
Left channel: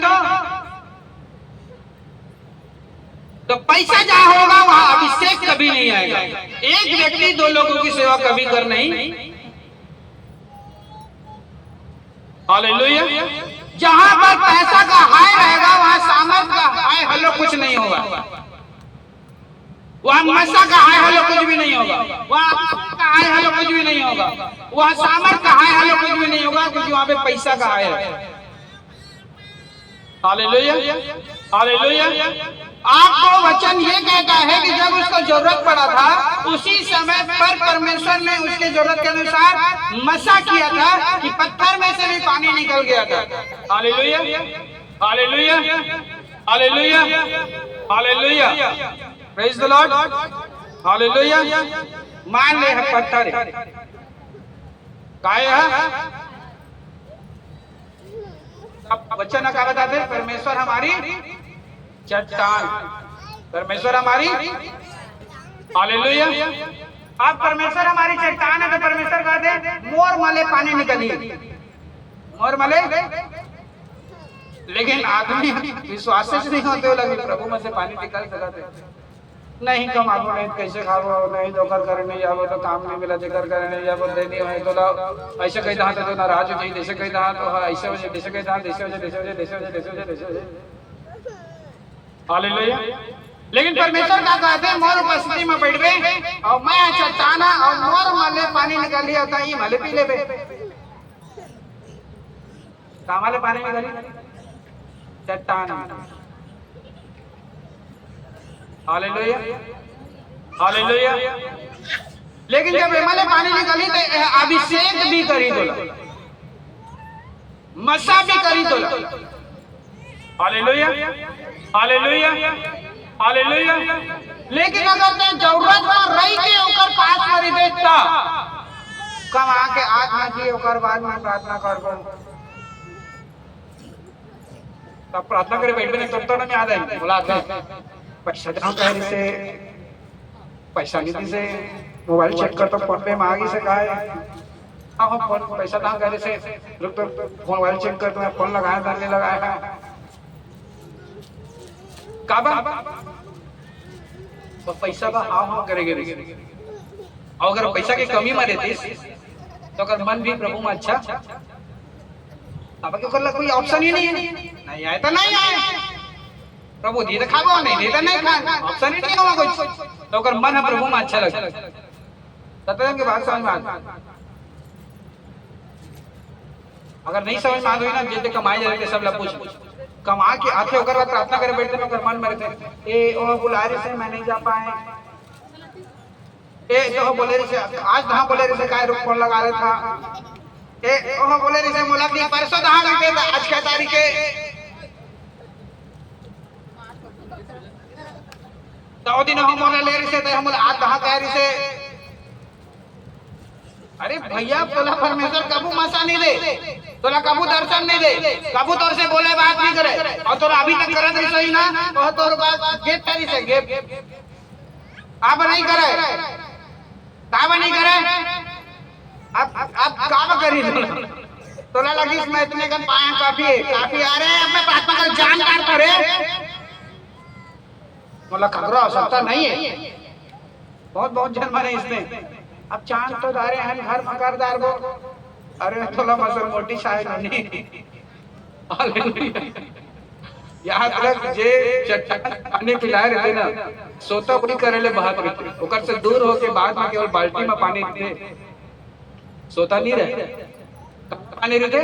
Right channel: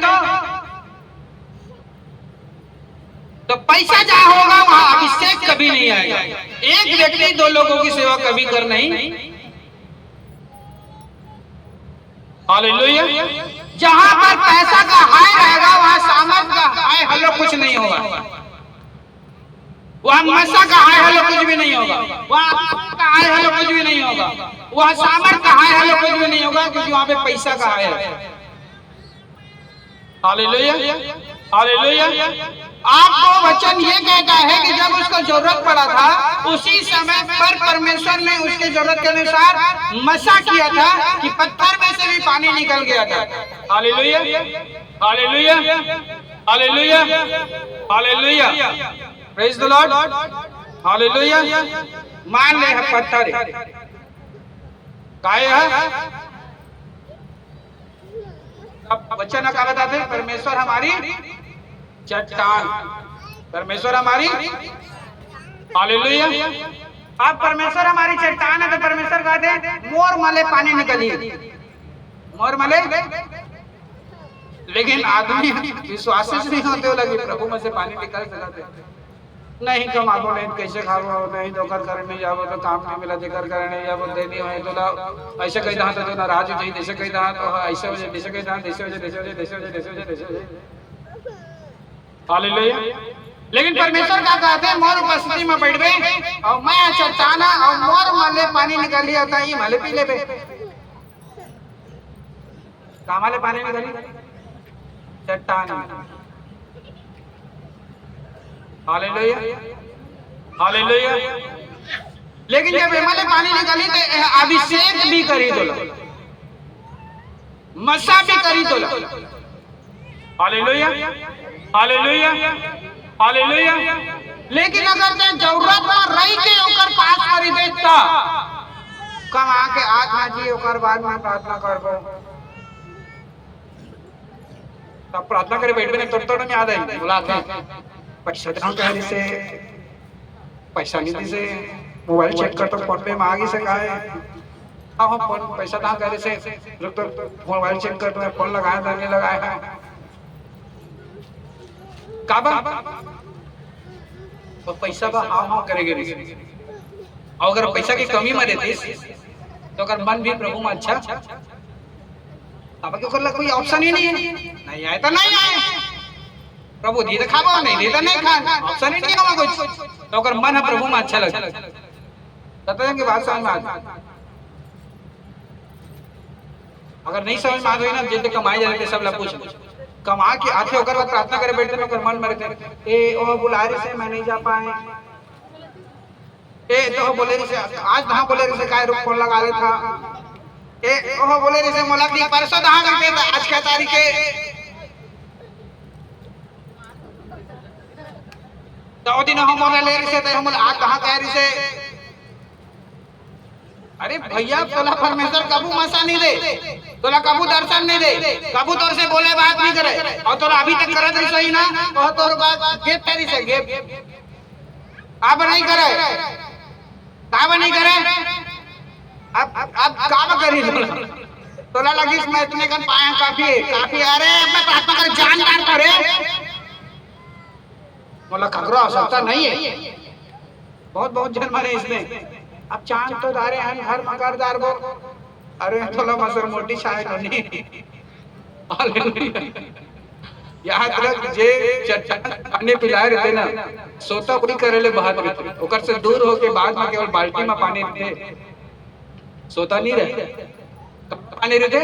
तो पैसा जहाँ होगा वहाँ अभिषेक कभी नहीं आएगा। एक व्यक्ति 2 लोगों की सेवा कभी कर नहीं। हालेलुया। जहाँ पर पैसा का हाय रहेगा वहाँ सामर्थ का हाय हलो कुछ नहीं होगा, वहाँ मसा का हाय हलो कुछ भी नहीं होगा, वहाँ का हाय हलो कुछ भी नहीं होगा, वहाँ सामर्थ का हाय हलो कुछ भी नहीं होगा, क्योंकि वहाँ पे पैसा का हाय है। हालेलुया। हालेलुया। आपको वचन ये कहता है कि जब उसको जरूरत पड़ा था, उसी समय पर परमेश्वर ने उसके जरूरत के अनुसार मसा किया था कि पत्थर में से भी पानी निकल गया था। Hallelujah. Hallelujah. Hallelujah. Hallelujah. Praise the Lord. Hallelujah. मान ले पत्थर काय है, अब वचन क्या बताते, परमेश्वर हमारी चट्टान, परमेश्वर हमारी, हालेलुया। आप परमेश्वर हमारी चट्टान है, तो परमेश्वर कहते मोर मले पानी निकलिए, मोर मले लेकिन आदमी विश्वास से नहीं होते हो लगे प्रभु में से पानी निकाल चलाते नहीं कमाबो नहीं कैसे खाबो नहीं तो कर करने जाबो तो काम नहीं मिला कर करने जाबो देनी हो तो ला ऐसे कहीं दांत तो नाराज हो जाए जैसे कहीं दांत तो ऐसे हो जाए जैसे कहीं दांत ऐसे हो जाए जैसे हो जाए जैसे हो जाए जैसे हो जाए जैसे हो जाए हालेलुया। लेकिन परमेश्वर का कहते हैं मोर उपस्थिति में बैठ गए और मैं चट्टाना और मोर माले पानी निकाल लिया था ये माले पी ले बे कामाले पानी निकाली चट्टान हालेलुया हालेलुया। लेकिन जब हिमालय पानी निकाली तो अभिषेक भी करी दो मसा भी करी दो हालेलुया हालेलुया हालेलुया। लेकिन अगर ते जरूरत में रही के ओकर पास करी देता कमा के आत्मा जी ओकर बाद में प्रार्थना करबो तब प्रार्थना करे बैठबे नहीं तब तो नहीं याद आई बोला पैसा कहीं से पैसा नहीं से मोबाइल चेक कर तो फोन पे मांगी से का है हाँ फोन पैसा ना करे से रुक तो मोबाइल चेक कर तो फोन लगाया धरने लगाया काबा तो पैसा बा हाँ हाँ करेगे और अगर पैसा की कमी में रहती तो अगर मन भी प्रभु में अच्छा तब क्यों कर कोई ऑप्शन ही नहीं है नहीं आए तो नहीं आए प्रभु दी तो खाबो नहीं दे तो नहीं खा ऑप्शन ही नहीं होगा कुछ तो अगर मन है प्रभु में अच्छा लगता तब की बात समझ में आता अगर नहीं समझ में आ गई ना जितने कमाए जाते सब लोग पूछ कमा के आते होकर बाद प्रार्थना करे बैठते हैं अगर मन में रहते ए ओ बुला रहे से मैं नहीं जा पाए ए तो बोले रही से आज कहाँ बोले रही से काय रुक फोन लगा रहे था ए ओ बोले रही से मोला की परसों कहाँ गए थे आज क्या तारीख है तो दिन हम मोला ले रही से तो हम आज कहाँ कह रही से अरे भैया तोला परमेश्वर कबू मसा नहीं दे तोला कबू दर्शन नहीं दे कबू तोर से बोले बात नहीं करे और तोरा अभी तक करत रही सही ना तो तोर बात गेप करी से गेप अब नहीं करे काब नहीं करे अब काब करी तोला लगी मैं इतने कन पाया काफी काफी अरे मैं प्रार्थना कर जान कान करे बोला खगरो आवश्यकता नहीं है बहुत बहुत जन मरे इसमें अब चांद तो दारे हैं हर मकरदार को अरे थोड़ा मसर मोटी शायद नहीं याद रख जे पानी पिला रहे ना सोता पूरी करेले बाहर रहते ओकर से दूर होके बाद में केवल बाल्टी में पानी रहते सोता नहीं रहे पानी रहते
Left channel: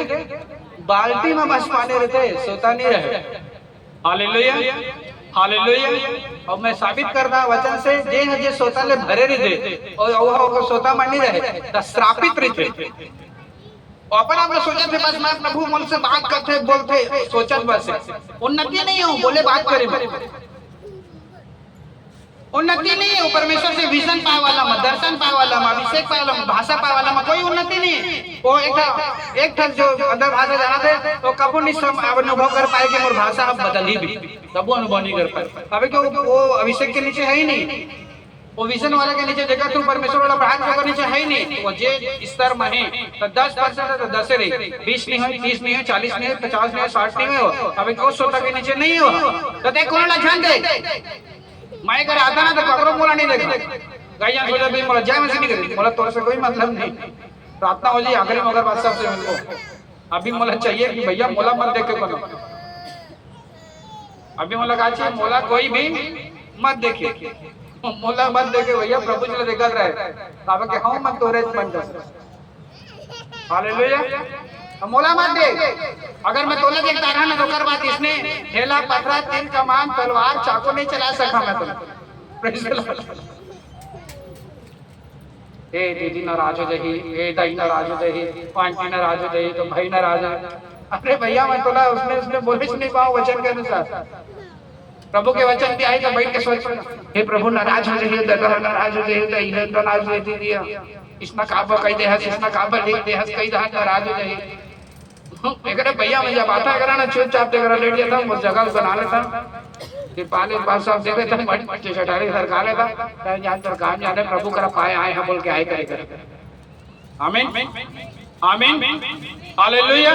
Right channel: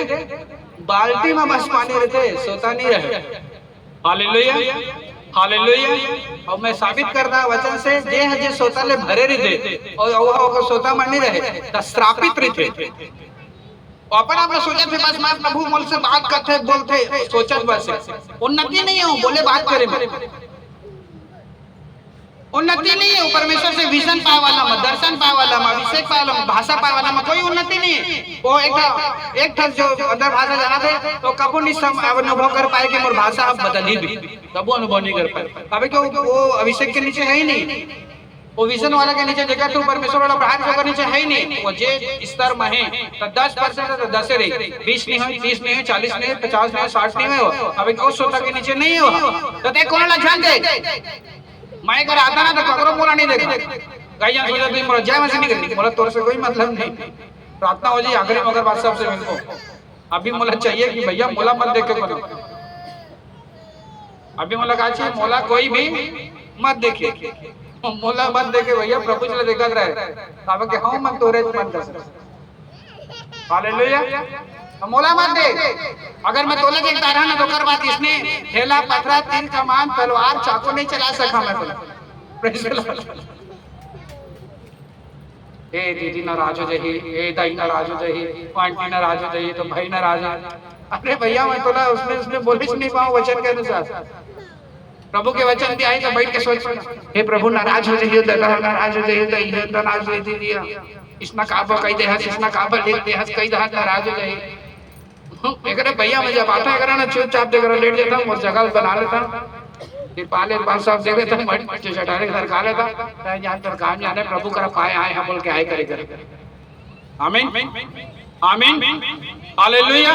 बाल्टी में बस पानी रहते सोता नहीं रहे हालेलुया हालेलुया। और मैं साबित करता वचन से जे है जे सोता ले भरे रहते और सोता मन नहीं रहे श्रापित रहते अपन आप सोचत थे बस मैं प्रभु मोल से बात करते बोलते सोचत बस उन्नति नहीं हो बोले बात करे उन्नति नहीं है परमेश्वर से विजन पाए वाला में दर्शन पाए वाला में अभिषेक पाए वाला में भाषा पाए वाला में कोई उन्नति नहीं है वो एक जो अदर भाषा जाना थे तो कबू नहीं अनुभव कर पाए कि मोर भाषा अब बदली भी कबू अनुभव नहीं कर पाए अभी क्यों वो अभिषेक के नीचे है ही नहीं वो विजन वाला के नीचे जगह तो परमेश्वर वाला प्रार्थना के नीचे है ही नहीं वो जे स्तर में है तो 10% तो 10 रही 20 नहीं है 30 नहीं है 40 नहीं है 50 नहीं है 60 नहीं है अभी को सोता के नीचे नहीं हो तो देख कौन लक्षण दे मैं अगर आता ना तो ककरो मोला नहीं देखा गाइया सोचा भी मोला जय मसीह नहीं करनी मोला तोर से कोई मतलब नहीं प्रार्थना हो जी आखिरी मगर बात सबसे मिलो अभी मोला चाहिए कि भैया मोला मत देख के बनो अभी मोला कहा चाहिए मोला कोई भी मत देखे मोला मत देखे भैया प्रभु चले देखा रहे बाबा के हाँ मन तोरे मन कर हालेलुया मोला मत दे अगर मैं तोला देखता रहा ना तो कर बात इसने ढेला पथरा तीन कमान तलवार चाकू नहीं चला सका मैं तो ए दीदी नाराज हो जाही ए दाई नाराज हो जाही आंटी नाराज हो जाही तो भाई नाराज हो अरे भैया मैं तोला उसने बोले नहीं पाऊं वचन के अनुसार प्रभु के वचन भी आए तो बैठ के सोच हे प्रभु नाराज हो जाइए तो नाराज हो जाइए तो ये नाराज हो दिया इसना काबा कई दे हस इसना काबा ले दे हस कई दहा नाराज हो जाइए एकरे भैया मैं जब आता करा ना चुपचाप दे करा लेट जाता हूं उस जगह बना लेता फिर पाले पास सब दे देता हूं बच्चे चटारे सरका लेता कहीं जान पर काम जाने प्रभु का पाए आए हैं बोल के आए करे आमीन आमीन हालेलुया।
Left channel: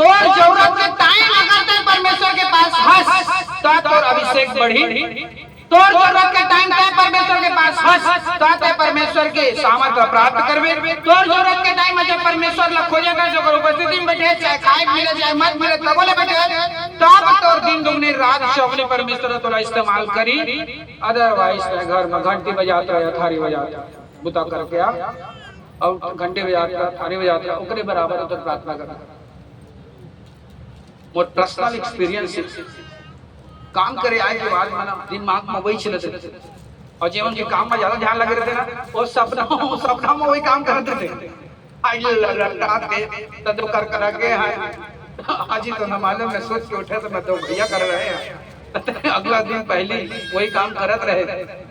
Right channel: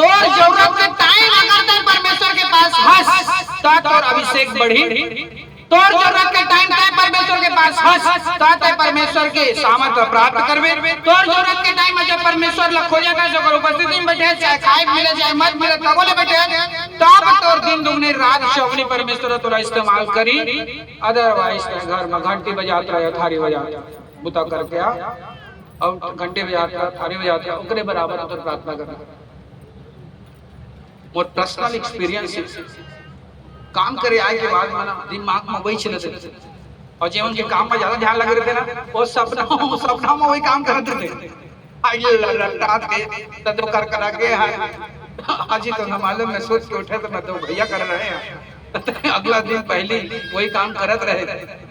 तो जरूरत के टाइम अगर तक परमेश्वर के पास हंस तात और अभिषेक बढ़ी, तो जरूरत के टाइम तक परमेश्वर के पास हंस तात परमेश्वर के सामर्थ्य प्राप्त करवे, तो जरूरत के टाइम में जब परमेश्वर ला खोजे थे जो उपस्थिति में बैठे, चाहे खाए मिले चाहे मत मिले तबोले बैठे, तब तो दिन दुगनी रात चौगनी परमेश्वर तोला इस्तेमाल करी। अदरवाइज घर में घंटी बजाता है, थारी बजाता बुता करके आ और घंटे बजाता थारी बजाता ओकरे बराबर उधर प्रार्थना करना। और पर्सनल एक्सपीरियंस काम करे आए के बाद मना दिमाग में वही चलते थे और जीवन के काम में ज्यादा ध्यान लगे रहते ना, और सपना में वही काम करते थे। आइए रात के तब कर करा के आज ही तो ना मालूम मैं सोच के उठे तो मैं तो भैया कर रहे हैं अगला दिन पहले वही काम करत रहे,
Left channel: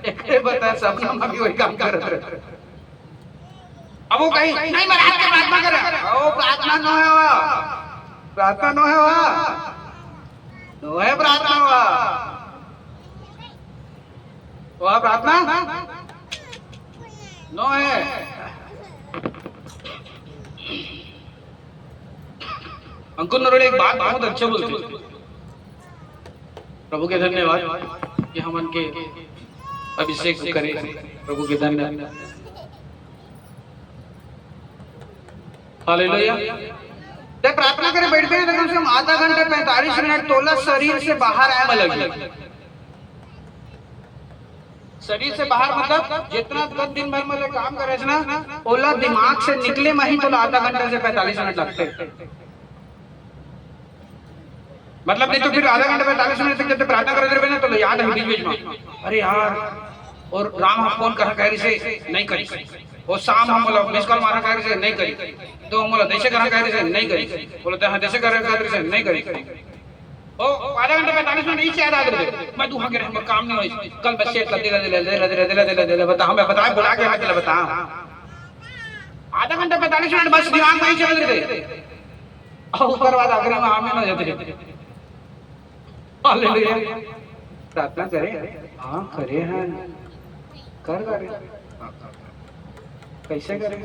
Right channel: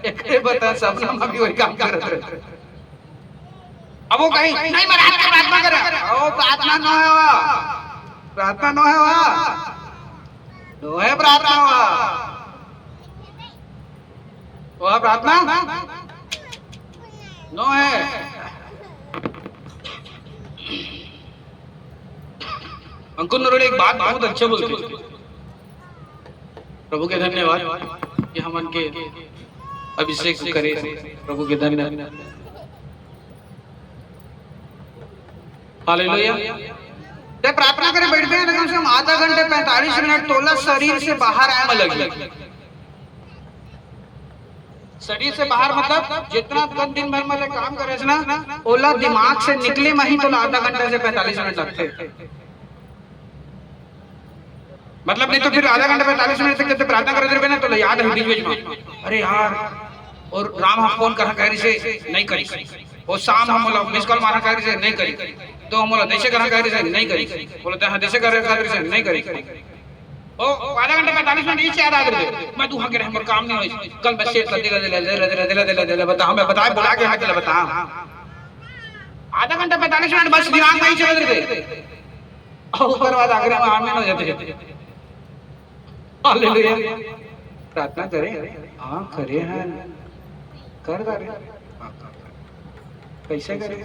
एक बता सपना में भी वही काम करत रहे। अब वो कहीं नहीं मैं रात में प्रार्थना कर, ओ प्रार्थना न है, प्रार्थना न है, नो है प्रार्थना वह प्रार्थना नो है। अंकुर नरोड़े एक बात बहुत अच्छे बोलते, प्रभु के धन्यवाद कि हम उनके अभिषेक करे, प्रभु के धन्यवाद। हालेलुया। जब प्रार्थना करे बैठते हैं तो कम से कम आधा घंटे 45 मिनट तोला शरीर से बाहर आए में लग, शरीर से बाहर मतलब जितना दिन भर में काम करे ना ओला दिमाग से निकले में ही तो आधा घंटा से 45 मिनट लगते, मतलब नहीं तो फिर आधा घंटा 45 मिनट तक जब प्रार्थना करते रहे ना तो याद है बीच में अरे यार, और राम हम फोन करा कह रही से नहीं करी, और शाम हम बोला मिस कॉल मारा कह रही से नहीं करी, तो हम बोला देशे करा कह रही से नहीं करी, बोलते हाँ देशे करा कह रही से नहीं करी, ओ आधा घंटा 45 मिनट नीचे याद आ गए मैं दुहा के हम काम नहीं हुई, कल मैं सेट कर दे बता हमें बता बुला के हाथ बता, आधा घंटा 45 मिनट बस दिमाग में ही चल रहे और उसके बाद आखिर में आमीन हो जाते। हालेलुया। प्रार्थना करें, हाँ करे हैं, कर कैसे करें,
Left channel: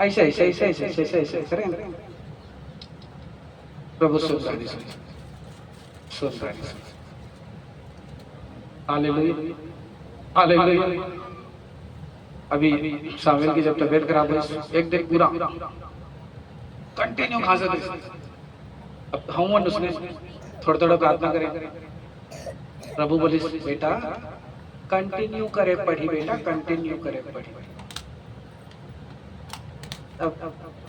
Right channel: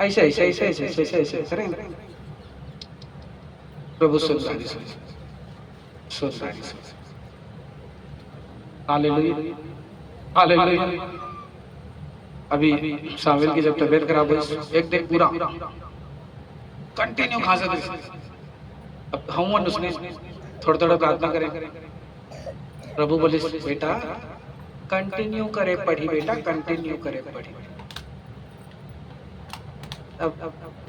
ऐसे ऐसे ऐसे ऐसे ऐसे ऐसे करें प्रभु सुनसारी हालेलुया हालेलुया। अभी सामिल की जब तबीयत खराब है एक दिन पूरा कंटिन्यू खांसा था, अब हम उसने थोड़ा थोड़ा प्रार्थना करें, प्रभु बोले बेटा कंटिन्यू करे पढ़ी, बेटा कंटिन्यू करे पढ़ी। अब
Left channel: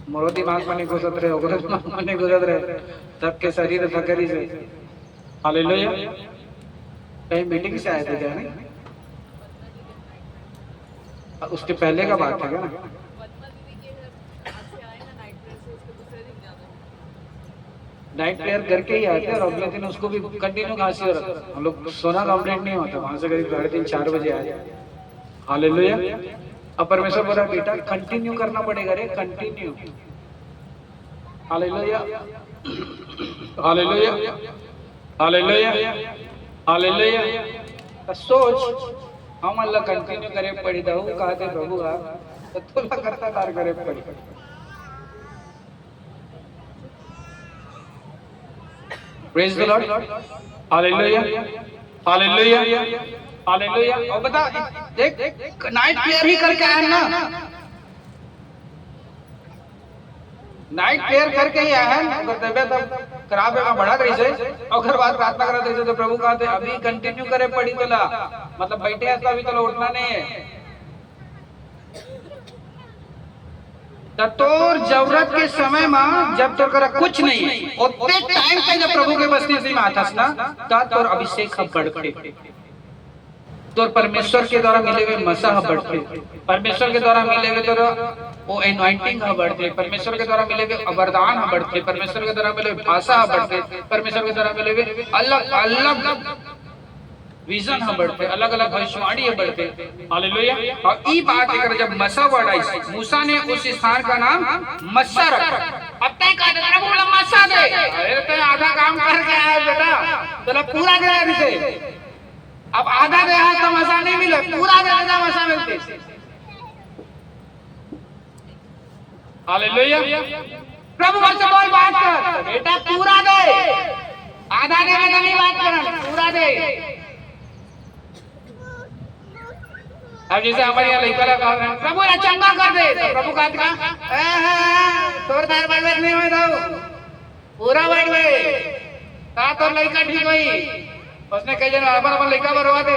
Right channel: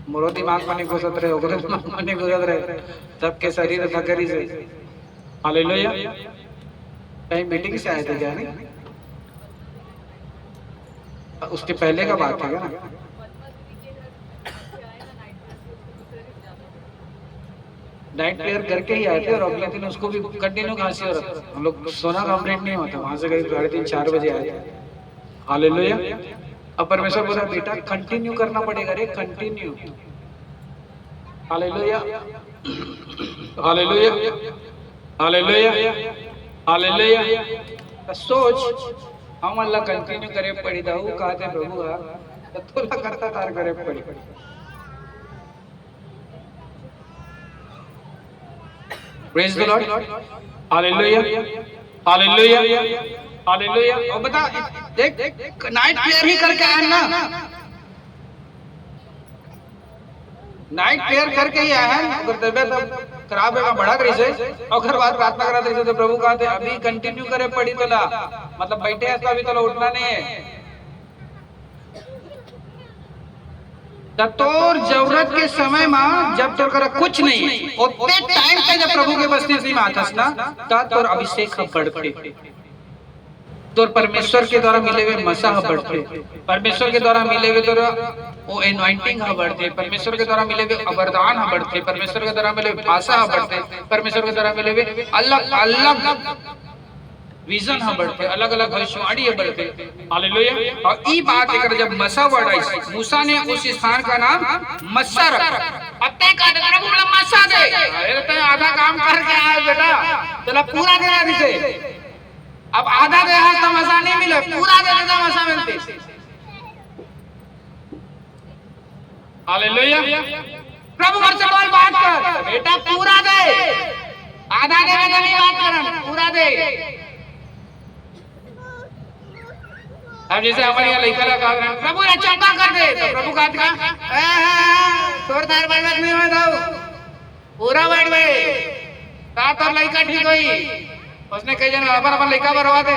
मोरो दिमाग में नहीं घुसत रहे, ओकरे दिमाग में नहीं घुसत रहे, सबके शरीर थकरी से। हालेलुया। कहीं मीटिंग से आए थे क्या? नहीं, उसके पहले का बात है ना, नाइट प्रेयर करके ही आए थे और अगले दिन उसको भी कंटिन्यू खांसी हो रहा था, हम लोग सोना कंप्लीट नहीं होता, वहां से करीब 3:30-4 बजे आए। हालेलुया। अब परमेश्वर बोला बेटा कंटिन्यू करना पड़ेगा रे, continue. Hallelujah hallelujah hallelujah hallelujah. सोच हम अल्लाह कंटिन्यू करे पड़ी दाऊ कहते प्रभु आप तो करता तार करे पड़ी। Praise the Lord. Hallelujah. Hallelujah. Hallelujah. और बता देख नाइट प्रेयर ही करके आए ना, नाइट प्रेयर करके ही आए हैं, अगर तबियत खराब है बढ़ा रही से और घर बार प्रार्थना करा थे तो प्रभु कहते अभी कंटिन्यू करे पड़ी तला, मतलब बैठे हैं तो अभी तो उठना नहीं है। तोर जरूरत के समय में जब तोर करा कुछ नहीं है और ते टाइम पे जब प्रभु के वचन में आतास ना तब तोर अभिषेक बढ़ते, तोर परमेश्वर के द्वारा मिले हुए मसा बढ़ते, परमेश्वर के द्वारा मिले हुए तोर वो एनॉइंटिंग बढ़ते, परमेश्वर के द्वारा मिले हुए वरदान बढ़ते, परमेश्वर के द्वारा मिले हुए भाषा बढ़ते, परमेश्वर के द्वारा मिले हुए अलग अलग विजन हम बढ़ते, अलग अलग भविष्यवाणी बढ़ते। हालेलुया। और ई बात अगर जब मसा वर्ड आई, मूसा ने उस स्थान का नाम मस्सा रखा। अब तय का प्रभु बोला मस्सा दे, अरे तो आधा काम करके आया बेटा, चलो पूरा दे रही थे, अब आधा दे तो मसा नहीं मिले, पूरा दे तो मसा मिलती। हालेलुया प्रभु घर से बोल बात कर, बेटा पूरा दे, आधा दे में नहीं बात कर, पूरा दे। अब जैसे हमारे यहाँ लड़का लगा प्रभु ने चंगा कर दे, तो प्रभु का थोड़ी देर बाद नहीं हो पूरा बैठ गए तो लड़का ठीक हुई। उसने कही जन अपन अपन लड़का बरवा दे,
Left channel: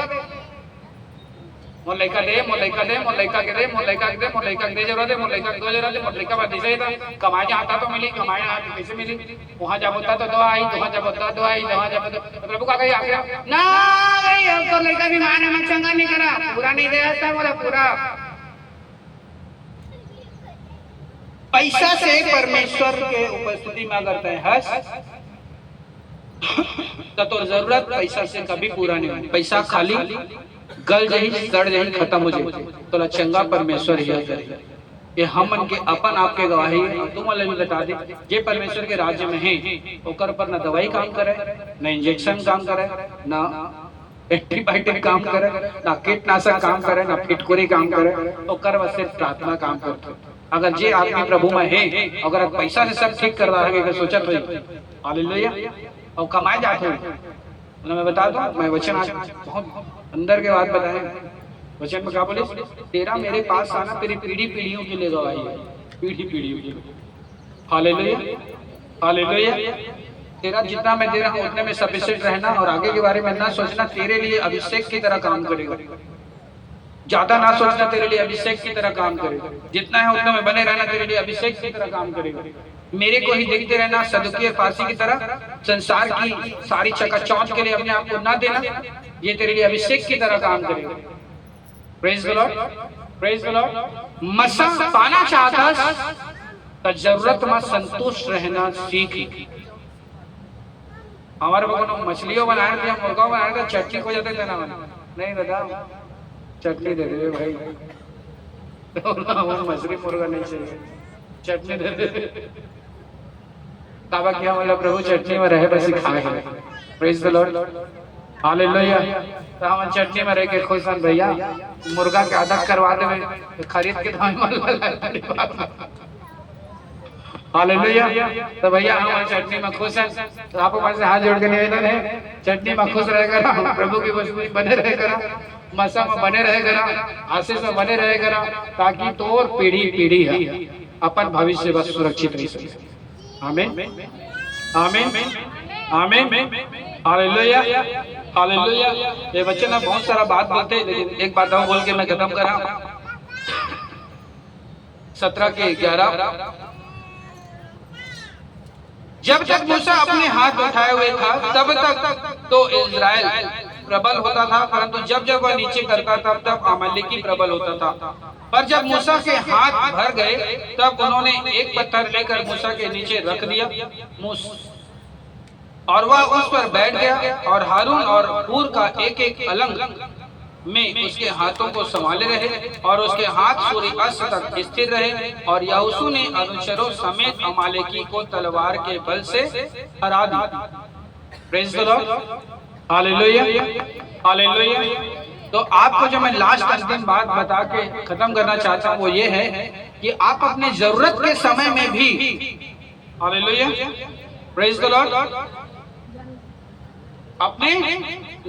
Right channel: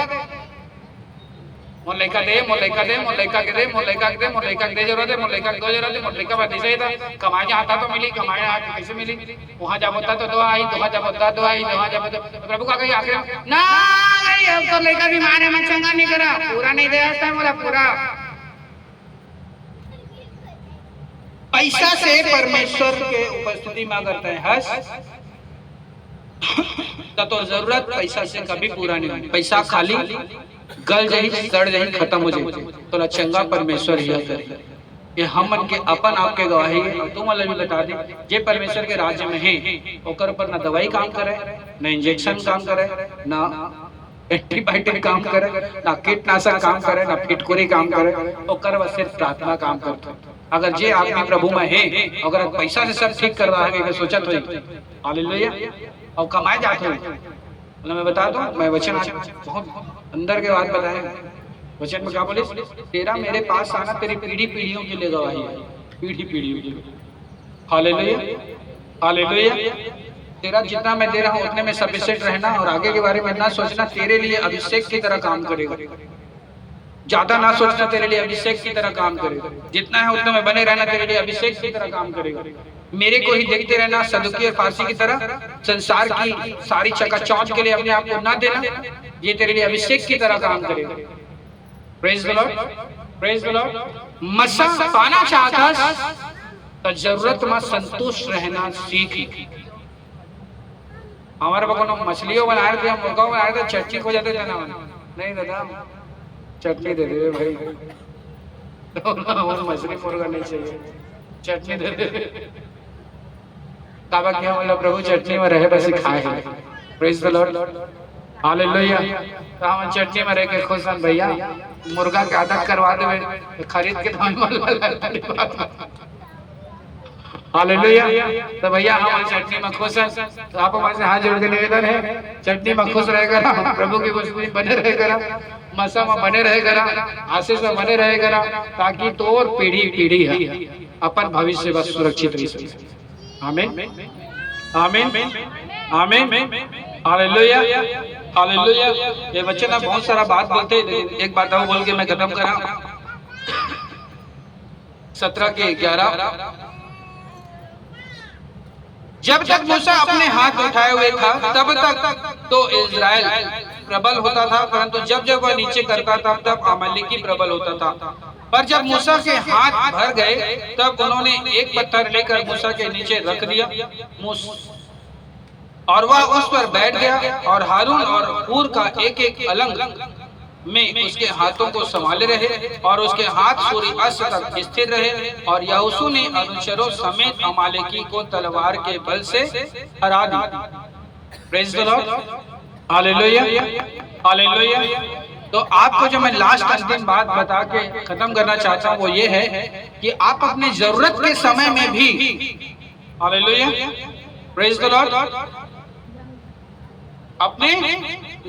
मोर लड़का दे, मोर लड़का दे, मोर लड़का के दे, मोर लड़का के दे, मोर लड़का के दे जरूरत है, मोर लड़का की जरूरत है, मोर लड़का बात ऐसे था कमाए आता तो मिली, कमाए आज कैसे मिली, वहाँ जब होता तो दवा आई, वहाँ जब होता दवा आई, वहाँ जब होता प्रभु का कही आखिर ना भाई अब तो लड़का बीमार है, मैं चंगा नहीं करा, पूरा नहीं दे बोला पूरा। पैसा से परमेश्वर के उपस्थिति में करते हैं हस तो जरूरत पैसा से कभी पूरा नहीं होती। पैसा खाली गल जही सड़ जही खत्म हो जाए तो चंगा परमेश्वर ही करे। ये हम के अपन आपके गवाही तुम अल्लाह बता दे जे परमेश्वर के राज्य में है ओकर पर ना दवाई काम करे, ना इंजेक्शन काम करे, ना एंटीबायोटिक काम करे, ना कीटनाशक काम करे, ना फिटकुरी काम करे, ओकर बस सिर्फ प्रार्थना काम करते। अगर जे आदमी प्रभु में है अगर पैसा से सब ठीक कर रहा है सोचत हुई हालेलुया और कमाए जाते हैं। मैं बता दूं, मैं वचन बहुत अंदर के बात बताए वचन में क्या बोले, तेरा मेरे पास आना तेरी पीढ़ी पीढ़ियों के लिए गवाही है, पीढ़ी पीढ़ियों के लिए। Hallelujah hallelujah. तेरा जितना मैं दे रहा हूँ उतने में सफिशिएंट रहना और आगे के बारे में ना सोचना, तेरे लिए अभिषेक की तरह काम करेगा। ज्यादा ना सोचना, तेरे लिए अभिषेक की तरह काम करेगा। जितना है उतना में बने रहना, तेरे लिए अभिषेक की तरह काम करेगा। मेरे को ही देखते रहना सदुकी और फारसी की तरह, संसार की सारी चकाचौंध के लिए अपने आप को ना देना, ये तेरे लिए अभिषेक की तरह काम करेगा। Praise the Lord, praise the Lord. मसा पाना चाहता तो जरूरत में संतुष्ट रहना सीख। हमारे को मछलियों बनाए थे, मुर्गा बनाए थे, चटनी हो जाते थे ना, नहीं दादा चटनी दे दे भाई, मछली मुर्गा नहीं चाहिए, चटनी दे दे। काबा क्या बोला प्रभु चटनी में रहे बस खाए। Praise the Lord hallelujah. तो हम चटनी में रह के खुश हैं भैया, मुर्गा की आदत करवा दे खरीद के हालेलुया। तो भैया हम चटनी में खुश हैं, तो आप से हाथ जोड़ के निवेदन है चटनी में खुश रहेगा ना, प्रभु की वस्तु बने रहेगा, मसा में बने रहेगा, आशीष में बने रहेगा, ताकि तो और पीढ़ी पीढ़ी है अपन भविष्य बस सुरक्षित रह सके। आमीन आमीन आमीन हालेलुया हालेलुया। ये बच्चे ना बहुत सारा बात बोलते, एक बात और बोल के मैं खत्म करा। 17:11 जब तक मूसा अपने हाथ उठाए हुए था तब तक तो इज़राइल प्रबल होता था, परंतु जब जब वह नीचे करता था तब अमालेकी प्रबल होता था। पर जब मूसा के हाथ भर गए तब उन्होंने एक पत्थर लेकर मूसा के नीचे रख दिया और वह उस पर बैठ गया, और हारून और हूर का एक एक अलंग में उसके हाथों को संभाले रहे और उसके हाथ सूर्यास्त तक स्थिर रहे। और यहोशू ने अनुचरों समेत अमालेकी को तलवार के बल से हरा दिया। Praise the Lord hallelujah hallelujah. तो आपको जो मैं लास्ट अंतिम बात बता के खत्म करना चाहता हूँ वो ये है कि आप अपने जरूरत के समय में भी हालेलुया प्रेज द लॉर्ड अपने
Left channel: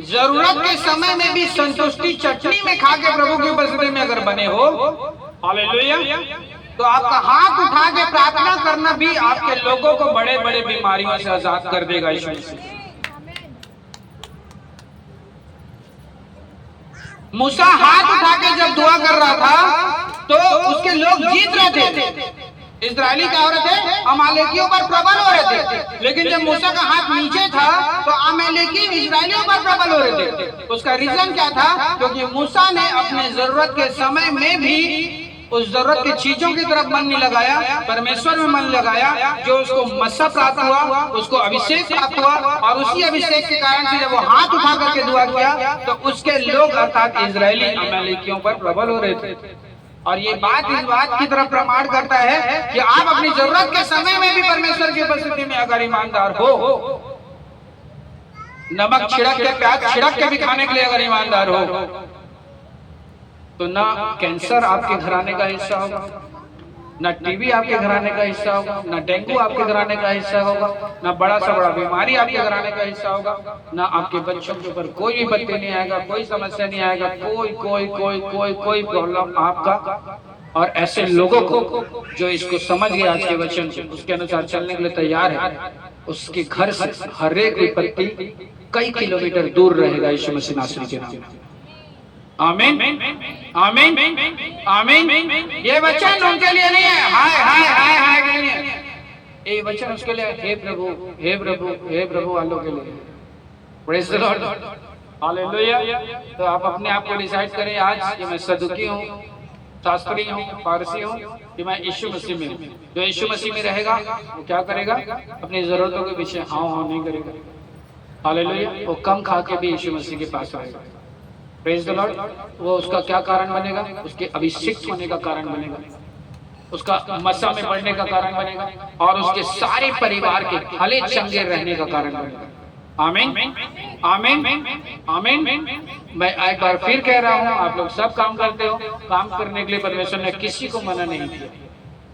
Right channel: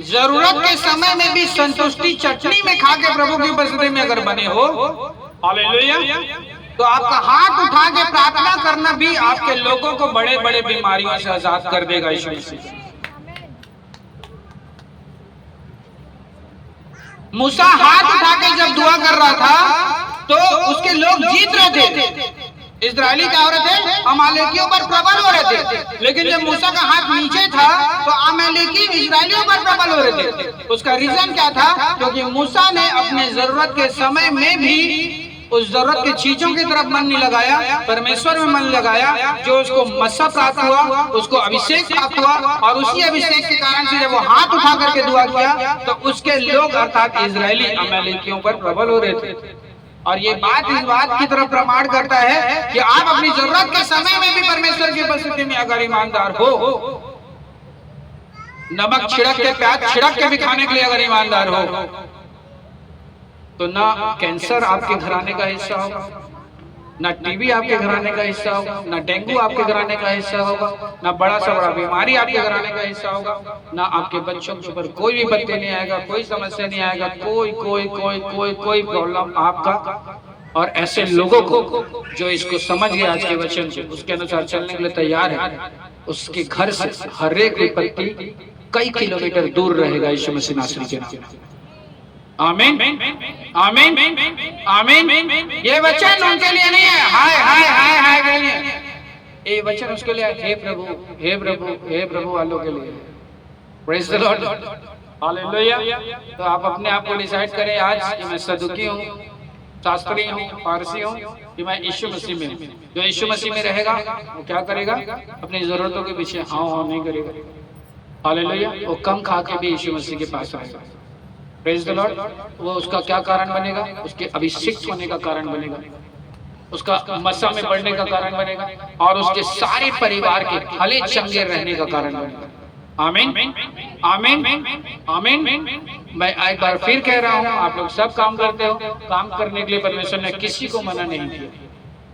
जरूरत के समय में भी संतुष्टि चटनी में खा के प्रभु की उपस्थिति में अगर बने हो हालेलुया, तो आपका हाथ उठा के प्रार्थना करना भी आपके लोगों को बड़े बड़े बीमारियों से आजाद कर देगा। यीशु मसीह मूसा हाथ उठा के जब दुआ कर रहा था तो उसके लोग जीत रहे थे। इस्राएली क्या हो रहे थे? अमालेकियों पर प्रबल हो रहे थे। लेकिन जब मूसा का हाथ नीचे था तो अमालेकी इस्राएलियों पर प्रबल हो रहे थे। उसका रीजन क्या था? क्योंकि मूसा ने अपने जरूरत के समय में भी उस जरूरत की चीजों की तरफ मन नहीं लगाया, परमेश्वर में मन लगाया, जो उसको मस्सा प्राप्त हुआ, उसको अभिषेक प्राप्त हुआ, और उसी अभिषेक के कारण से जब वो हाथ उठा करके दुआ किया तो उसके लोग अर्थात इजरायली अमालेकियों पर प्रबल हो रहे थे। और ये बात इस बात की तरफ प्रमाण करता है कि आप अपनी जरूरत के समय में भी परमेश्वर की उपस्थिति में अगर ईमानदार हो, नमक छिड़क के प्याज छिड़क के भी खाने के लिए अगर ईमानदार हो, तो ना कैंसर आपके घराने का हिस्सा होगा, ना टीबी आपके घराने का हिस्सा होगा, ना डेंगू आपके घराने का हिस्सा होगा, ना बड़ा से बड़ा बीमारी आपके घराने का हिस्सा होगा, ना आपके बच्चों के ऊपर कोई भी बत्ती नहीं आएगा, कोई समस्या नहीं आएगा, कोई प्रॉब्लम आपका। और ऐसे लोगों को जो इसको समझ गए आज के वचन से, उसके अनुसार चलने के लिए तैयार है, उसके घर से हर एक विपत्ति कई किलोमीटर दूर रहेगा यीशु मसीह नासरी के नाम में। आमीन आमीन आमीन। ये वचन उनके लिए नहीं है हाय हाय हाय हाय नहीं है, ये वचन उसके लिए हे प्रभु हे प्रभु हे प्रभु वालों के लिए। Praise the Lord, hallelujah. तो आप अपने आप को डिसाइड करें आज कि मैं सदुकी हूँ, शास्त्री हूँ, फारसी हूँ, कि मैं यीशु मसीह में हूँ। जो यीशु मसीह में रहेगा वो क्या करेगा? अपनी जरूरतों के पीछे हाँ हाँ नहीं करेगा। हालेलुया। वो कम खा के भी यीशु मसीह के पास आएगा। Praise the Lord. वो उसका क्या कारण बनेगा? उसके अभिषिक्त होने का कारण बनेगा, उसका मसा में बढ़ने का कारण बनेगा, और उसके सारे परिवार के हले चंगे रहने का कारण बनेगा। आमीन आमीन आमीन। मैं एक बार फिर कह रहा हूँ, आप लोग सब काम करते हो, काम करने के लिए परमेश्वर ने किसी को मना नहीं किया,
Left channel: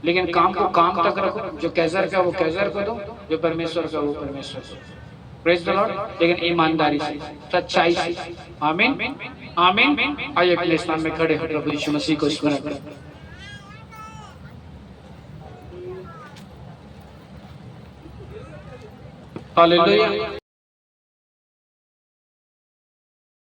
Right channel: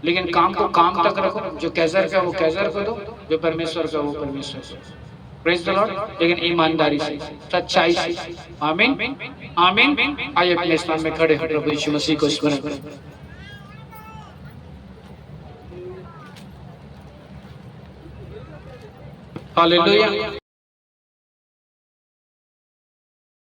लेकिन काम को काम तक रखो। जो कैसर का वो कैसर को दो, जो परमेश्वर का वो परमेश्वर को। Praise the Lord. लेकिन ईमानदारी से, सच्चाई से। आमीन आमीन। आइए अपने स्थान में खड़े हो, प्रभु यीशु मसीह को स्मरण करें। हालेलुया।